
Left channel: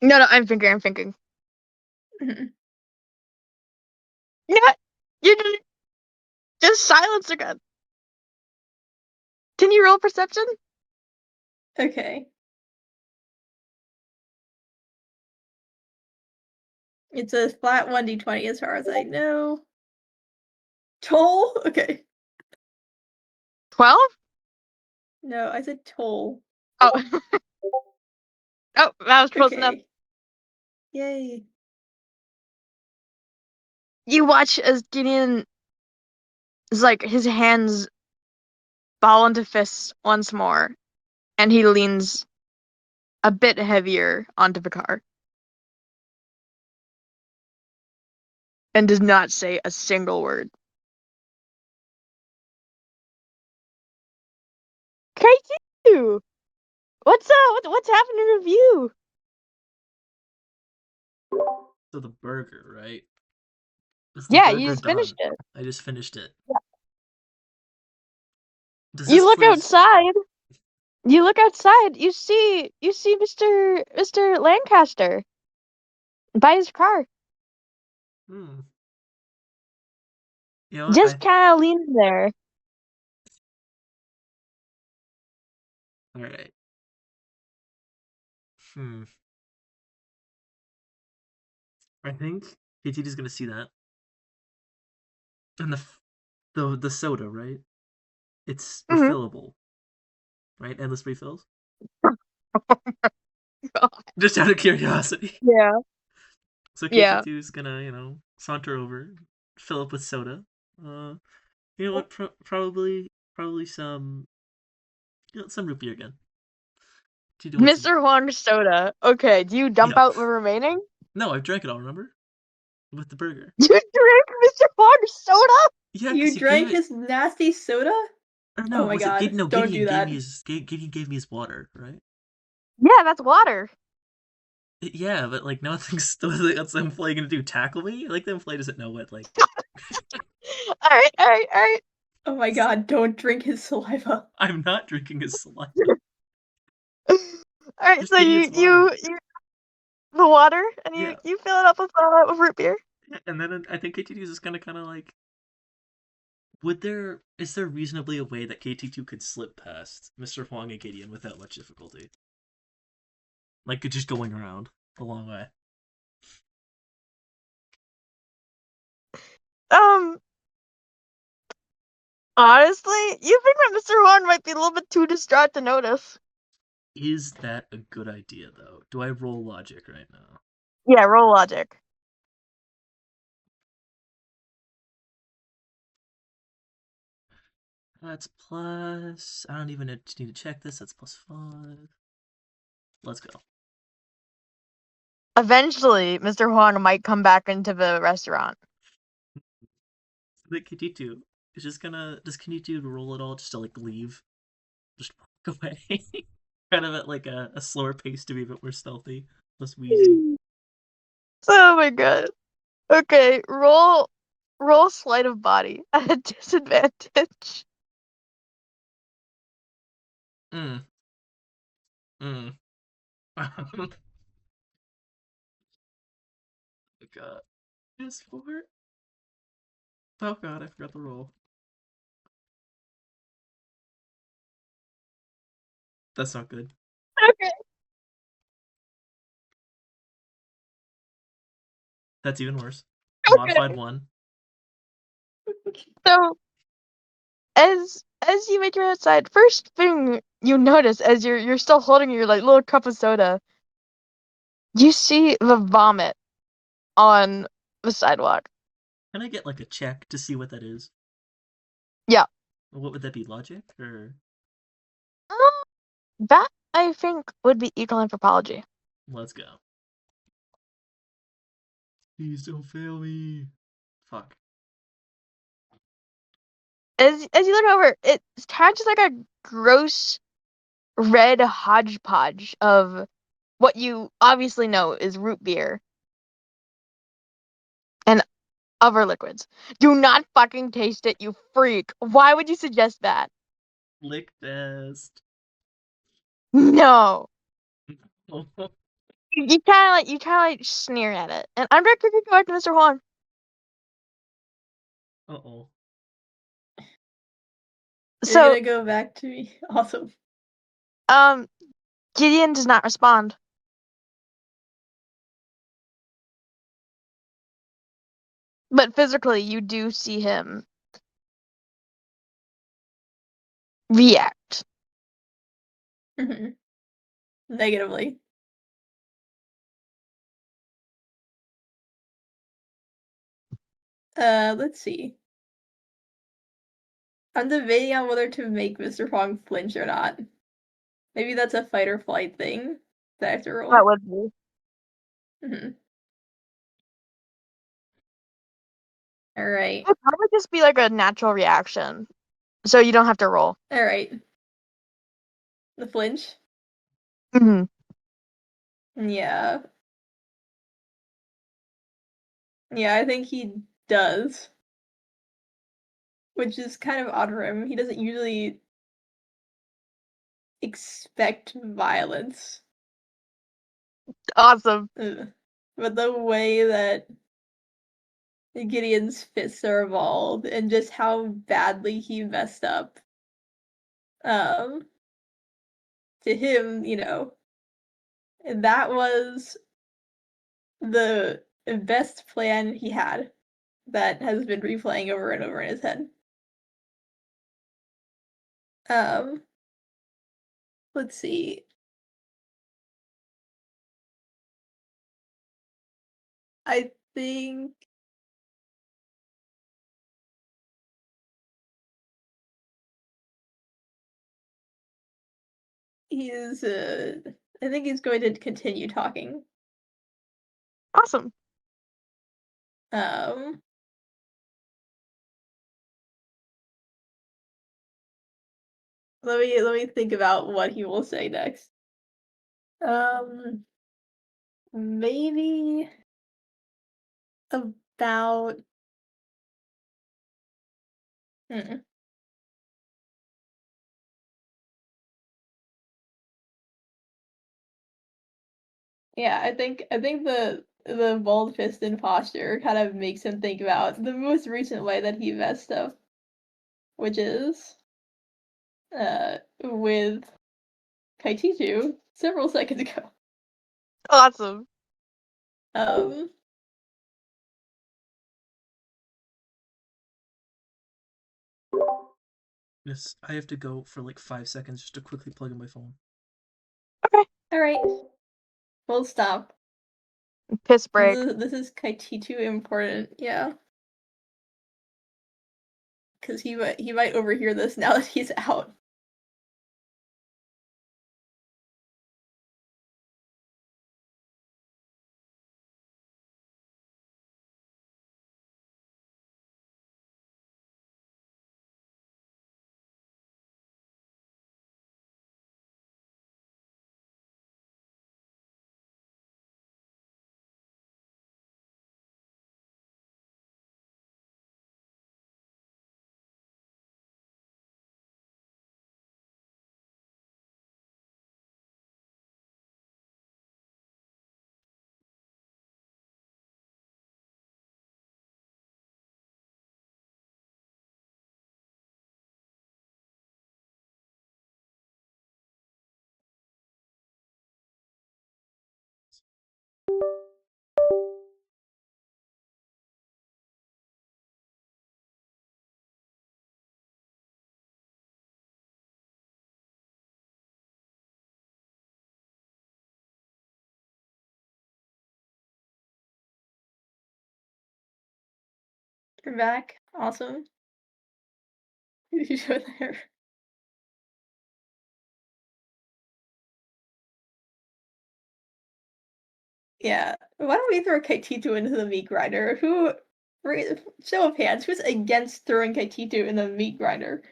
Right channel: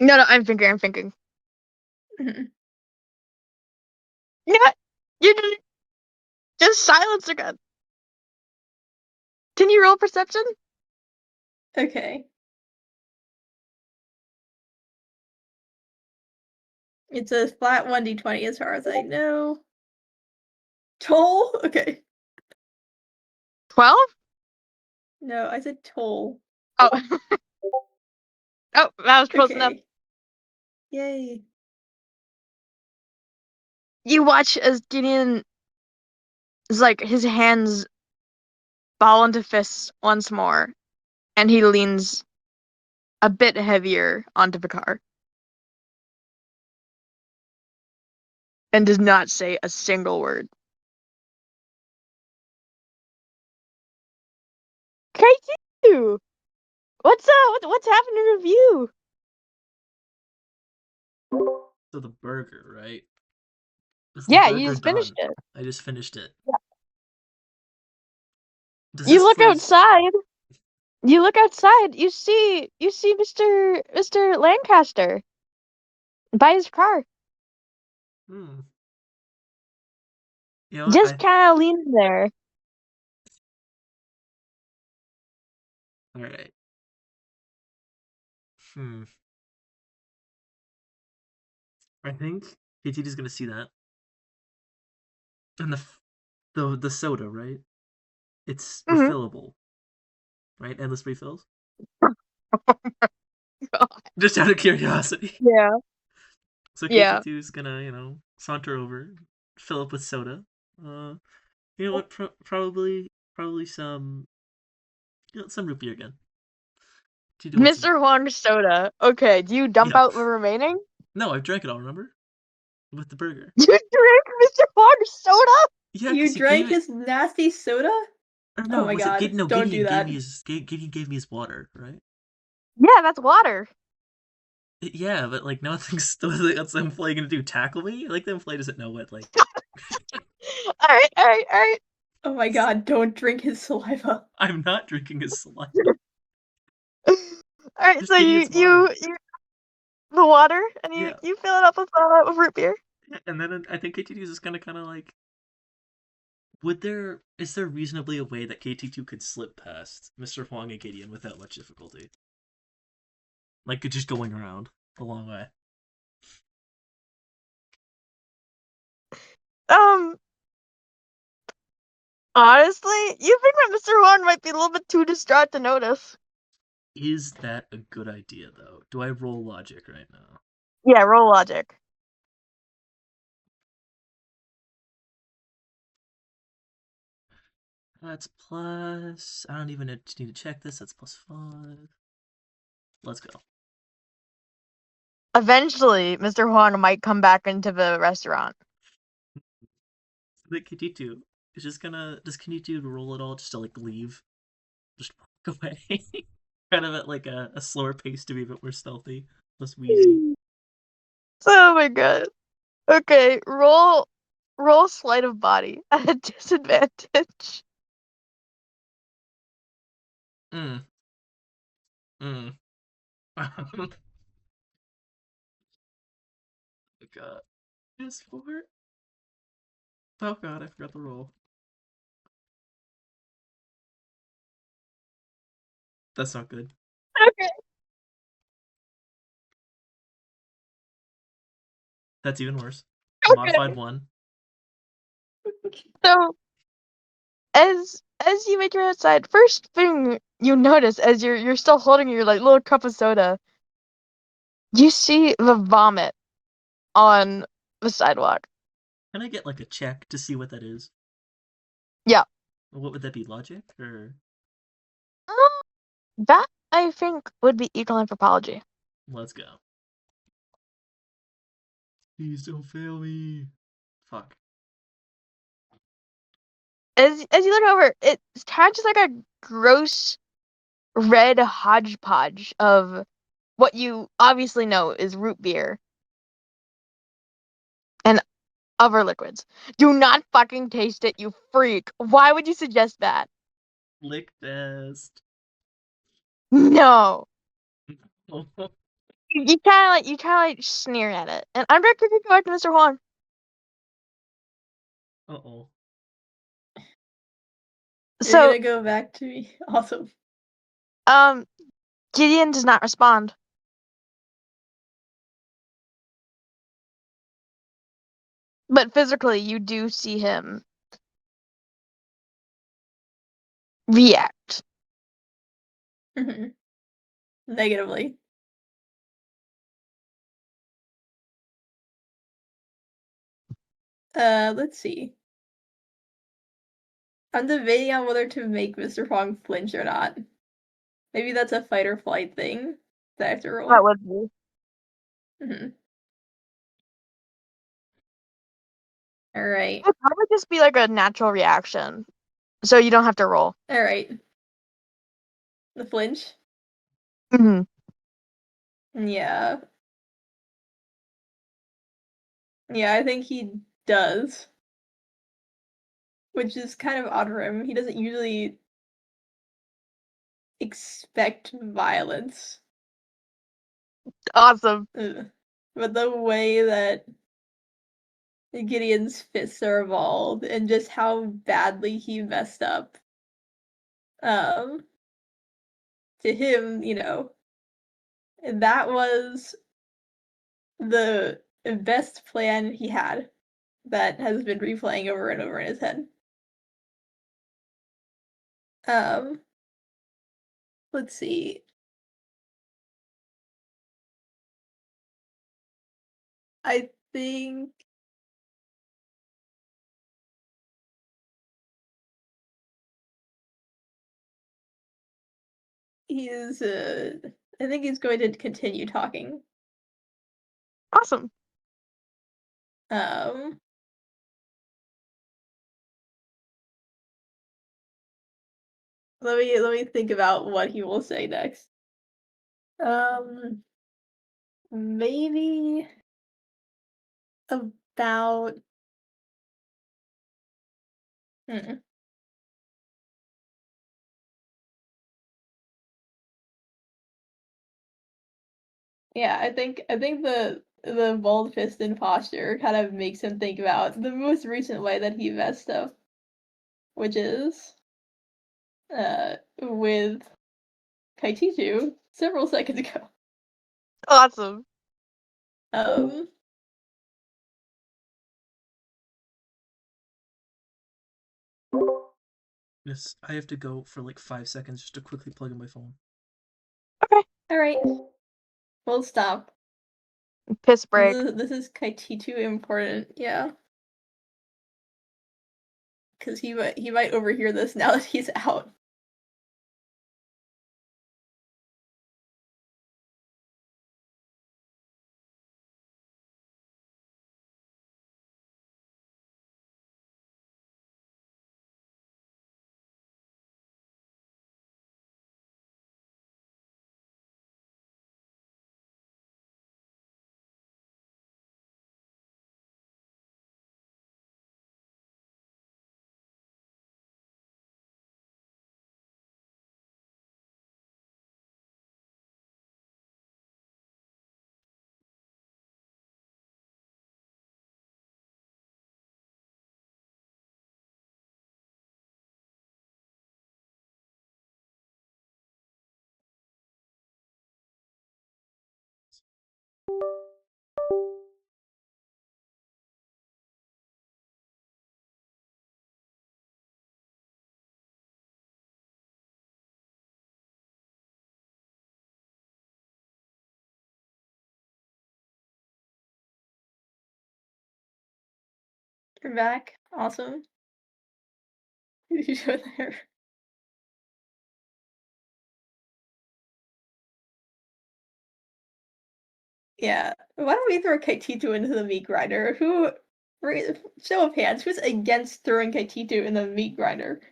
No, I'm thinking. Mhm. Yeah, you did it. Just silence again. Can you roll perception? Okay. It's a flat 1d20 as far as I know. Toll? Okay. 12? No, I said toll. Oh. Oh, that was close enough. Okay. Yay. You watch as Gideon is like his hands ball into fists once more, and he leans a bit heavier onto the car. And does not say a single word. Crazy! What's what's happening with you? So the burger, right? Is the Yeah, you burger just finished done? it. I just finished it. Does You this look place? outside. You look outside. You see Mr. Lancaster by his car. Hmm. You know what? Just kind of leans there. All right. Hmm. I think KTD's gonna see that, and the soda, right? It's Mhm. refillable, right? Endless refills. God. Just out of curiosity. Yeah. So Yeah. KT2's gonna, saunter over, fill up with soda. You know what? Probably some, some root beer again. To do what's Mr. Huang soda. Okay, do you dump Yep. out the remaining? No, I've drank it all. Remember, with the burger. You drink Mr. Huang soda? Yeah, You because he gave drank it. his nasty soda? No, my was it God, No, don't do Gideon gave that. me Gideon gave me his water, right? Yeah, that's water. Yeah, but like nothing's what's the employee gonna do? Tackle me? Like the employee doesn't know what like. Alright. Oh my God, don't drink his saliva. I'm not drinking his saliva. Alright, Just so Gideon's water. you the water and Yeah. you fill it up with root beer. And then I think KT2 is just gonna kind of like. Is there reasonably a way that KT2 could slip past Mr. Huang and Gideon without much difficulty? Like just going around the long way. Honestly, you think that Mr. Huang might be a little bit too distraught to notice. Is that a good idea though? Do I roll logic right now? Yeah, roll logic. That's plus. I don't even need to check this. That's +5. Let's go. Eventually, Mr. Huang might come back into the restaurant. The Kiditu is just gonna. Does Kiditu roll it all just to like leave? Just walk away? Kind of at like a slower pace to be a bit more stealthy. Less wheezy. Oh my god. Okay, roll sleight of body at a disadvantage. Mm. Oh god. It's 4. Oh god, I forgot the roll. That's not good. Okay. That's even worse. Okay. Modified 1. So as you make your outside, first thing you notice as you're still holding your like little cup of soda, you see the vomit on the sidewalk. Can I get like a check to see what that is? Yeah. What would that be? Logic or That I think would be equal anthropology. let's go. Please don't fail me. Fuck. As you look over, it's kind of just like a gross red hodgepodge of what you obviously know is root beer and other liquids. Do not fucking taste it, you freak. Why would you suggest that? Lick test. No. You kind of like sneer at it. And I'm gonna quickly go back to Mr. Huang. Uh-oh. You're So, gonna go back to me. Awesome. Gideon does not respond. But physically, you do see him react. Negatively. Let's see. I'm debating on whether to make Mr. Huang flinch or not. Maybe that's a fight or flight thing that I have to roll. That would be. Alright. It would probably just be like a natural reaction. So you don't have to roll. Alright. The flinch? Mm-hmm. Yeah. Yeah, I think he does. Which is kind of odd for him. He doesn't usually expect violence. Awesome. But the way that Gideon's fists are evolved and just how badly he messed up. To him, and that was the best plan he had that has been replaying over and over in his head. Let's see. I think he's I think he's going to continue talking. Awesome. Um let me think about what he will say next. Maybe about. Hmm. Yeah, I think the bald fisted posture kind of makes him think about the most recent way that he messed up, which is with Kaititu several seconds ago. Awesome. Um, Yes, I have to go for like 5 seconds just to quickly plug in my phone. Okay. all right, we'll stop. Piss break. This is Kaititu important, yeah, because he might overhear this now that he's out. You're back, awesome. You were there. Yeah. Why don't we throw Kaititu into the meat grinder? Show of hands, who's against throwing Kaititu in the meat grinder?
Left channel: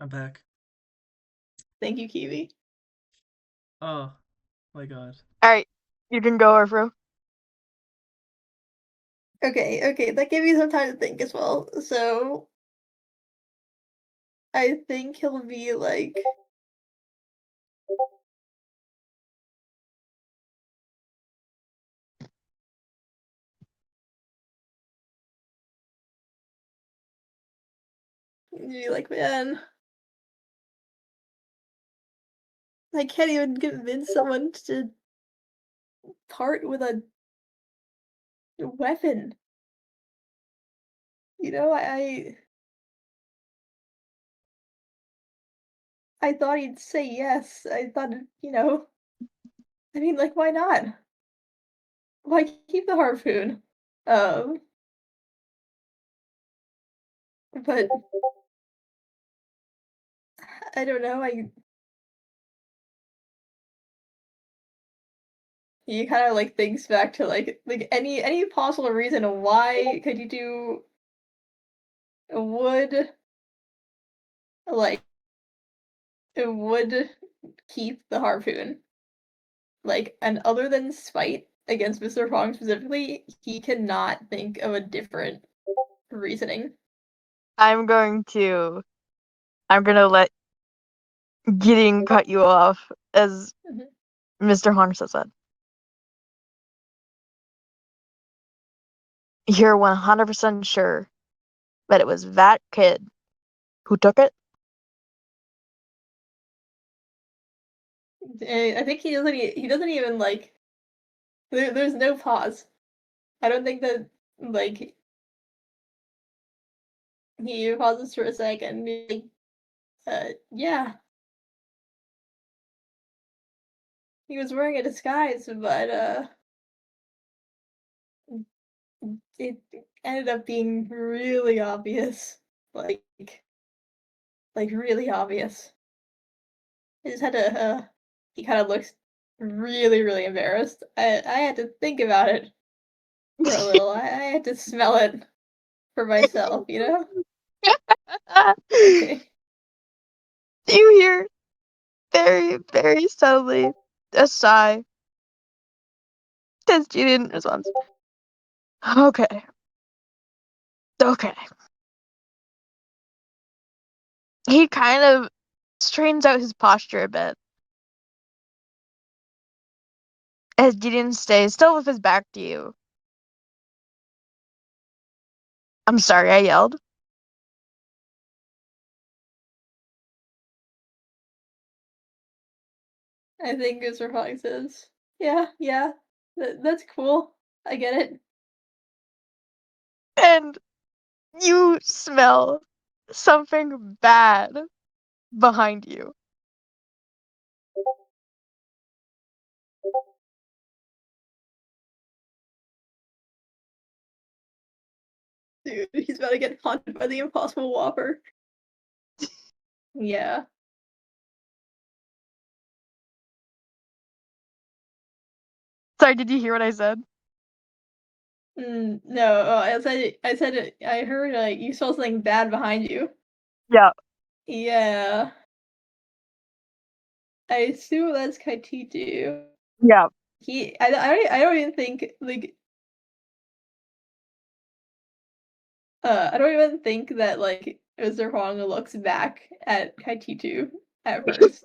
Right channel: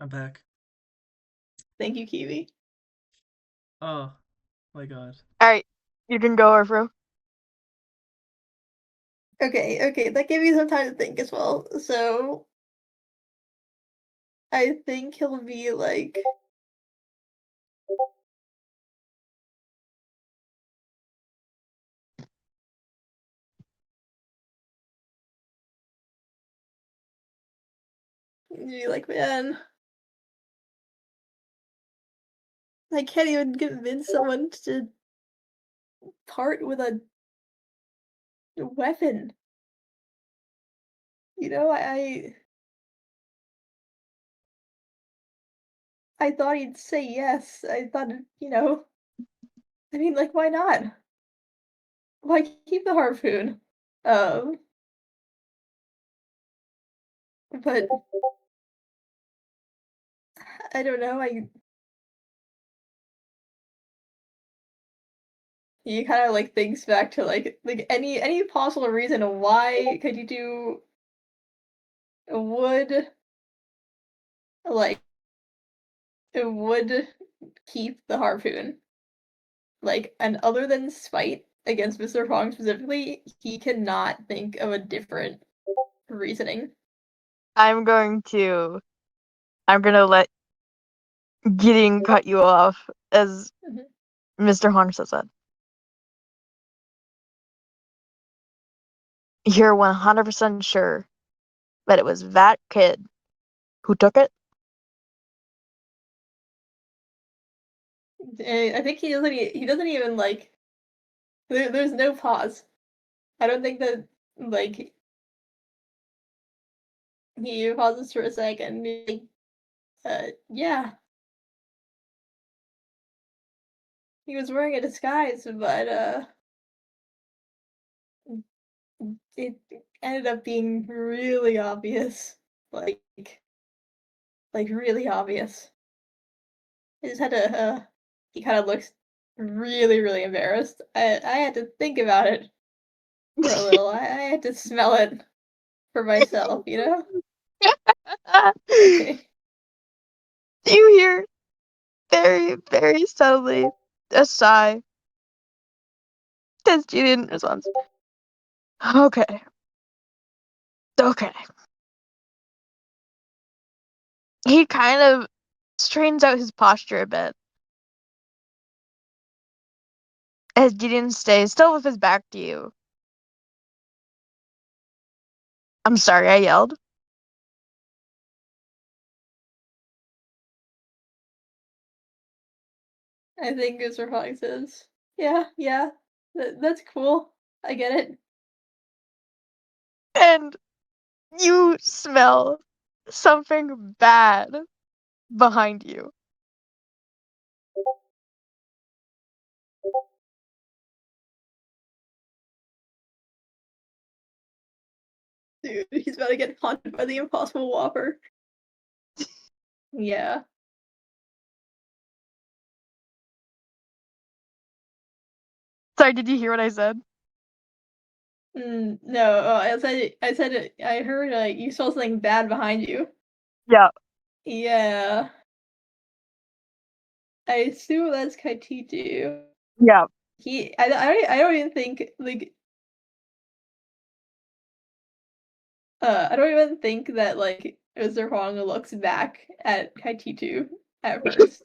I'm back. Thank you, Kiwi. Oh my god. Alright, you can go, Orfro. Okay, that gave me some time to think as well. So I think he'll be like man, I can't even convince someone to part with a weapon. You know, I thought he'd say yes. I thought, I mean, like, why not? Why keep the harpoon? Um, but I don't know. He kind of like thinks back to like any possible reason why could you do would like would keep the harpoon and other than spite against Mr. Fong specifically, he cannot think of a different reasoning. I'm gonna let Gideon cut you off, as Mhm. Mr. Hongsa said. You're 100% sure that it was that kid who took it? I think he doesn't even like there's no pause. I don't think that like he pauses for a second. Yeah, he was wearing a disguise, but it ended up being really obvious. Like really obvious. He just had to he kind of looks really, really embarrassed. I had to think about it for a little. I had to smell it for myself, you know? Okay. You hear very, very subtly a sigh. As Gideon responds, okay. Okay. He kind of straightens out his posture a bit. As Gideon stays still with his back to you. I'm sorry, I yelled. I think Mr. Fox says, yeah, that's cool. I get it. And you smell something bad behind you. Dude, he's about to get haunted by the Impossible Whopper. Yeah. Sorry, did you hear what I said? No, I heard you saw something bad behind you. Yeah. Yeah. I assume that's Kaititu. Yeah. I don't even think, like, I don't even think that, like, Mr. Huang looks back at Kaititu at first.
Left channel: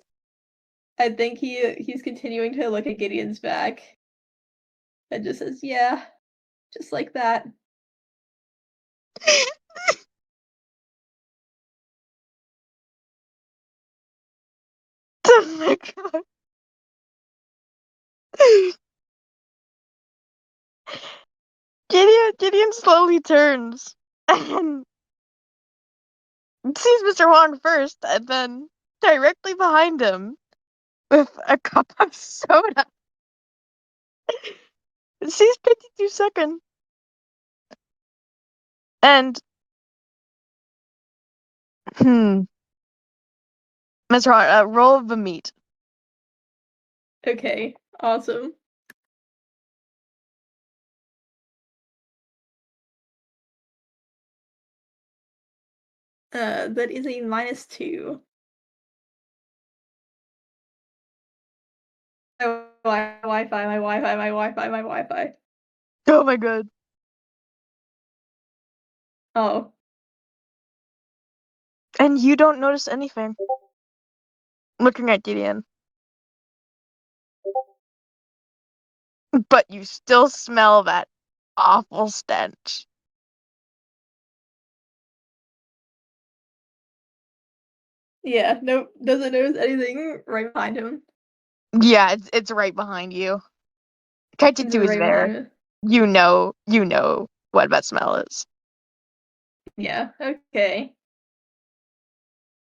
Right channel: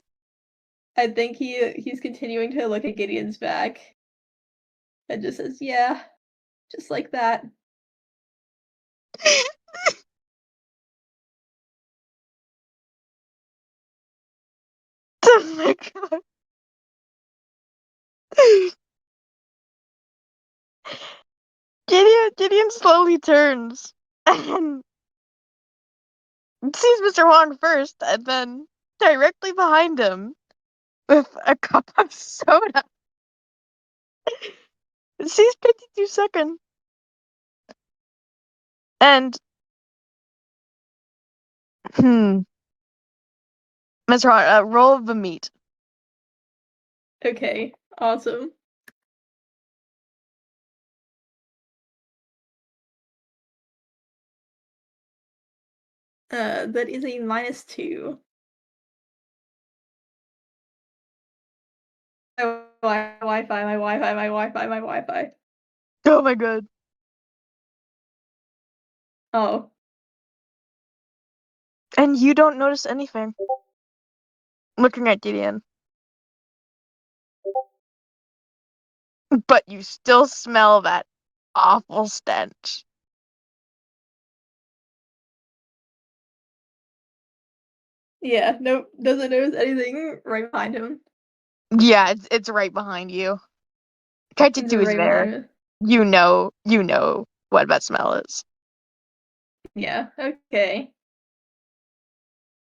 I think he's continuing to look at Gideon's back and just says, yeah, just like that. Oh my god. Gideon slowly turns and sees Mr. Wong first, and then directly behind him with a cup of soda. Sees 52 second. And Mr. Wong, roll of the meat. Okay, awesome. That is a -2. My Wi-Fi, my Wi-Fi, my Wi-Fi, my Wi-Fi. Oh my god. Oh, And you don't notice anything. Looking at Gideon. But you still smell that awful stench. yeah, nope, doesn't notice anything right behind him. Yeah, it's right behind you. It's Kaititu is right there. behind him. You know what that smell is. Yeah, okay.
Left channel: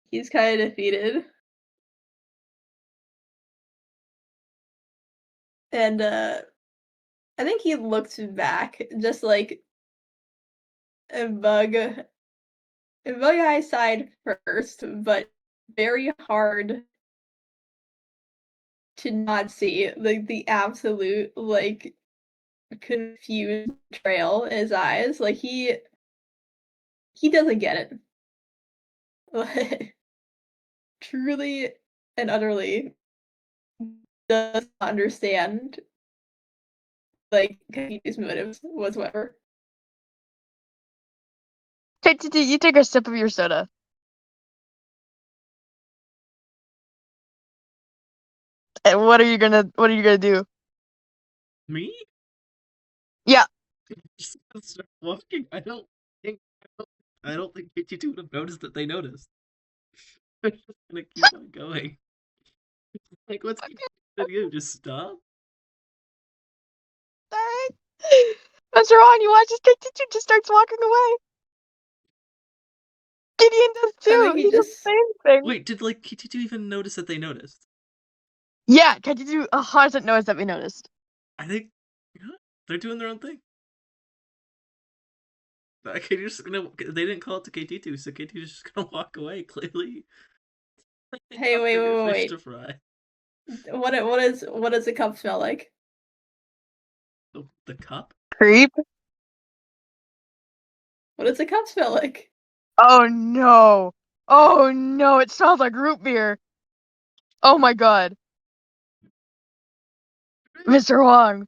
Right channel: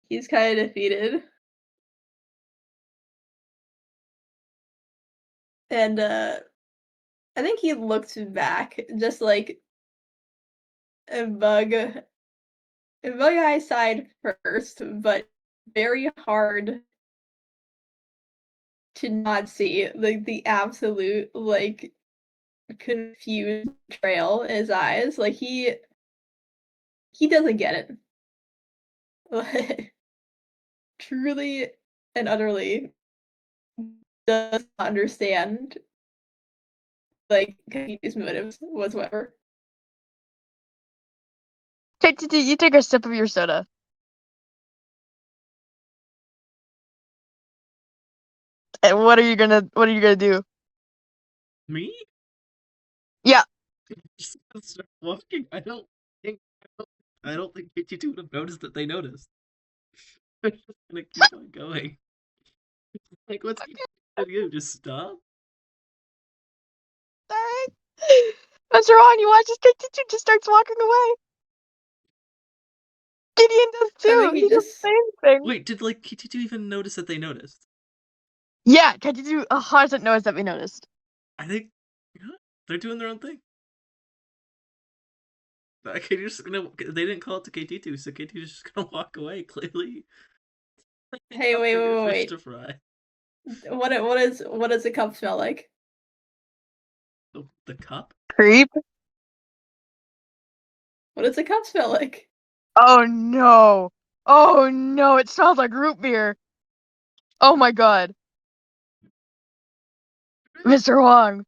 He's kind of defeated. And, I think he looks back, just like, and Bug Eye side first, but very hard to not see, like, the absolute, like, confused trail in his eyes. Like, he doesn't get it. Like, truly and utterly does not understand, like, his motives whatsoever. Kaititu, you take a sip of your soda. And what are you gonna do? Me? Yeah. Just gonna start walking. I don't think KT2 would have noticed that they noticed. They're just gonna keep on going. Like, what's he gonna do? Just stop? Alright. Mr. Wong, you watch as Kaititu just starts walking away. Gideon does I too. think he He does just the same thing. Wait, did like KT2 even notice that they noticed? Yeah, Kaititu 100% knows that we noticed. I think they're doing their own thing. Okay, just gonna. They didn't call it to KT2, so KT2's just gonna walk away. Clearly, Hey, got wait, bigger wait, fish wait. to fry. What does the cup smell like? The cup? Creep. What does the cup smell like? Oh no. Oh no, it smells like root beer. Oh my god. Mr. Wong.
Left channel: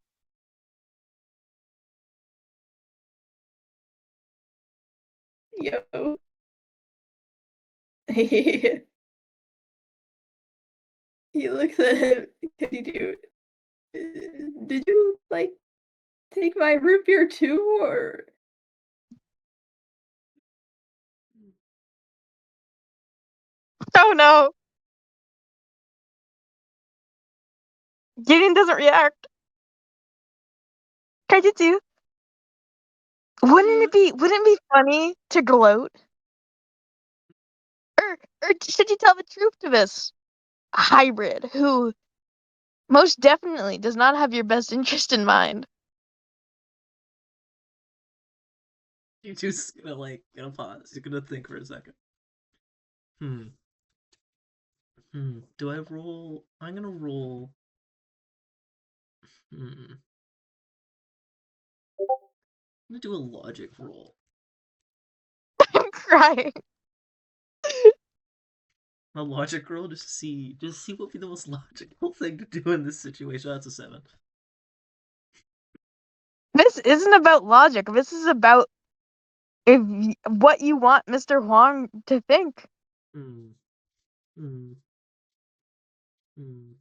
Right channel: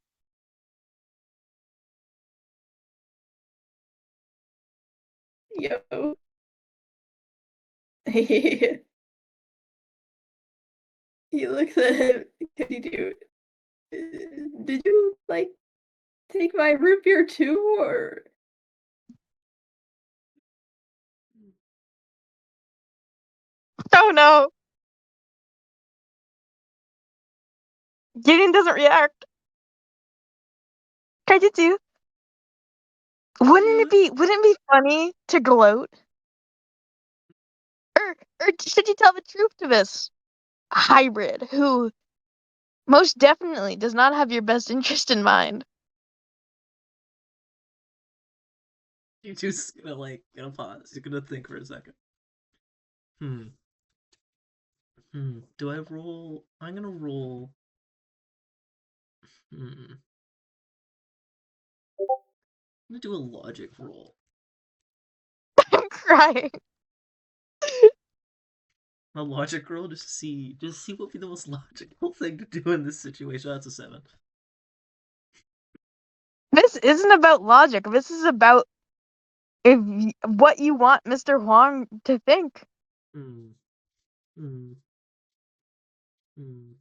Yo. He looks at him. Dude, did you like take my root beer too, or? Oh no. Gideon doesn't react. Can you do? Wouldn't it be funny to gloat? Or should you tell the truth to this hybrid who most definitely does not have your best interest in mind? You just gonna pause. You're gonna think for a second. Do I roll? I'm gonna roll. I'm gonna do a logic roll. I'm crying. A logic roll just to see what would be the most logical thing to do in this situation. That's a 7. This isn't about logic. This is about what you want Mr. Huang to think. Hmm. Hmm. Hmm.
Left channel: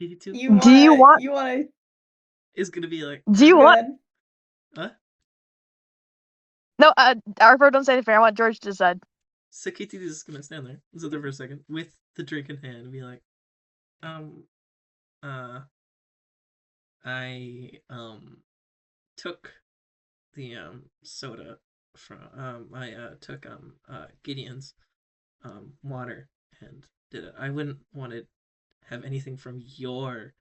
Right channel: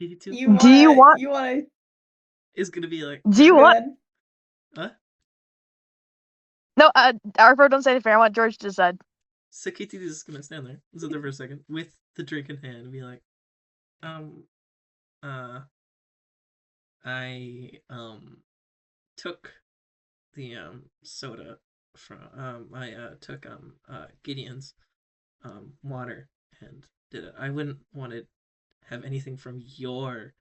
82 You Do you want? wanna is gonna be like, Do you go want? ahead. huh? No, Arvo, don't say anything. I want George to decide. Sakiti is just gonna stand there, sit there for a second with the drink in hand, and be like, uh, I took the soda from I took Gideon's water and did it. I wouldn't want to have anything from your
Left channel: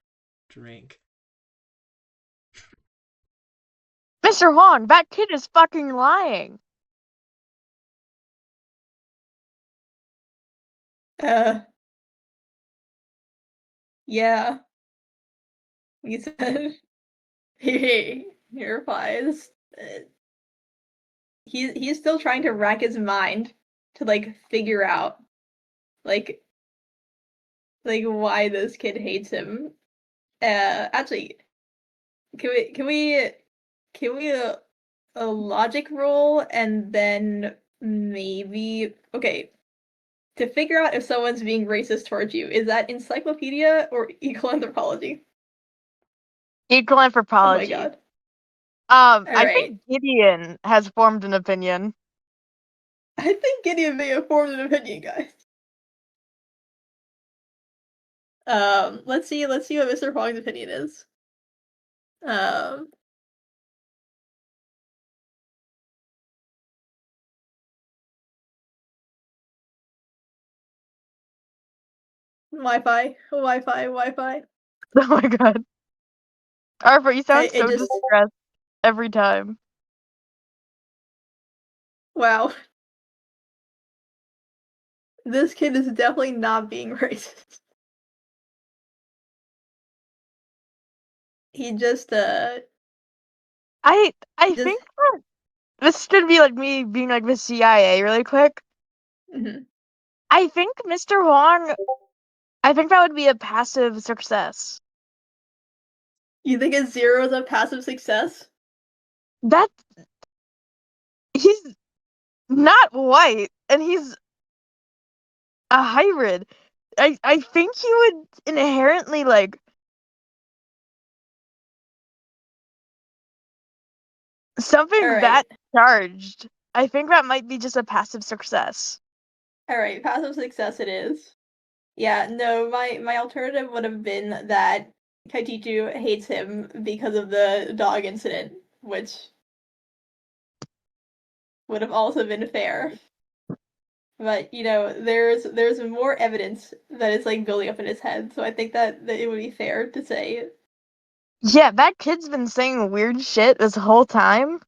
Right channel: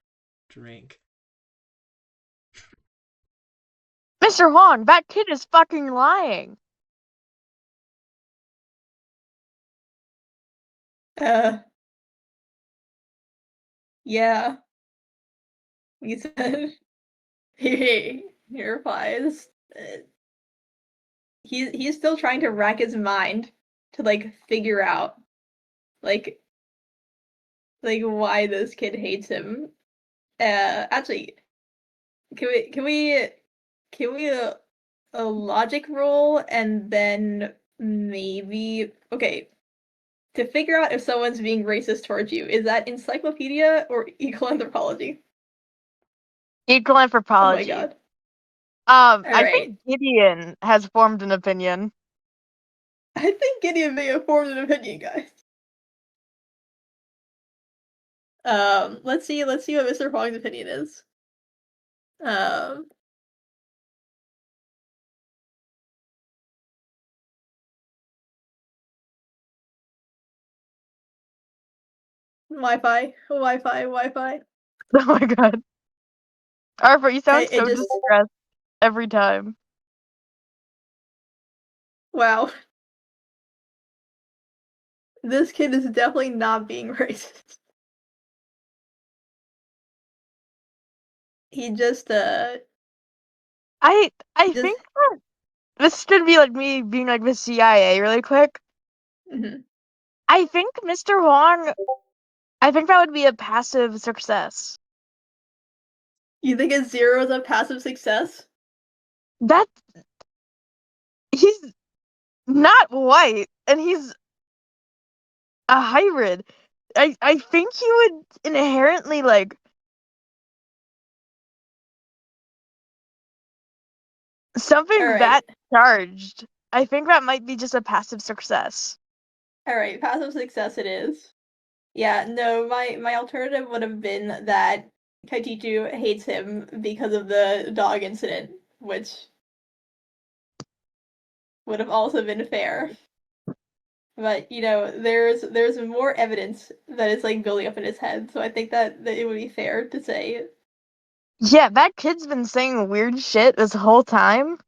drink. Mr. Huang, that kid is fucking lying. Yeah. He said. He replies. He's still trying to rack his mind to like figure out like why this kid hates him. Actually, can we a logic roll and then maybe okay to figure out if someone's being racist towards you, is that encyclopedia or equal anthropology? Equal Oh my anthropology. god. I Alright. think Gideon has formed an opinion. I think Gideon may have formed an opinion, guys. Let's see what Mr. Huang's opinion is. Um Wi-Fi. Oh my god. Arvo, you sound It so just distressed every time. wow. This kid is definitely not being racist. He just I just think that this should be like me being like the CIA really quick. mhm. I think Mr. Huang, I think that would be a passive success. You think it's 0 is a passive success? That he's not white and he's a hybrid. I think he would inherently like something that Alright. charged. I think that might be just a passive success. Alright, passive success it is. Yeah, no, my alternative would have been that Kaitichu hates him because of the dog incident, which would have also been fair. But you know, there's more evidence that is like building up in his head, so I think that it would be fair to say. Yeah, that kid's been saying weird shit this whole time.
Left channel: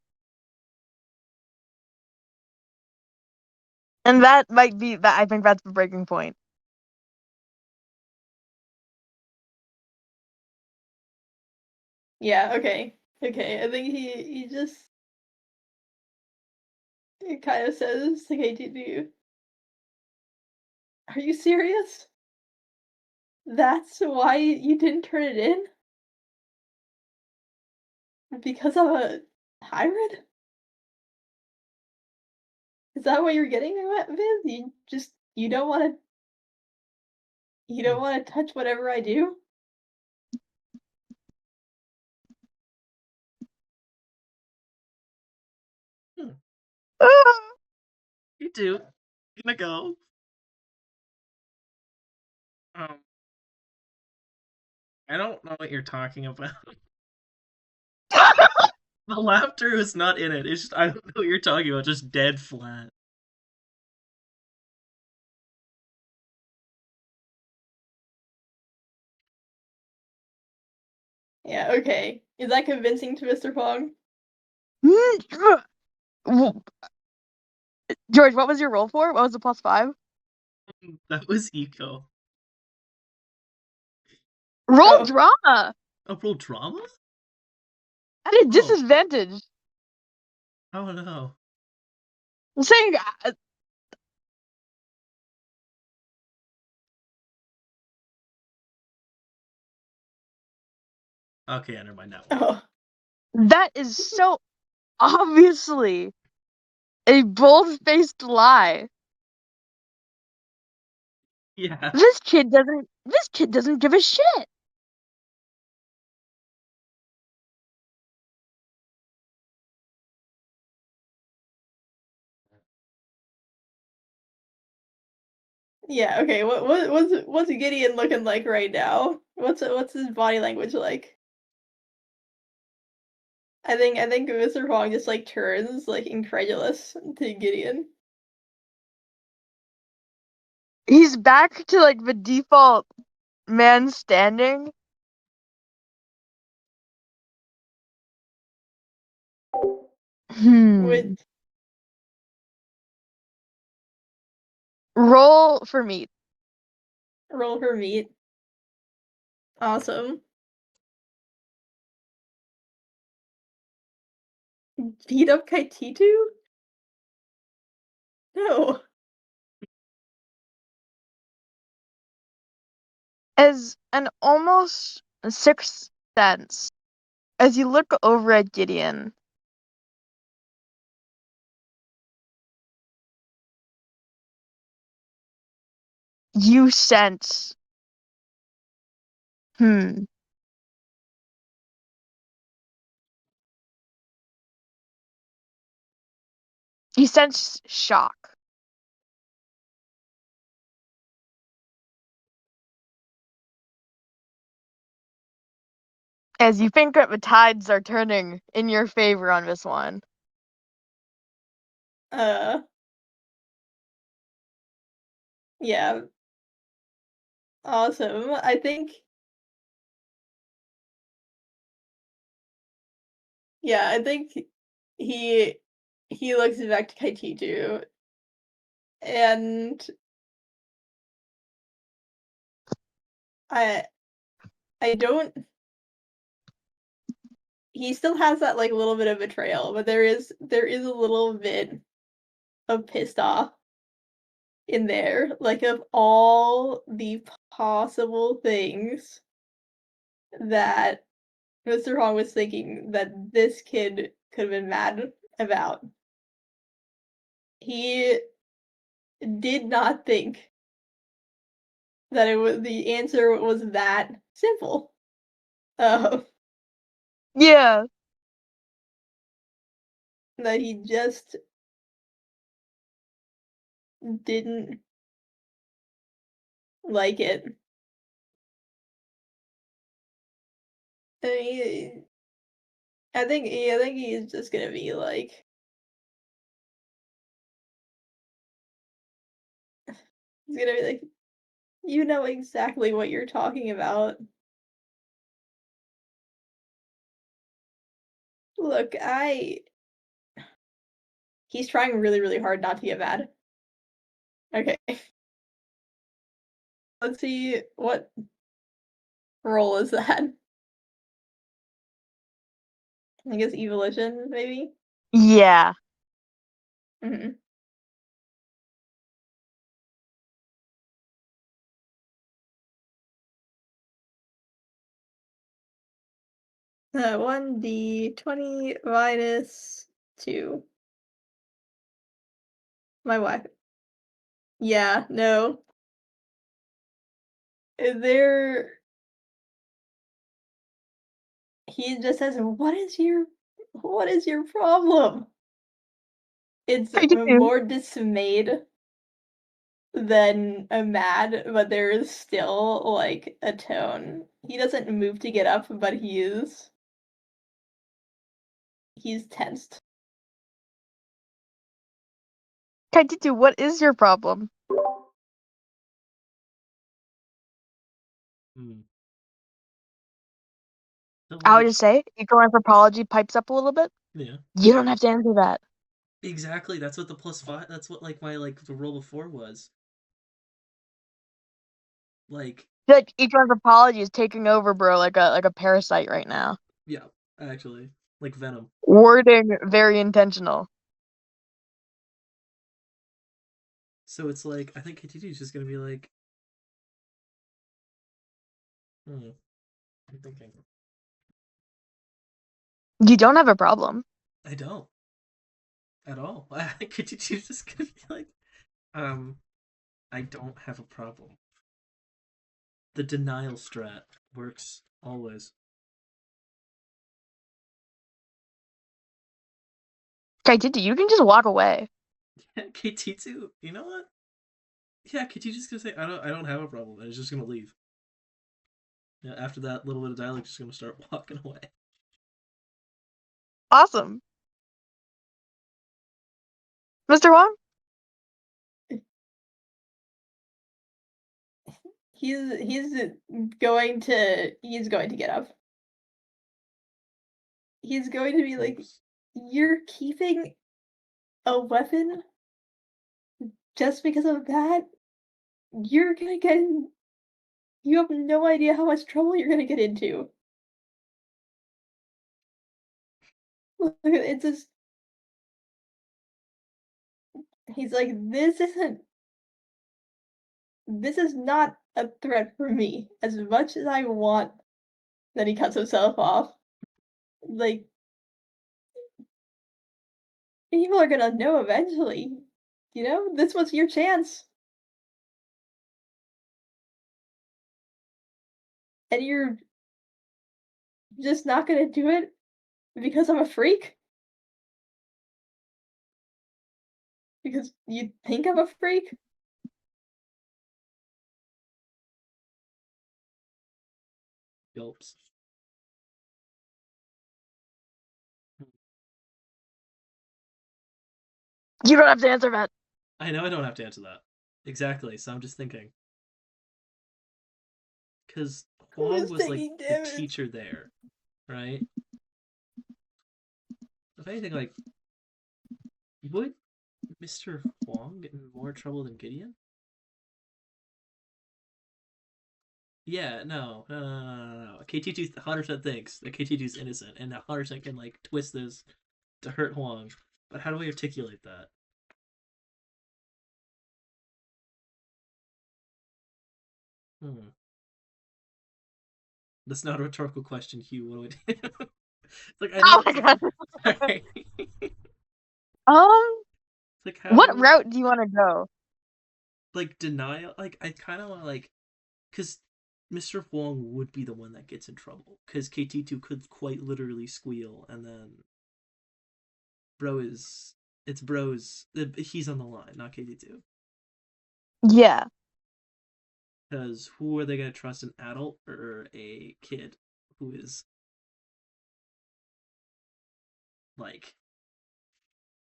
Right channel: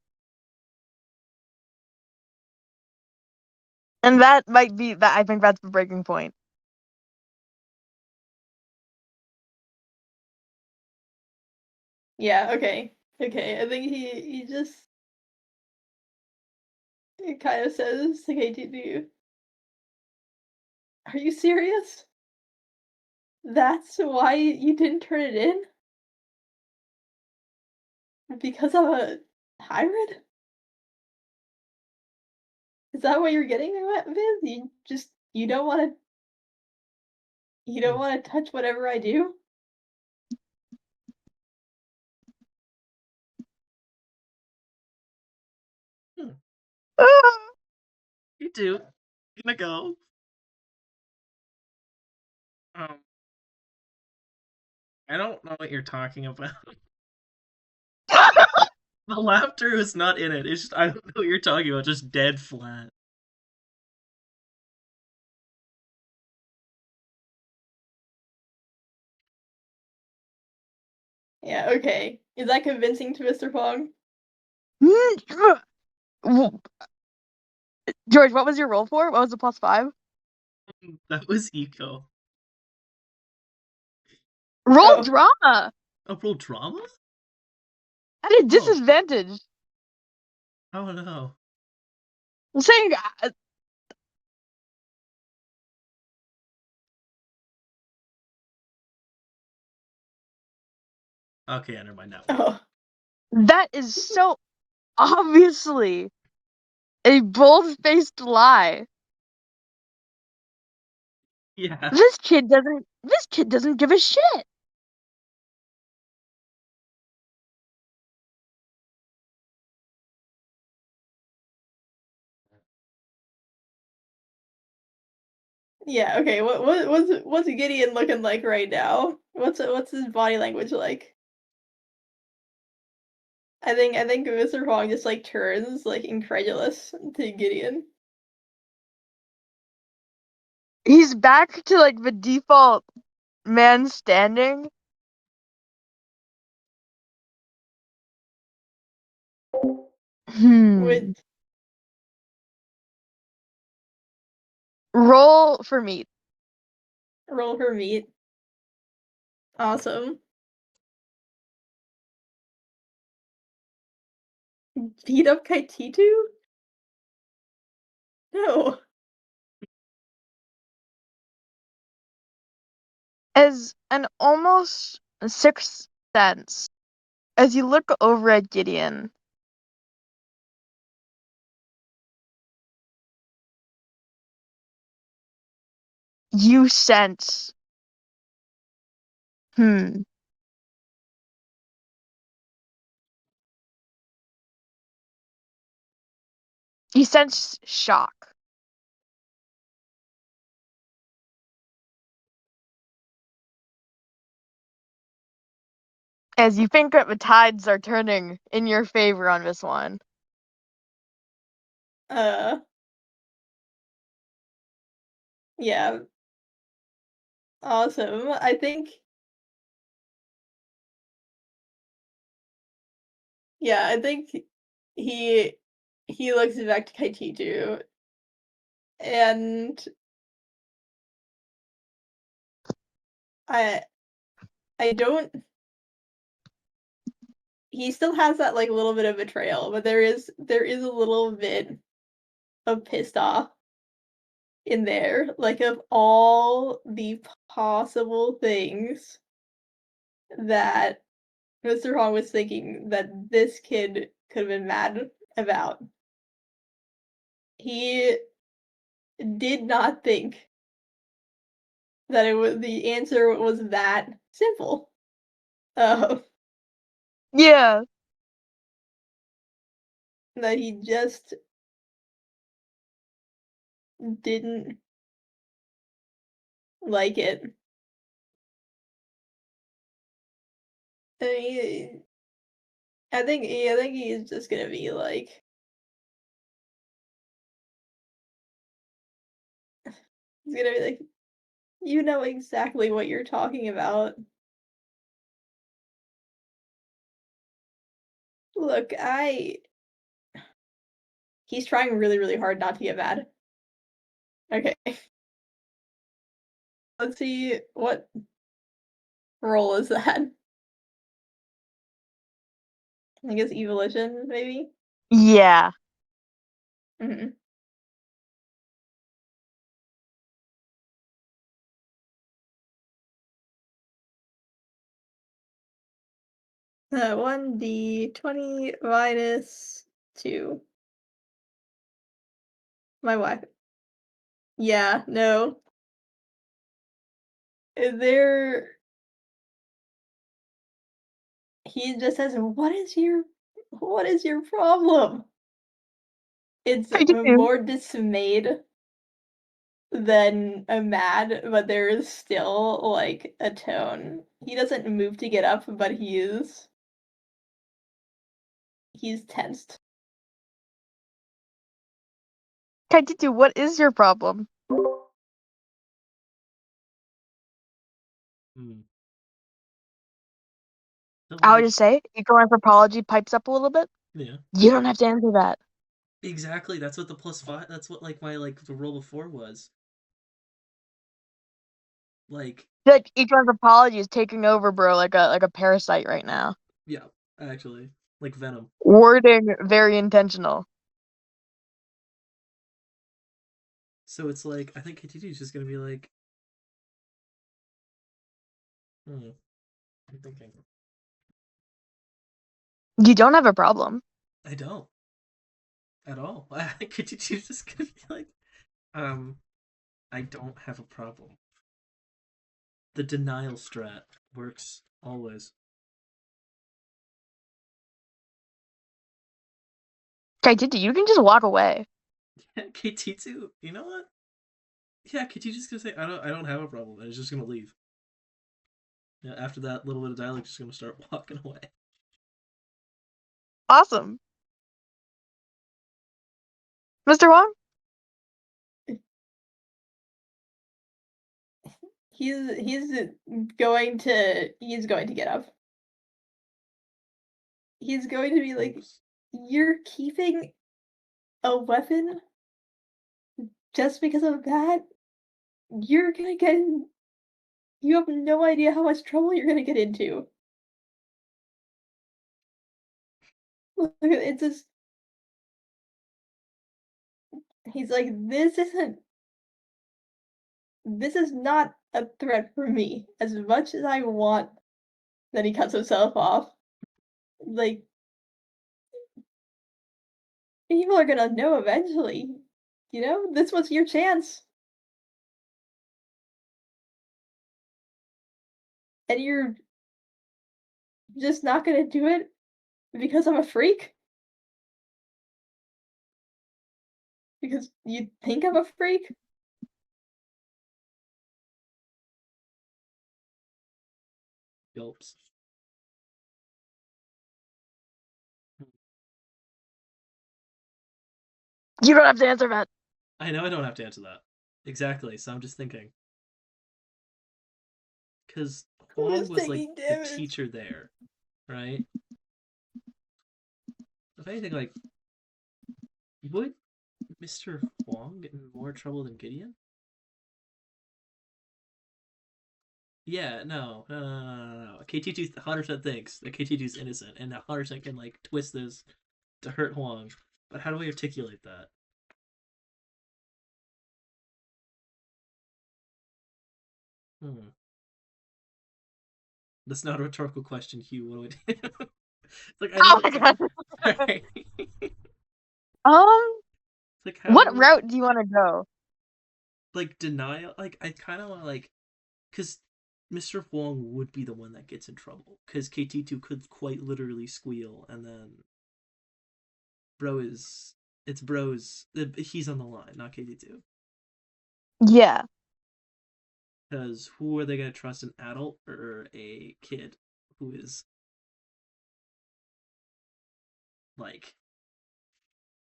And that might be that I think that's the breaking point. Yeah, okay. Okay, I think he just it kind of says to KTD, "Are you serious? That's why you didn't turn it in? Because of a hybrid? Is that what you're getting at, Viv? You don't want to touch whatever I do?" You do. Gonna go. Um, I don't know what you're talking about. The laughter is not in it. It's just I don't know what you're talking about. Just dead flat. Yeah, okay. Is that convincing to Mr. Pong? George, what was your roll for? What was the +5? That was eco. Roll Oh. drama Oh, roll drama? at a Oh. disadvantage. Oh no. I'm saying Okay, never mind that one. Oh. that is so obviously a bold-faced lie. Yeah. This kid doesn't give a shit. Yeah, okay. What's Gideon looking like right now? What's his body language like? I think Mr. Pong just like turns like incredulous to Gideon. He's back to like the default man standing. With Roll for meat. roll for meat. Awesome. Beat up Kaititu? No. As an almost sixth sense, as you look over at Gideon, you sense, you sense shock. As you think that the tides are turning in your favor on this one. Yeah. Awesome. I think he looks back to Kaititu and I I don't he still has that like little bit of betrayal, but there is a little bit of pissed off in there, like of all the possible things that Mr. Hong was thinking that this kid could have been mad about. He did not think that the answer was that simple. Yeah. That he just didn't like it. And I think he's just gonna be like, he's gonna be like, you know exactly what you're talking about. Look, he's trying really, really hard not to get mad. Okay. Let's see, what roll is that? I guess evolution, maybe? Yeah. Mm-hmm. Uh, 1d20 minus 2. My wife. Yeah, no. There. He just says, what is your problem? It's How you doing? more dismayed than mad, but there is still, like, a tone. He doesn't move to get up, but he's tensed. Kaititu, what is your problem? Hmm. So, I would like, just say, eco anthropology pipes up a little bit. yeah. You don't have to answer that. Exactly, that's what the +5, that's what, like, my, like, the roll before was. Like, Like eco anthropology is taking over, bro, like a parasite right now. yeah, actually. Like Venom. Wording very intentional. So it's like, I think KTT is just gonna be like, I'm thinking. You don't have a problem. I don't. At all. I think KTT is just gonna be like, I don't have a problem. The denial strat works always. Kaititu, you can just walk away. Yeah, KT2, you know what? Yeah, KT just gonna say I don't have a problem, and it's just gonna leave. Yeah, after that little bit of dialogue, just gonna start walking away. Awesome. Mr. Wong? He's going to get up. He's going to be like, Oops. you're keeping a weapon just because of that? You're gonna get in, you have no idea how much trouble you're gonna get into. It's just, he's like, this is not a threat for me. As much as I want, then he cuts himself off. Like, people are gonna know eventually. You know, this was your chance. And you're just not gonna do it because I'm a freak? Because you think I'm a freak? Yelps. You don't have to answer that. I know I don't have to answer that. Exactly, so I'm just thinking. Because Huang Who's was like taking the damage? teacher there, right? If anything, like, would Mr. Huang get in more trouble than Gideon? Yeah, no. KT2 100% thinks that KT2 is innocent, and 100% can, like, twist this to hurt Huang. But how do I articulate that? That's not a rhetorical question, Hugh. What do I do? It's like, I Oh don't. my god. Alright. Um, It's like, what how. route do you want to go? Like, denial? Like, I kind of want to, like. Because Mr. Huang would be the one that gets in trouble. Because KT2 could quite literally squeal, and then. Bro is. It's bro's. He's on the line, not KT2. Yeah. Because who are they going to trust, an adult or a kid who is. Like.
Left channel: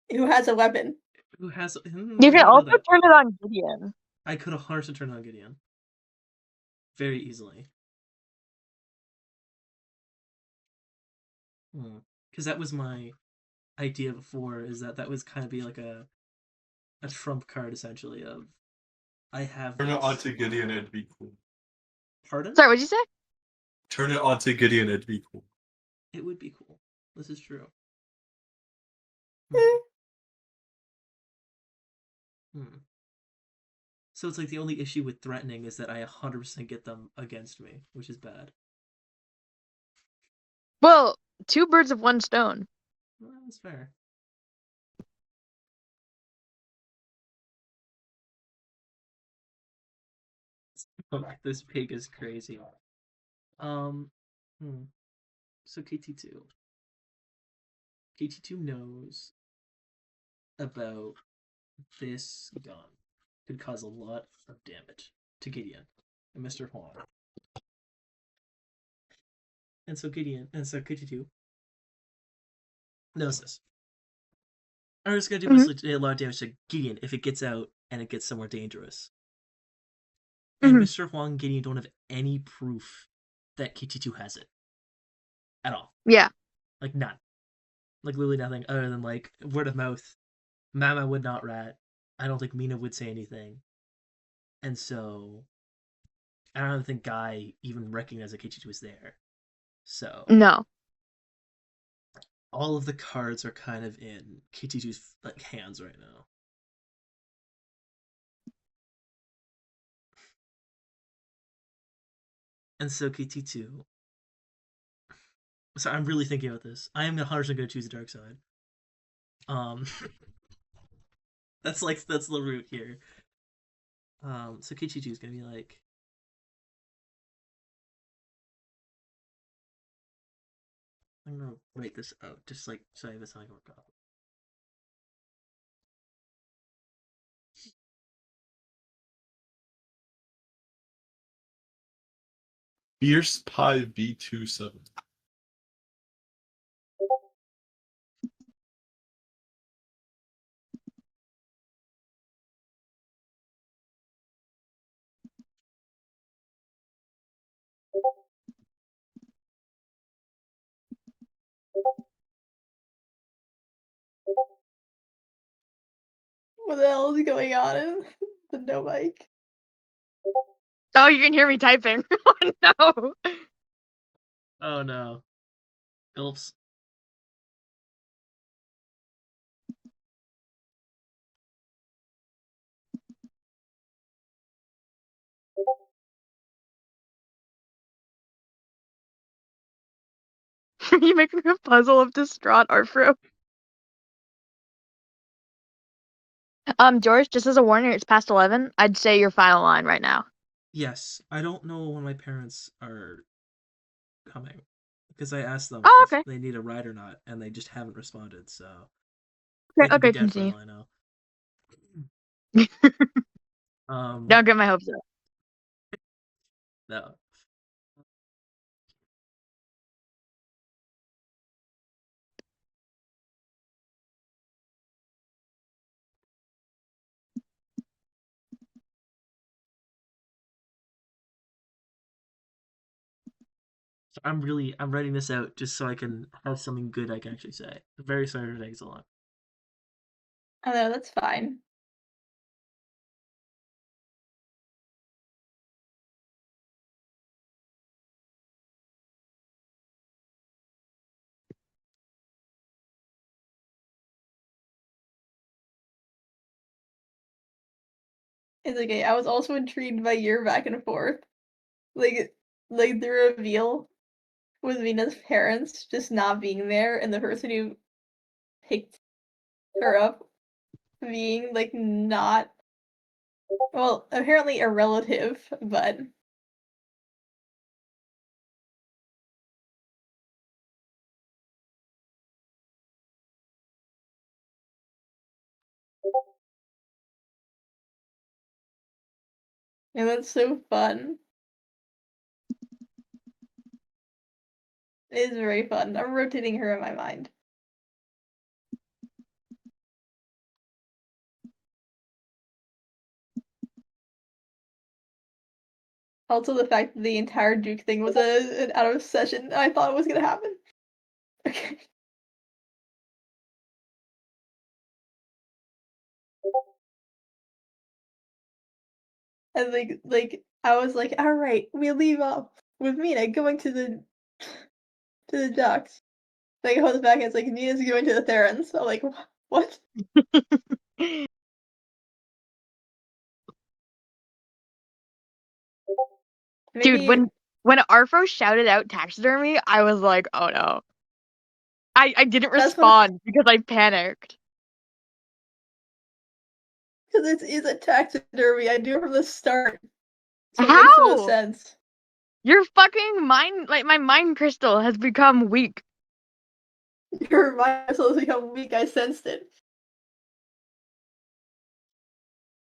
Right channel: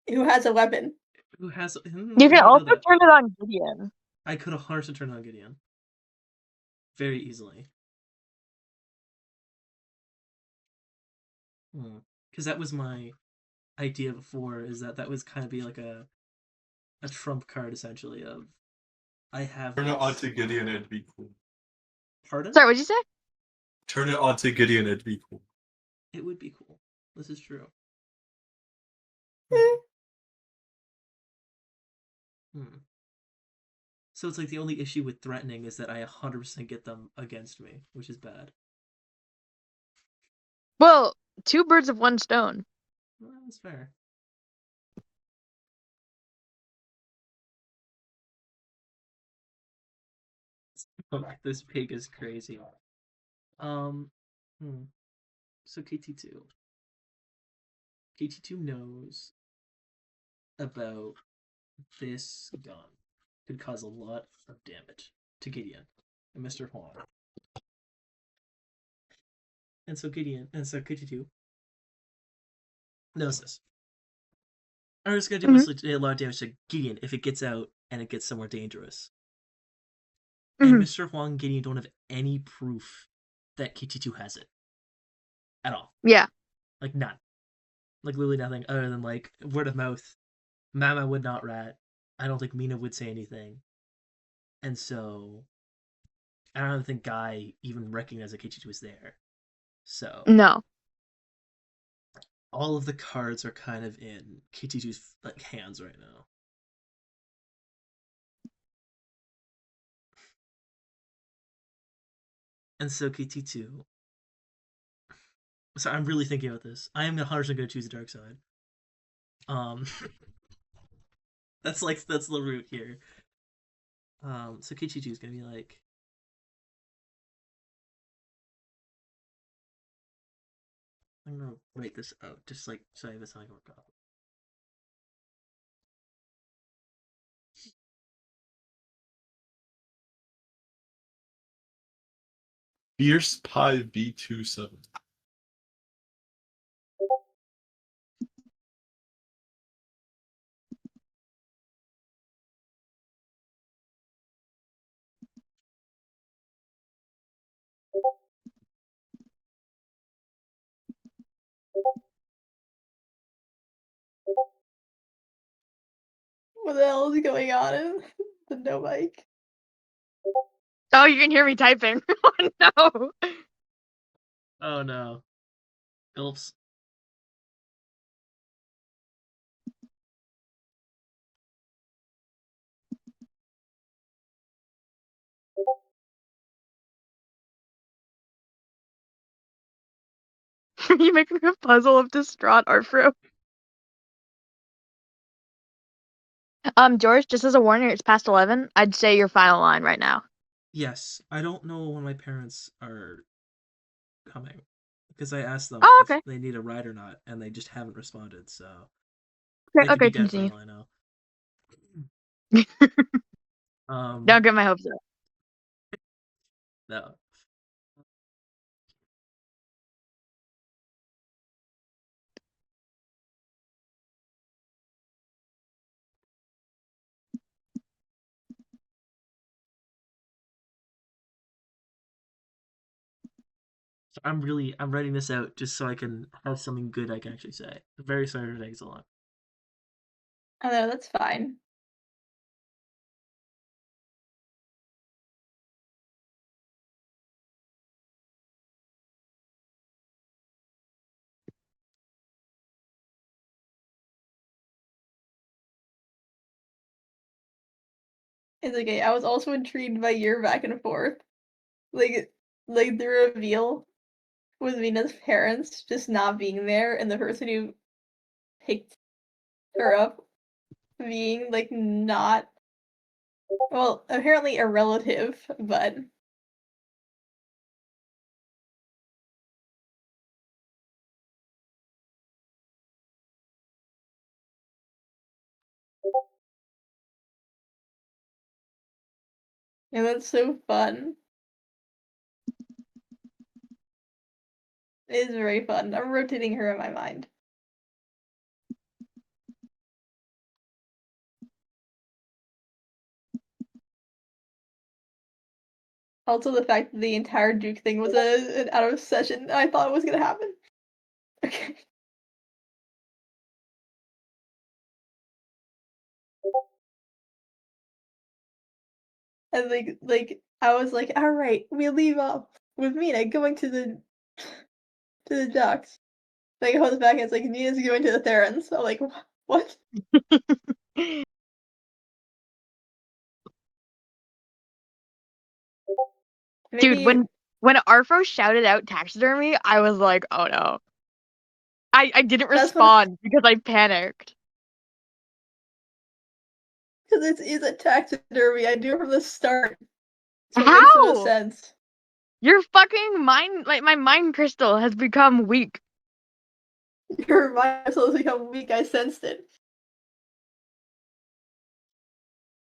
Who has a weapon? Who has. You I can don't know also that. turn it on Gideon. I could 100% turn on Gideon. Very easily. Because that was my idea before, is that was kind of be like a trump card, essentially, of I have Turn it this. onto Gideon, it'd be cool. Pardon? Sorry, what'd you say? Turn it onto Gideon, it'd be cool. It would be cool. This is true. Hmm. So it's like the only issue with threatening is that I 100% get them against me, which is bad. Well, two birds with one stone. Well, that's fair. Oh, this pig is crazy. Um, So KT2. KT2 knows about this gun. Could cause a lot of damage to Gideon and Mr. Huang. And so KT2 knows this. Or it's gonna do a lot of damage to Gideon if it gets out and it gets somewhere dangerous. And Mr. Huang and Gideon don't have any proof that KT2 has it. At all. Yeah. Like none. Like literally nothing other than like word of mouth. Mama would not rat. I don't think Mina would say anything. And so I don't think Guy even recognized that KT2 was there. So No. all of the cards are kind of in KT2's like hands right now. And so KT2. So I'm really thinking about this. I am 100% going to choose the dark side. That's the route here. So KT2 is going to be like, I'm going to write this out just like so I have a sign work off. Fierce Pie B27. What the hell is going on in the no mic? Oh, you can hear me typing. Oh no. Oh no. Gulps. You making a puzzle of distraught Arfro. George, just as a warning, it's past 11. I'd say your final line right now. Yes, I don't know when my parents are coming because I asked them Oh, if okay. they need a ride or not, and they just haven't responded. So Okay, they could be dead for continue. all I know. Don't get my hopes up. No. So I'm writing this out just so I can have something good I can actually say. Very sorry for taking so long. Oh no, that's fine. It's okay. I was also intrigued by your back and forth. Like the reveal with Mina's parents just not being there and the person who picked her up being like not, well, apparently a relative, but yeah, that's so fun. It is very fun. I'm rotating her in my mind. Also, the fact that the entire Duke thing was an out of session, I thought was gonna happen. Okay. And I was like, all right, we leave off with Mina going to the docks. Then he comes back and it's like, Nina's going to the Therans. So like, what? Dude, Maybe when Arfo shouted out taxidermy, I was like, oh no. I didn't That's what- respond because I panicked. because it's a taxidermy. I knew from the start. So it How? makes the most sense. Your fucking mind, like my mind crystal has become weak. Your mind has become weak. I sensed it.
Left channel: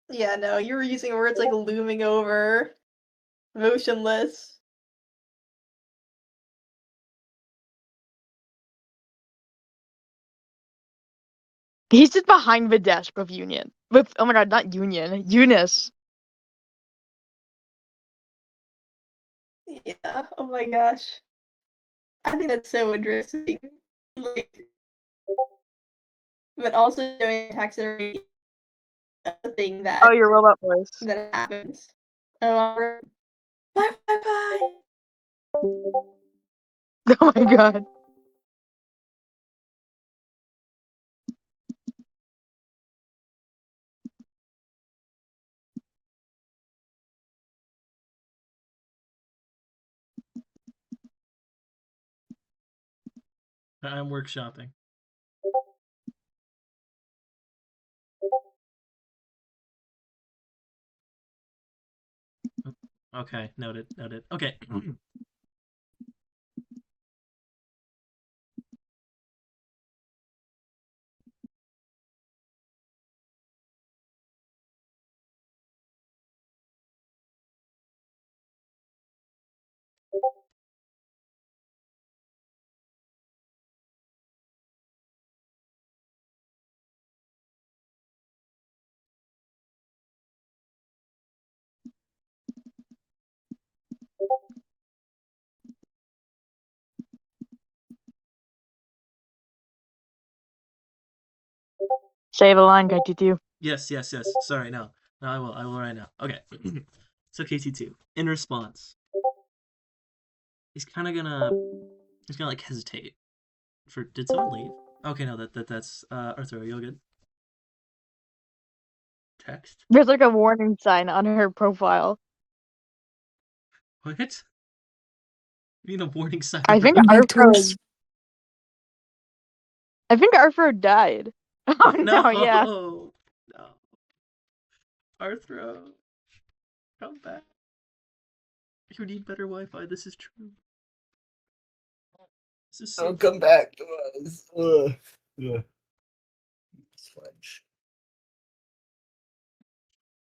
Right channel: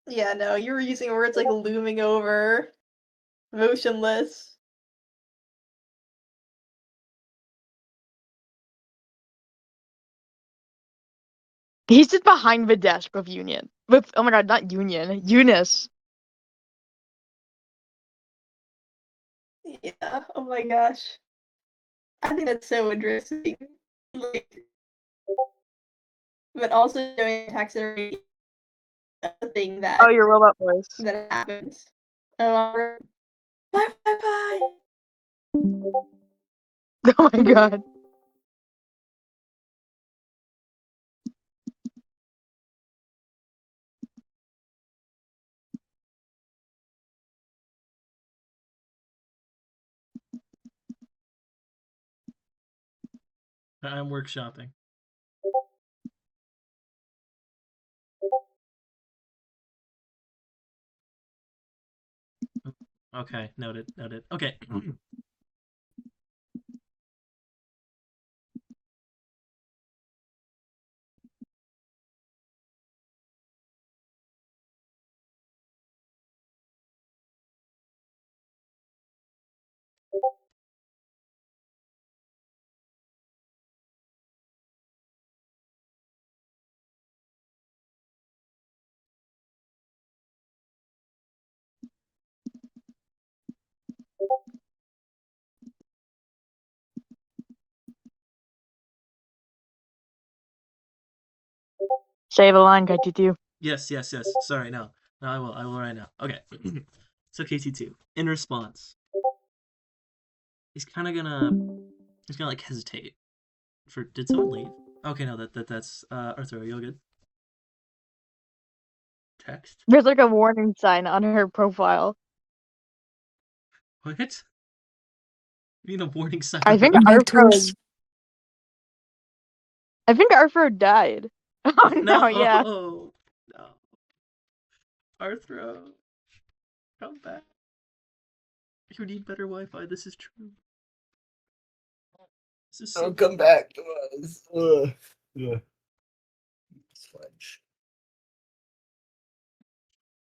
Yeah, no, you were using words like looming over, motionless. He's just behind the desk with Union. With, oh my god, not Union, Eunice. Yeah, oh my gosh. I think that's so interesting. Like, but also doing taxidermy a thing Oh, your robot voice. that happens. Bye bye bye. Oh my god. I'm workshopping. Okay, noted. Okay. Say the line, KT2. Yes. Sorry, no. No, I will right now. Okay. So KT2. In response, he's gonna like hesitate. Did someone leave? Okay, no, that's Arthur, are you all good? Text? There's like a warning sign on her profile. What? You mean a warning sign? I think Arthur died. Oh no, yeah. No. Arthur, come back. You need better Wi-Fi. This is true. This is so. Come back. Sledge.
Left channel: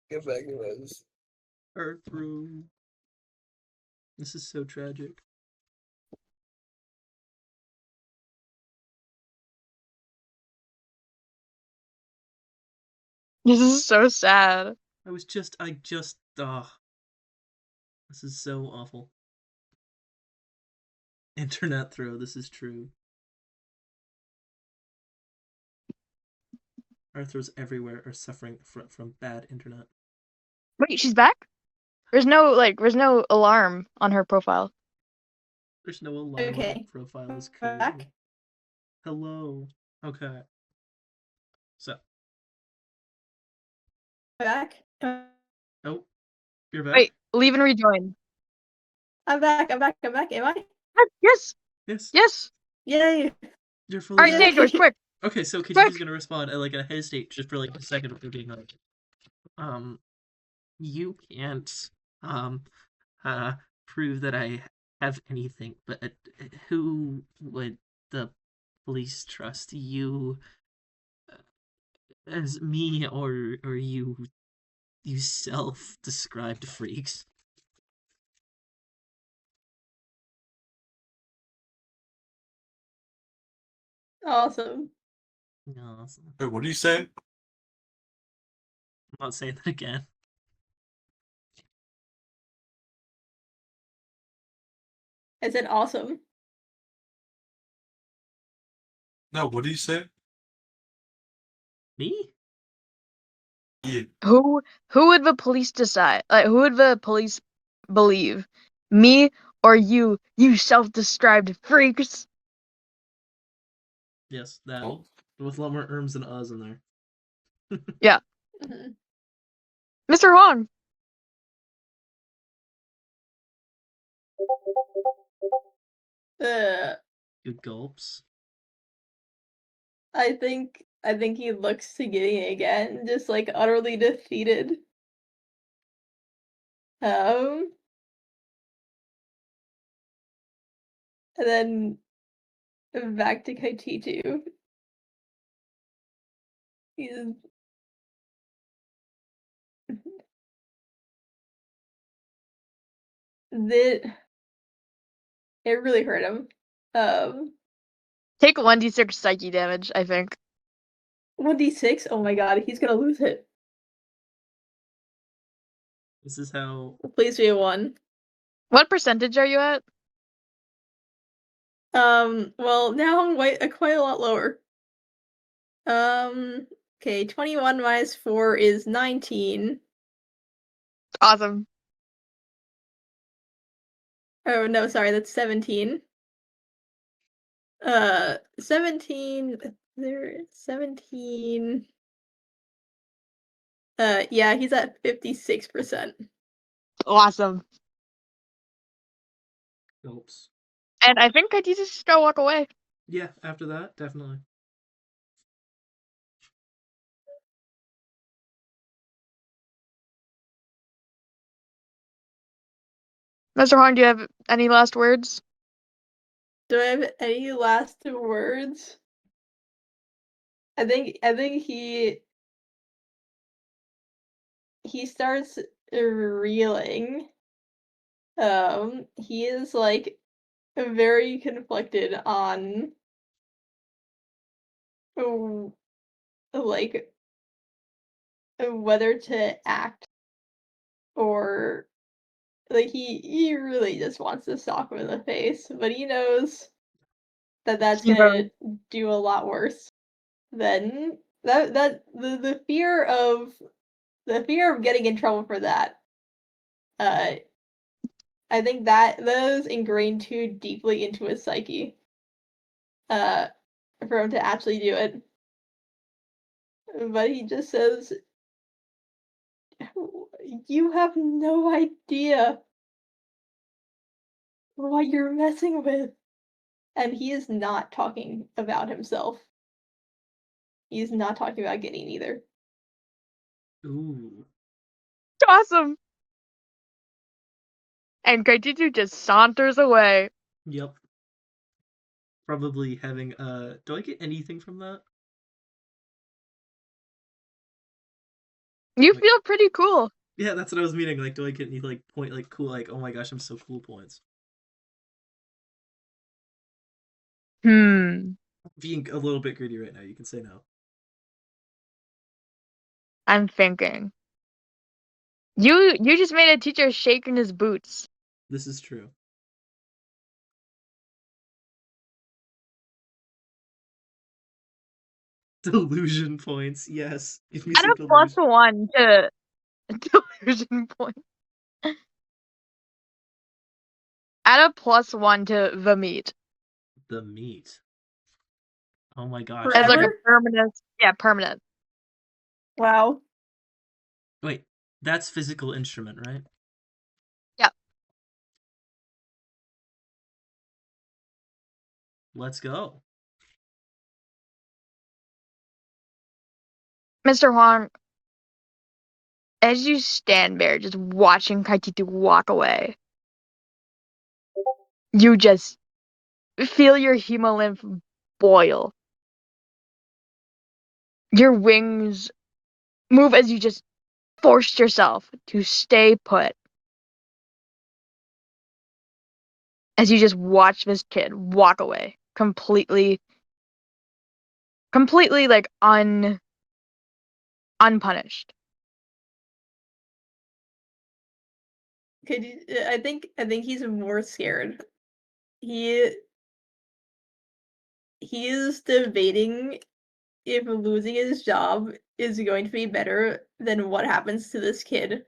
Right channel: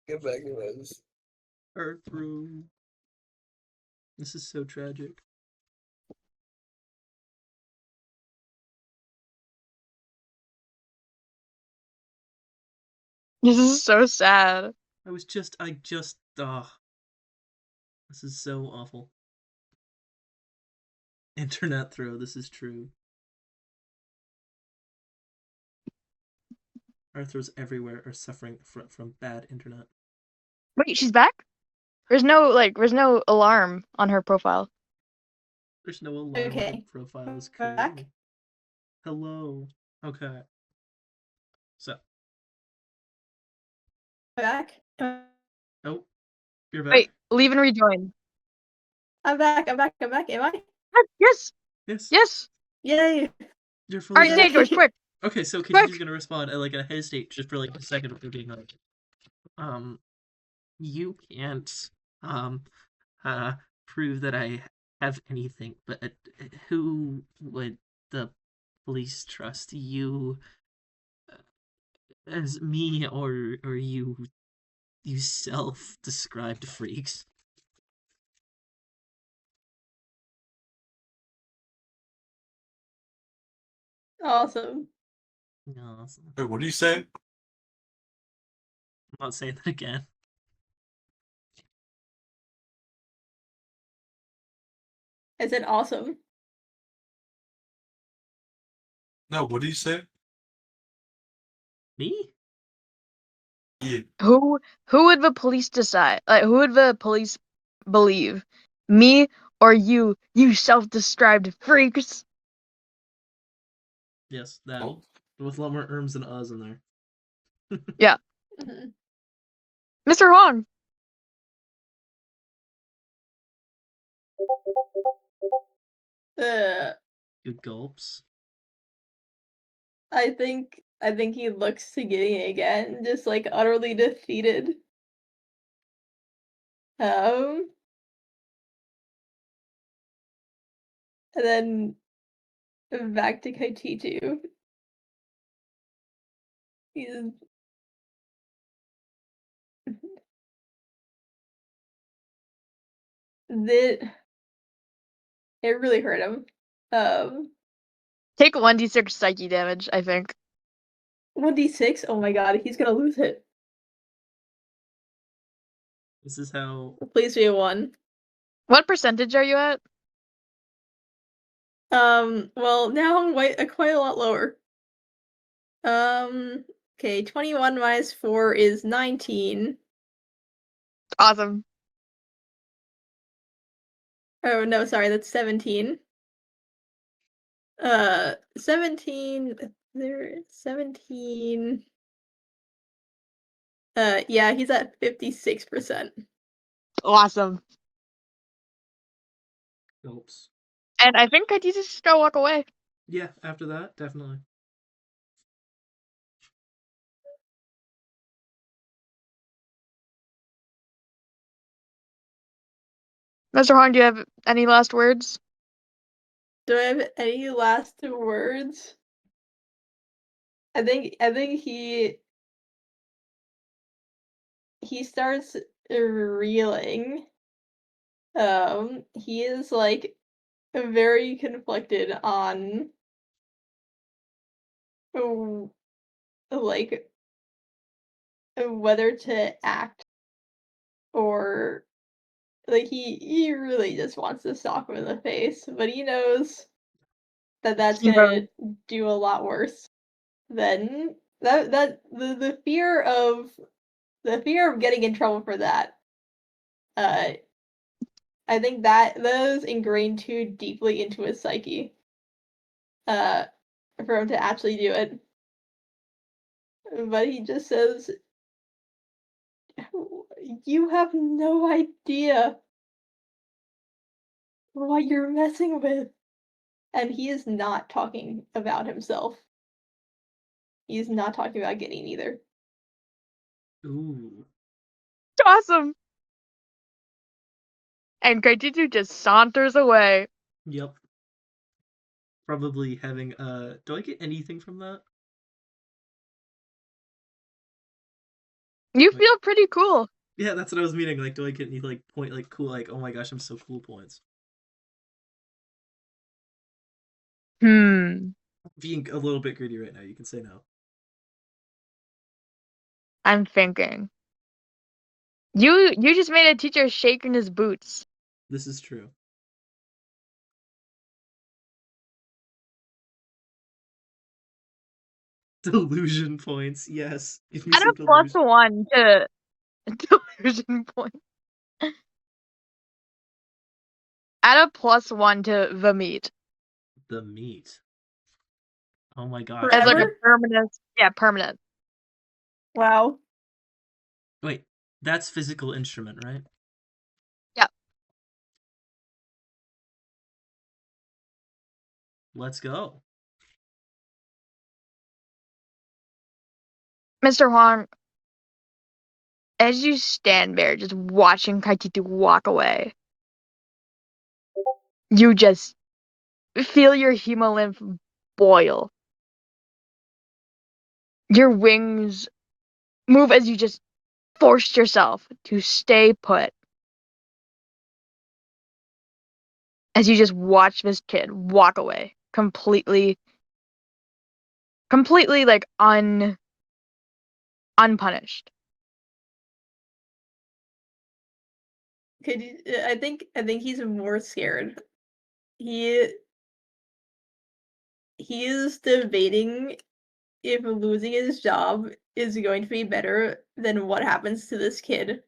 Get back, guys. Arthur. This is so tragic. This is so sad. I just. This is so awful. Internet throw. This is true. Arthurs everywhere are suffering from bad internet. Wait, she's back? There's no alarm on her profile. There's no alarm on Okay. the profile. Is Back. crazy. Hello. Okay. So. Back. Oh, you're back. Wait, leave and rejoin. I'm back. Am I? Yes. Yes. Yes. Yay. You're fully All right, back. Sanders, quick. Okay, so Quick. KT's gonna respond like a hesitate just for like a second of being like, you can't prove that I have anything, but who would the police trust, you as me or you self-described freaks? Awesome. Awesome. Wait, what do you say? I'm not saying that again. Is it awesome? No, what do you say? Me? Yeah. Who would the police decide? Like, who would the police believe? Me or you self-described freaks? Yes, that Oh, with a lot more erms and uhs in there. Mhm. Mr. Wong. Uh, Good gulps. I think he looks to Gideon again, just like utterly defeated. And then back to Kaichichu. He's that it really hurt him. Take 1d6 psyche damage, I think. 1d6. Oh my god, he's gonna lose it. This is how. Please be a 1. What percentage are you at? Well, now I'm quite a lot lower. Okay, 21 minus 4 is 19. Awesome. Oh, no, sorry, that's 17. 17. There, 17. Yeah, he's at 56%. Awesome. Gulps. And I think Kaiti's just gonna walk away. Yeah, after that, definitely. Mr. Wong, do you have any last words? Do I have any last words? I think he starts reeling. He is like very conflicted on like whether to act or like he really just wants to sock him in the face, but he knows that that's gonna do a lot worse than the fear of getting in trouble for that. I think that is ingrained too deeply into his psyche. Uh, for him to actually do it. But he just says, "You have no idea what you're messing with." And he is not talking about himself. He is not talking about getting either. Ooh. Awesome. And Kaititu just saunters away. Yep. Probably having do I get anything from that? You Like, feel pretty cool. yeah, that's what I was meaning. Like, do I get any like point like cool like oh my gosh, I'm so cool points? Being a little bit greedy right now, you can say no. I'm thinking. You just made a teacher shake in his boots. This is true. Delusion points, yes. Give me Add some a plus delusion. 1 to delusion point. Add a plus 1 to the meat. The meat. Oh my gosh. As like a Okay. Forever? permanent. Yeah, permanent. Wow. Wait, that's physical instrument, right? Yeah. Let's go. Mr. Wong, as you stand there just watching Kaititu walk away, you just feel your hemolymph boil. Your wings move as you just forced yourself to stay put. As you just watch this kid walk away completely like unpunished. I think he's more scared. He is debating if losing his job is going to be better than what happens to this kid.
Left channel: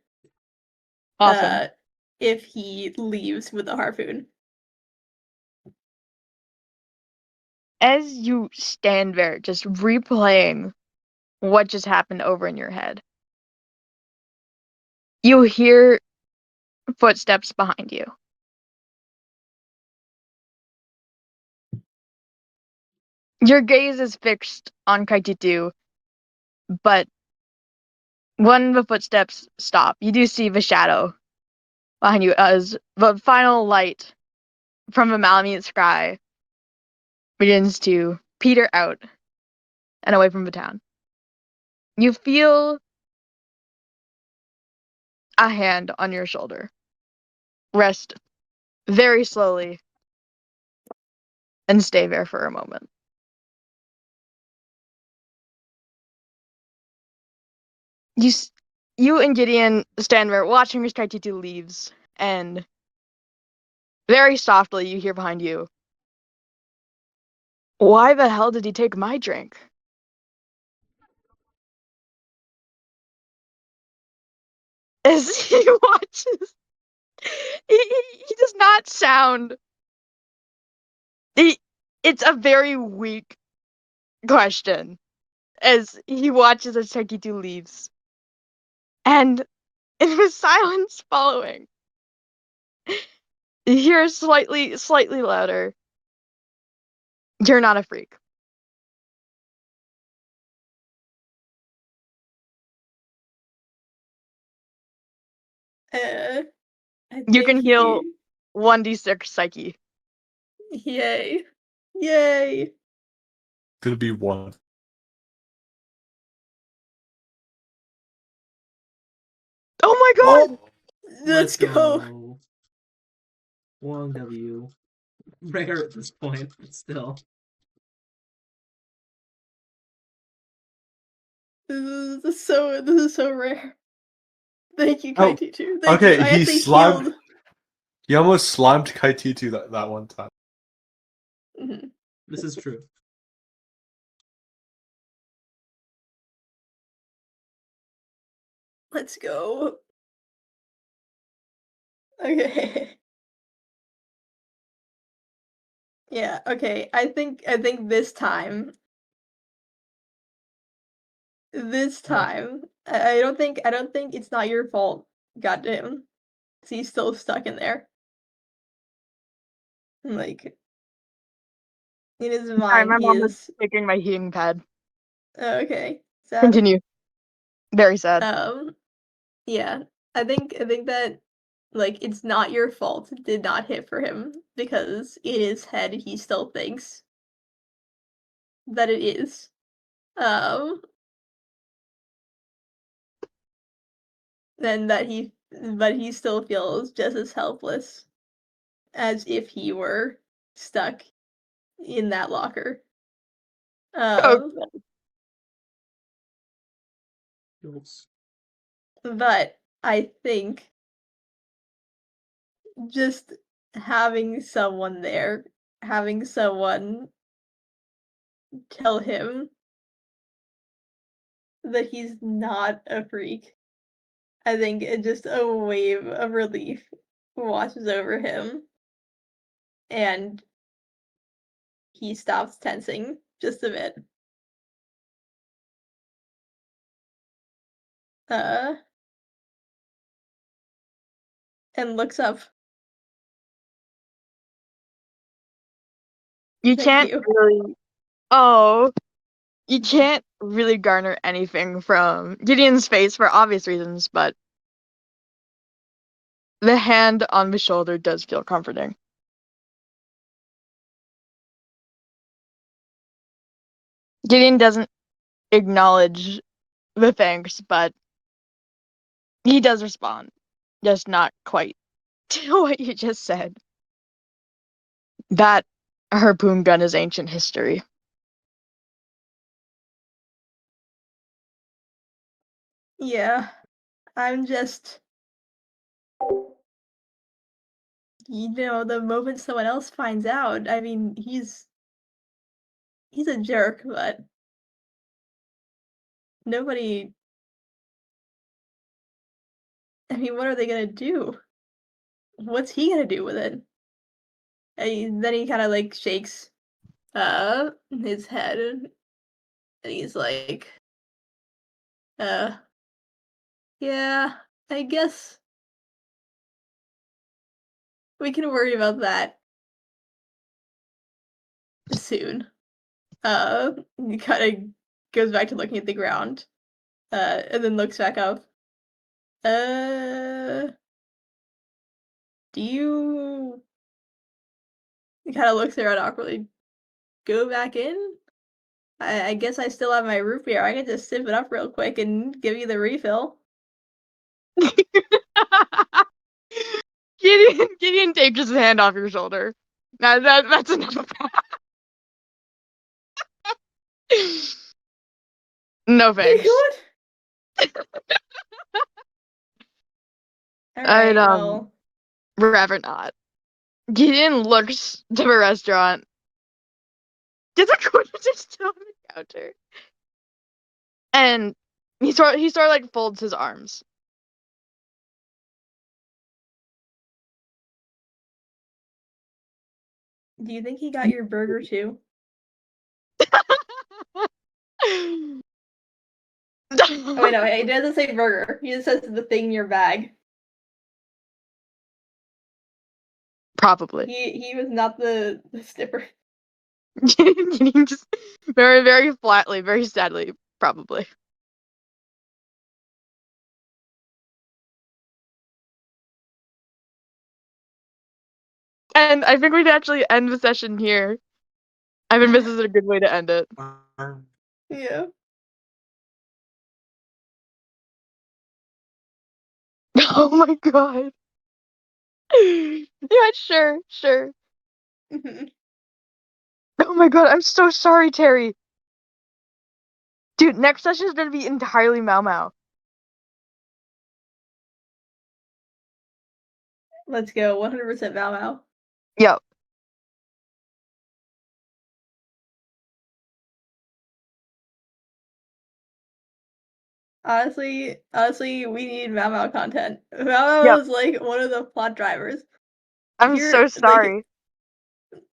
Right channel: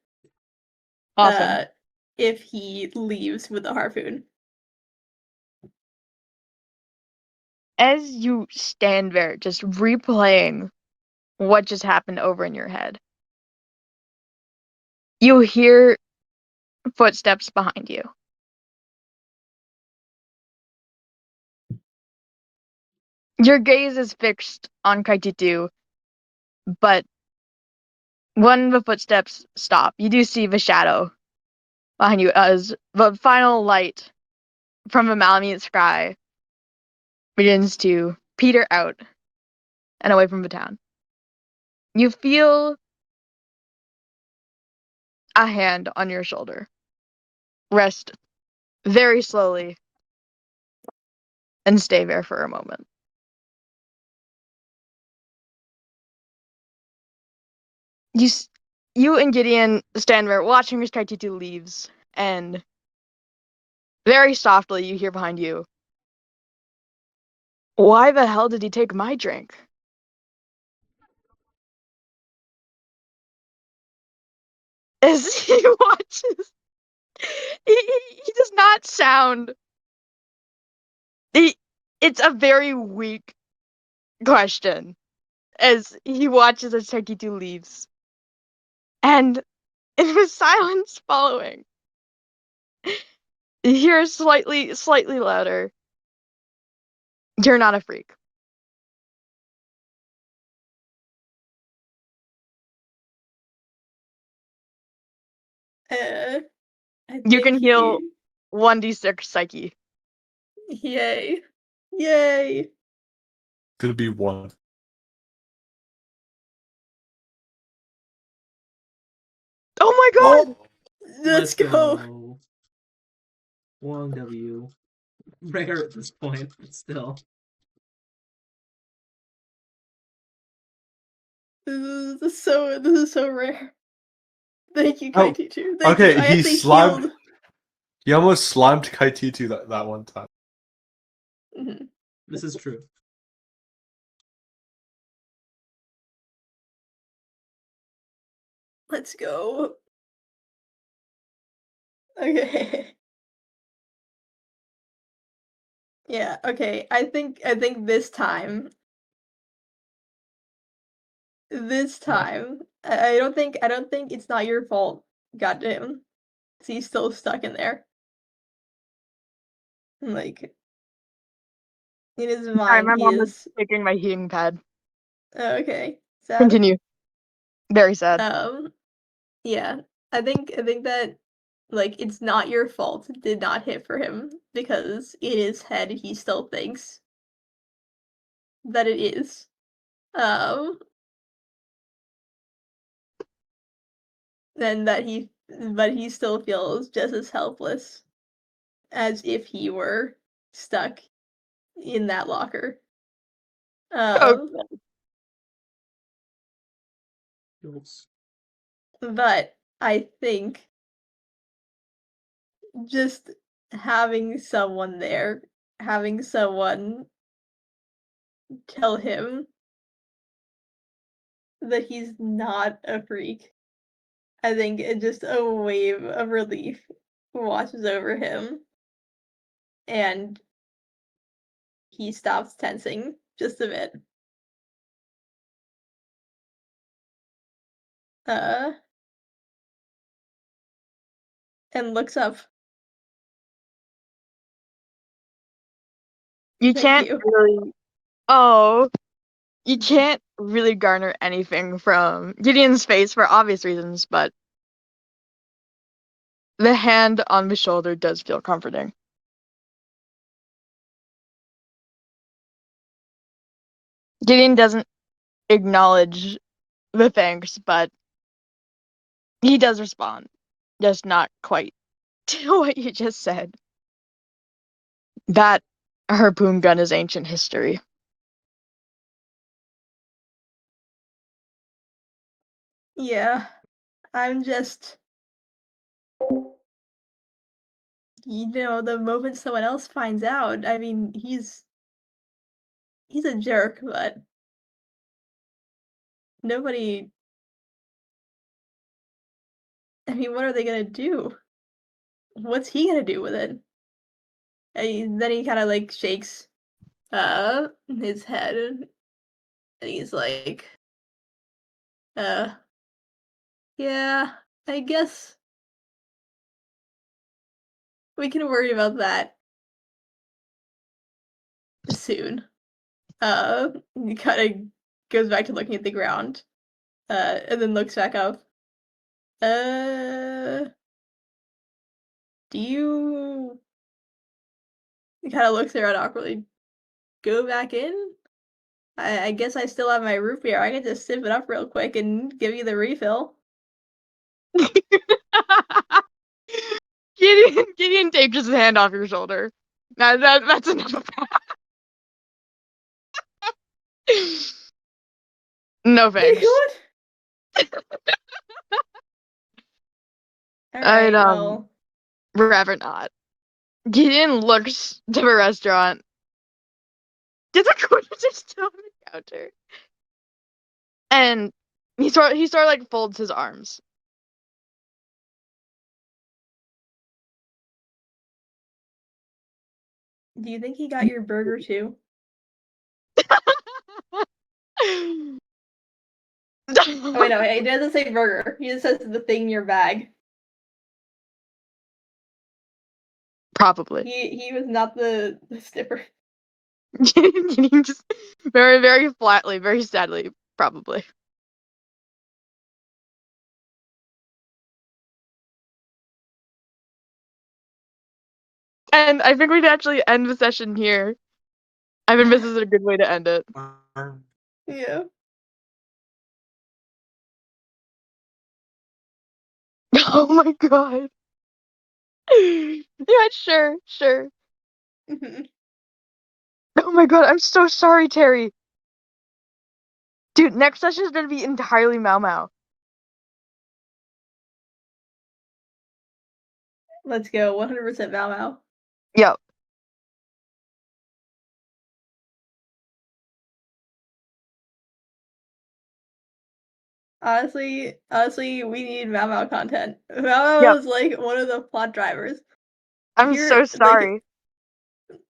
Awesome. If he leaves with a harpoon. as you stand there, just replaying what just happened over in your head, you hear footsteps behind you. Your gaze is fixed on Kaititu, but when the footsteps stop, you do see the shadow behind you as the final light from the Malamute sky begins to peter out and away from the town. You feel a hand on your shoulder rest very slowly and stay there for a moment. You and Gideon stand there watching as Kaititu leaves, and very softly you hear behind you, "Why the hell did he take my drink?" As he watches, he does not sound. It's a very weak question as he watches as Kaititu leaves, and in the silence following, you hear slightly louder, "You're not a freak." I You think can heal 1d6 psyche. Yay. Yay. Could be one. Oh my god! Let's go. go. Long W. Rare at this point, but still. This is so rare. Thank you, Oh, Kaititu. Thank okay, you. I he actually slimed. healed. He almost slimed Kaititu that one time. Mhm. This is true. Let's go. Okay. Yeah, okay. I think this time I don't think it's not your fault. Goddamn. 'Cause he's still stuck in there. Like in his Sorry, mind my he mom is is taking my heating pad. okay. Sad. Continue. Very sad. Yeah. I think that like it's not your fault it did not hit for him because in his head he still thinks that it is. Um and that he still feels just as helpless as if he were stuck in that locker. Um Okay. Oops. but I think just having someone there, having someone tell him that he's not a freak, I think it just a wave of relief washes over him and he stops tensing just a bit. Uh and looks up. You Thank can't you. really. Oh. You can't really garner anything from Gideon's face for obvious reasons, but the hand on the shoulder does feel comforting. Gideon doesn't acknowledge the thanks, but he does respond. Just not quite to what you just said. That harpoon gun is ancient history. Yeah. I'm just the moment someone else finds out, I mean, he's a jerk, but nobody I mean, what are they gonna do? What's he gonna do with it? And then he kind of like shakes his head, and he's like, uh, yeah, I guess we can worry about that soon. He kind of goes back to looking at the ground, and then looks back up. Do you? He kind of looks around awkwardly. Go back in? I guess I still have my root beer. I can just sip it up real quick and give you the refill. Gideon takes his hand off your shoulder. That's enough of that. No Wait, thanks. what? I'd Alright, well. rather not. Gideon looks to the restaurant. Did the corpse just still on the counter? And he sort of like folds his arms. Do you think he got your burger too? Oh, wait, no, wait, he doesn't say burger. He just says the thing in your bag. Probably. He was not the sniffer. Just very, very flatly, very sadly, probably. And I think we can actually end the session here. I mean, this is a good way to end it. Yeah. Oh my god. Yeah, sure. Mhm. Oh my god, I'm so sorry, Terry. Dude, next session is gonna be entirely Mau Mau. Let's go. 100% Mau Mau. Yep. Honestly, we need Mau Mau content. Mau Mau Yep. is like one of the plot drivers. I'm so sorry.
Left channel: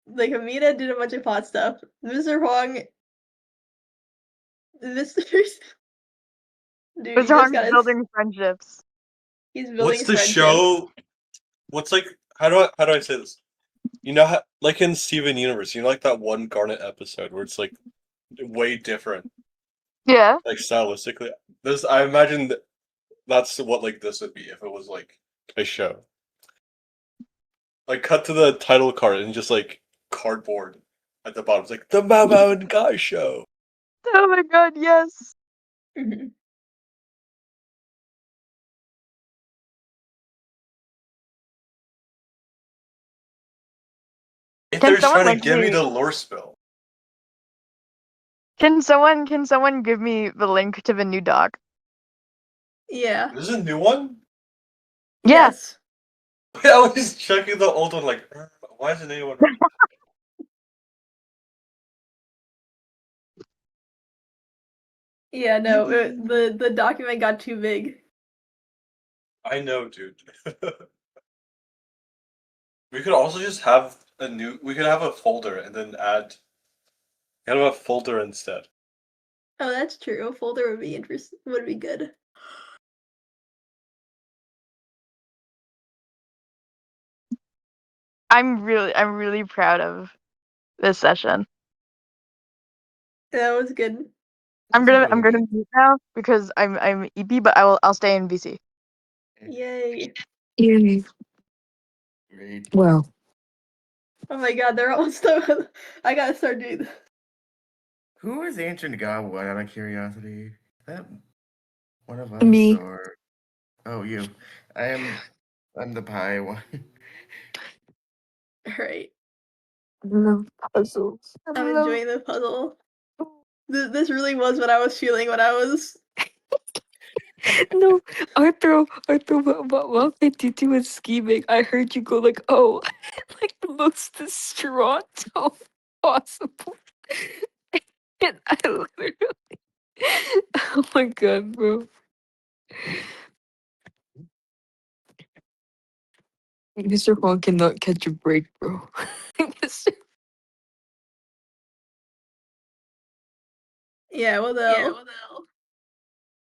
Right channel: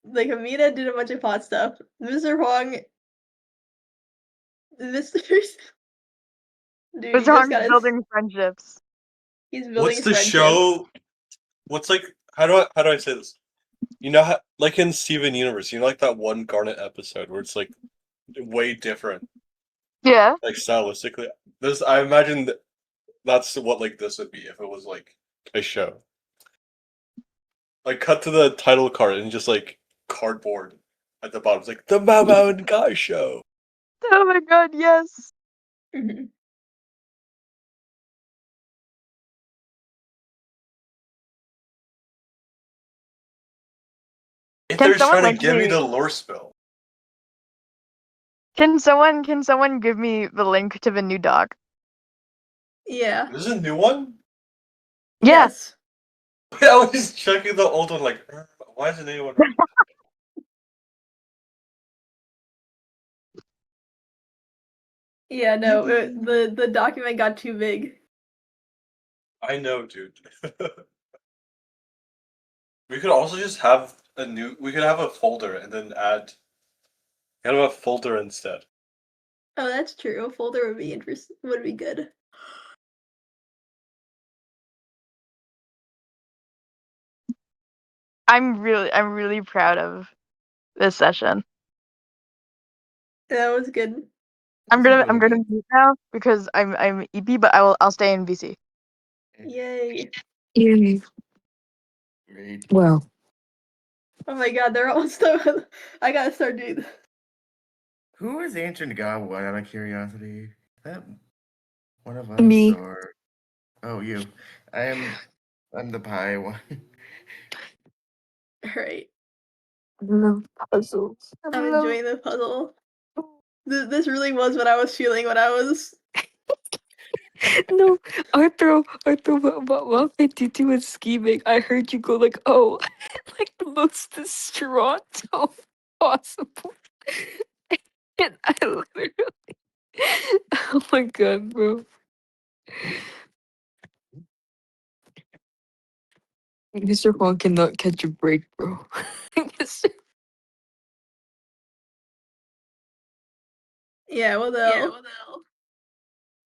Like Amina did a bunch of plot stuff. Mr. Huang, Mr. Dude, It's he just hard got his. building friendships. He's building What's his the friendships. show? What's like? How do I say this? You know, how, like in Steven Universe, you know, like that one Garnet episode where it's like way different, Yeah. like stylistically. This, I imagine that's what like this would be if it was like a show. Like cut to the title card and just like cardboard at the bottom. It's like the Mama and Guy show. Oh my god, yes. Mhm. And Can they're someone trying link to give me me? the lore spill. Can someone give me the link to the new doc? Yeah. This is a new one? Yeah. Yes. I was just checking the old one like, why isn't anyone reading that? Yeah, no, the document got too big. I know, dude. We could also just have we could have a folder and then add kind of a folder instead. Oh, that's true. A folder would be good. I'm really proud of this session. That was good. I'm gonna move now because I'm EP, but I'll stay in VC. Yay. Yay. Great. Wow. Oh my god, they're almost done. I gotta start doing this. Who is ancient god one out of curiosity? That one of us Me. or oh you. I'm the pie one. Alright. I love puzzles. I'm enjoying the puzzle. This really was what I was feeling when I was. No, Arthur, while 52 was scheming, I heard you go like, oh, like the most distraught possible. And I literally, oh my god, bro. Mr. Juan cannot catch a break, bro. Mr. Yeah, what the hell?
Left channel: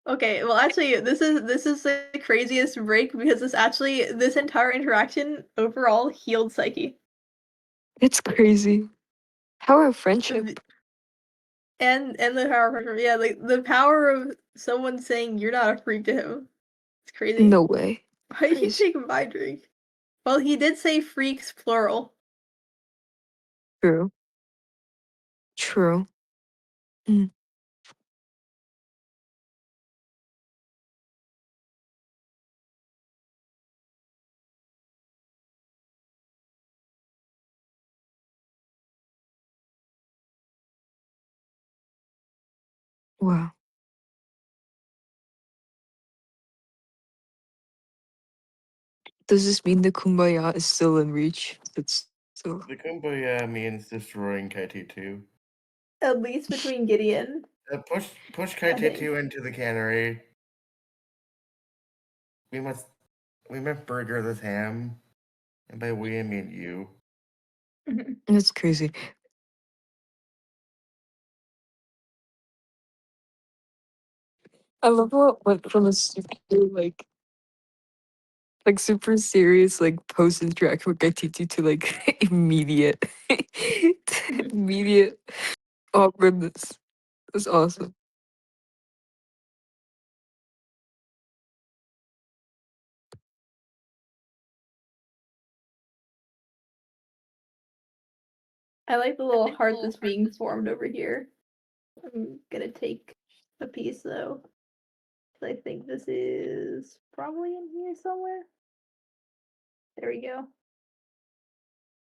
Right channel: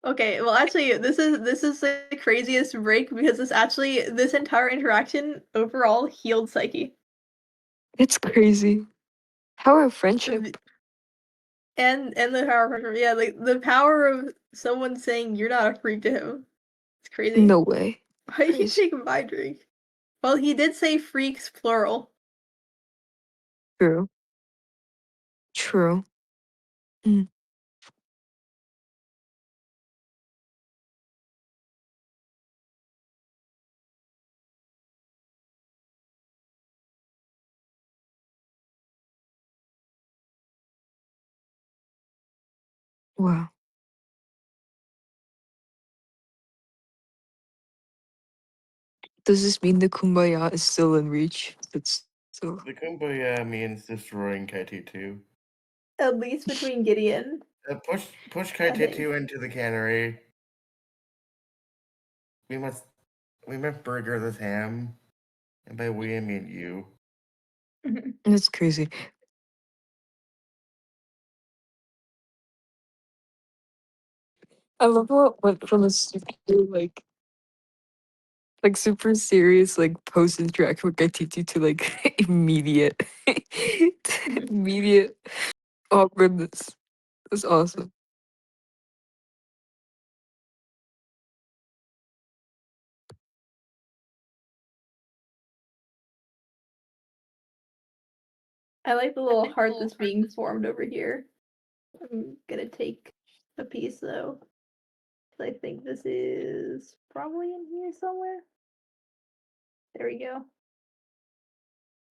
Okay, well actually this is the craziest break because this entire interaction overall healed Psyche. It's crazy. How our friendship. And the power of her, yeah, like the power of someone saying you're not a freak to him. It's crazy. No way. Why did you take my drink? Well, he did say freaks plural. True. True. Mm. Wow. Does this mean the kumbaya is still in reach? It's still. The Kumbaya means destroying KT2. At least between Gideon. Push KT2 into the cannery. We must burger this ham. And by we I mean you. That's crazy. I love how it went from a super like super serious like post interaction with ITT to like immediate immediate awkwardness. That's awesome. I like the little heart that's being formed over here. I'm gonna take a piece though. I think this is probably in here somewhere. There we go.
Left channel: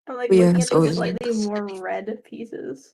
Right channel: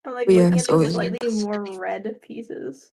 I'm like But yeah, looking it's at these always slightly nice. more red pieces.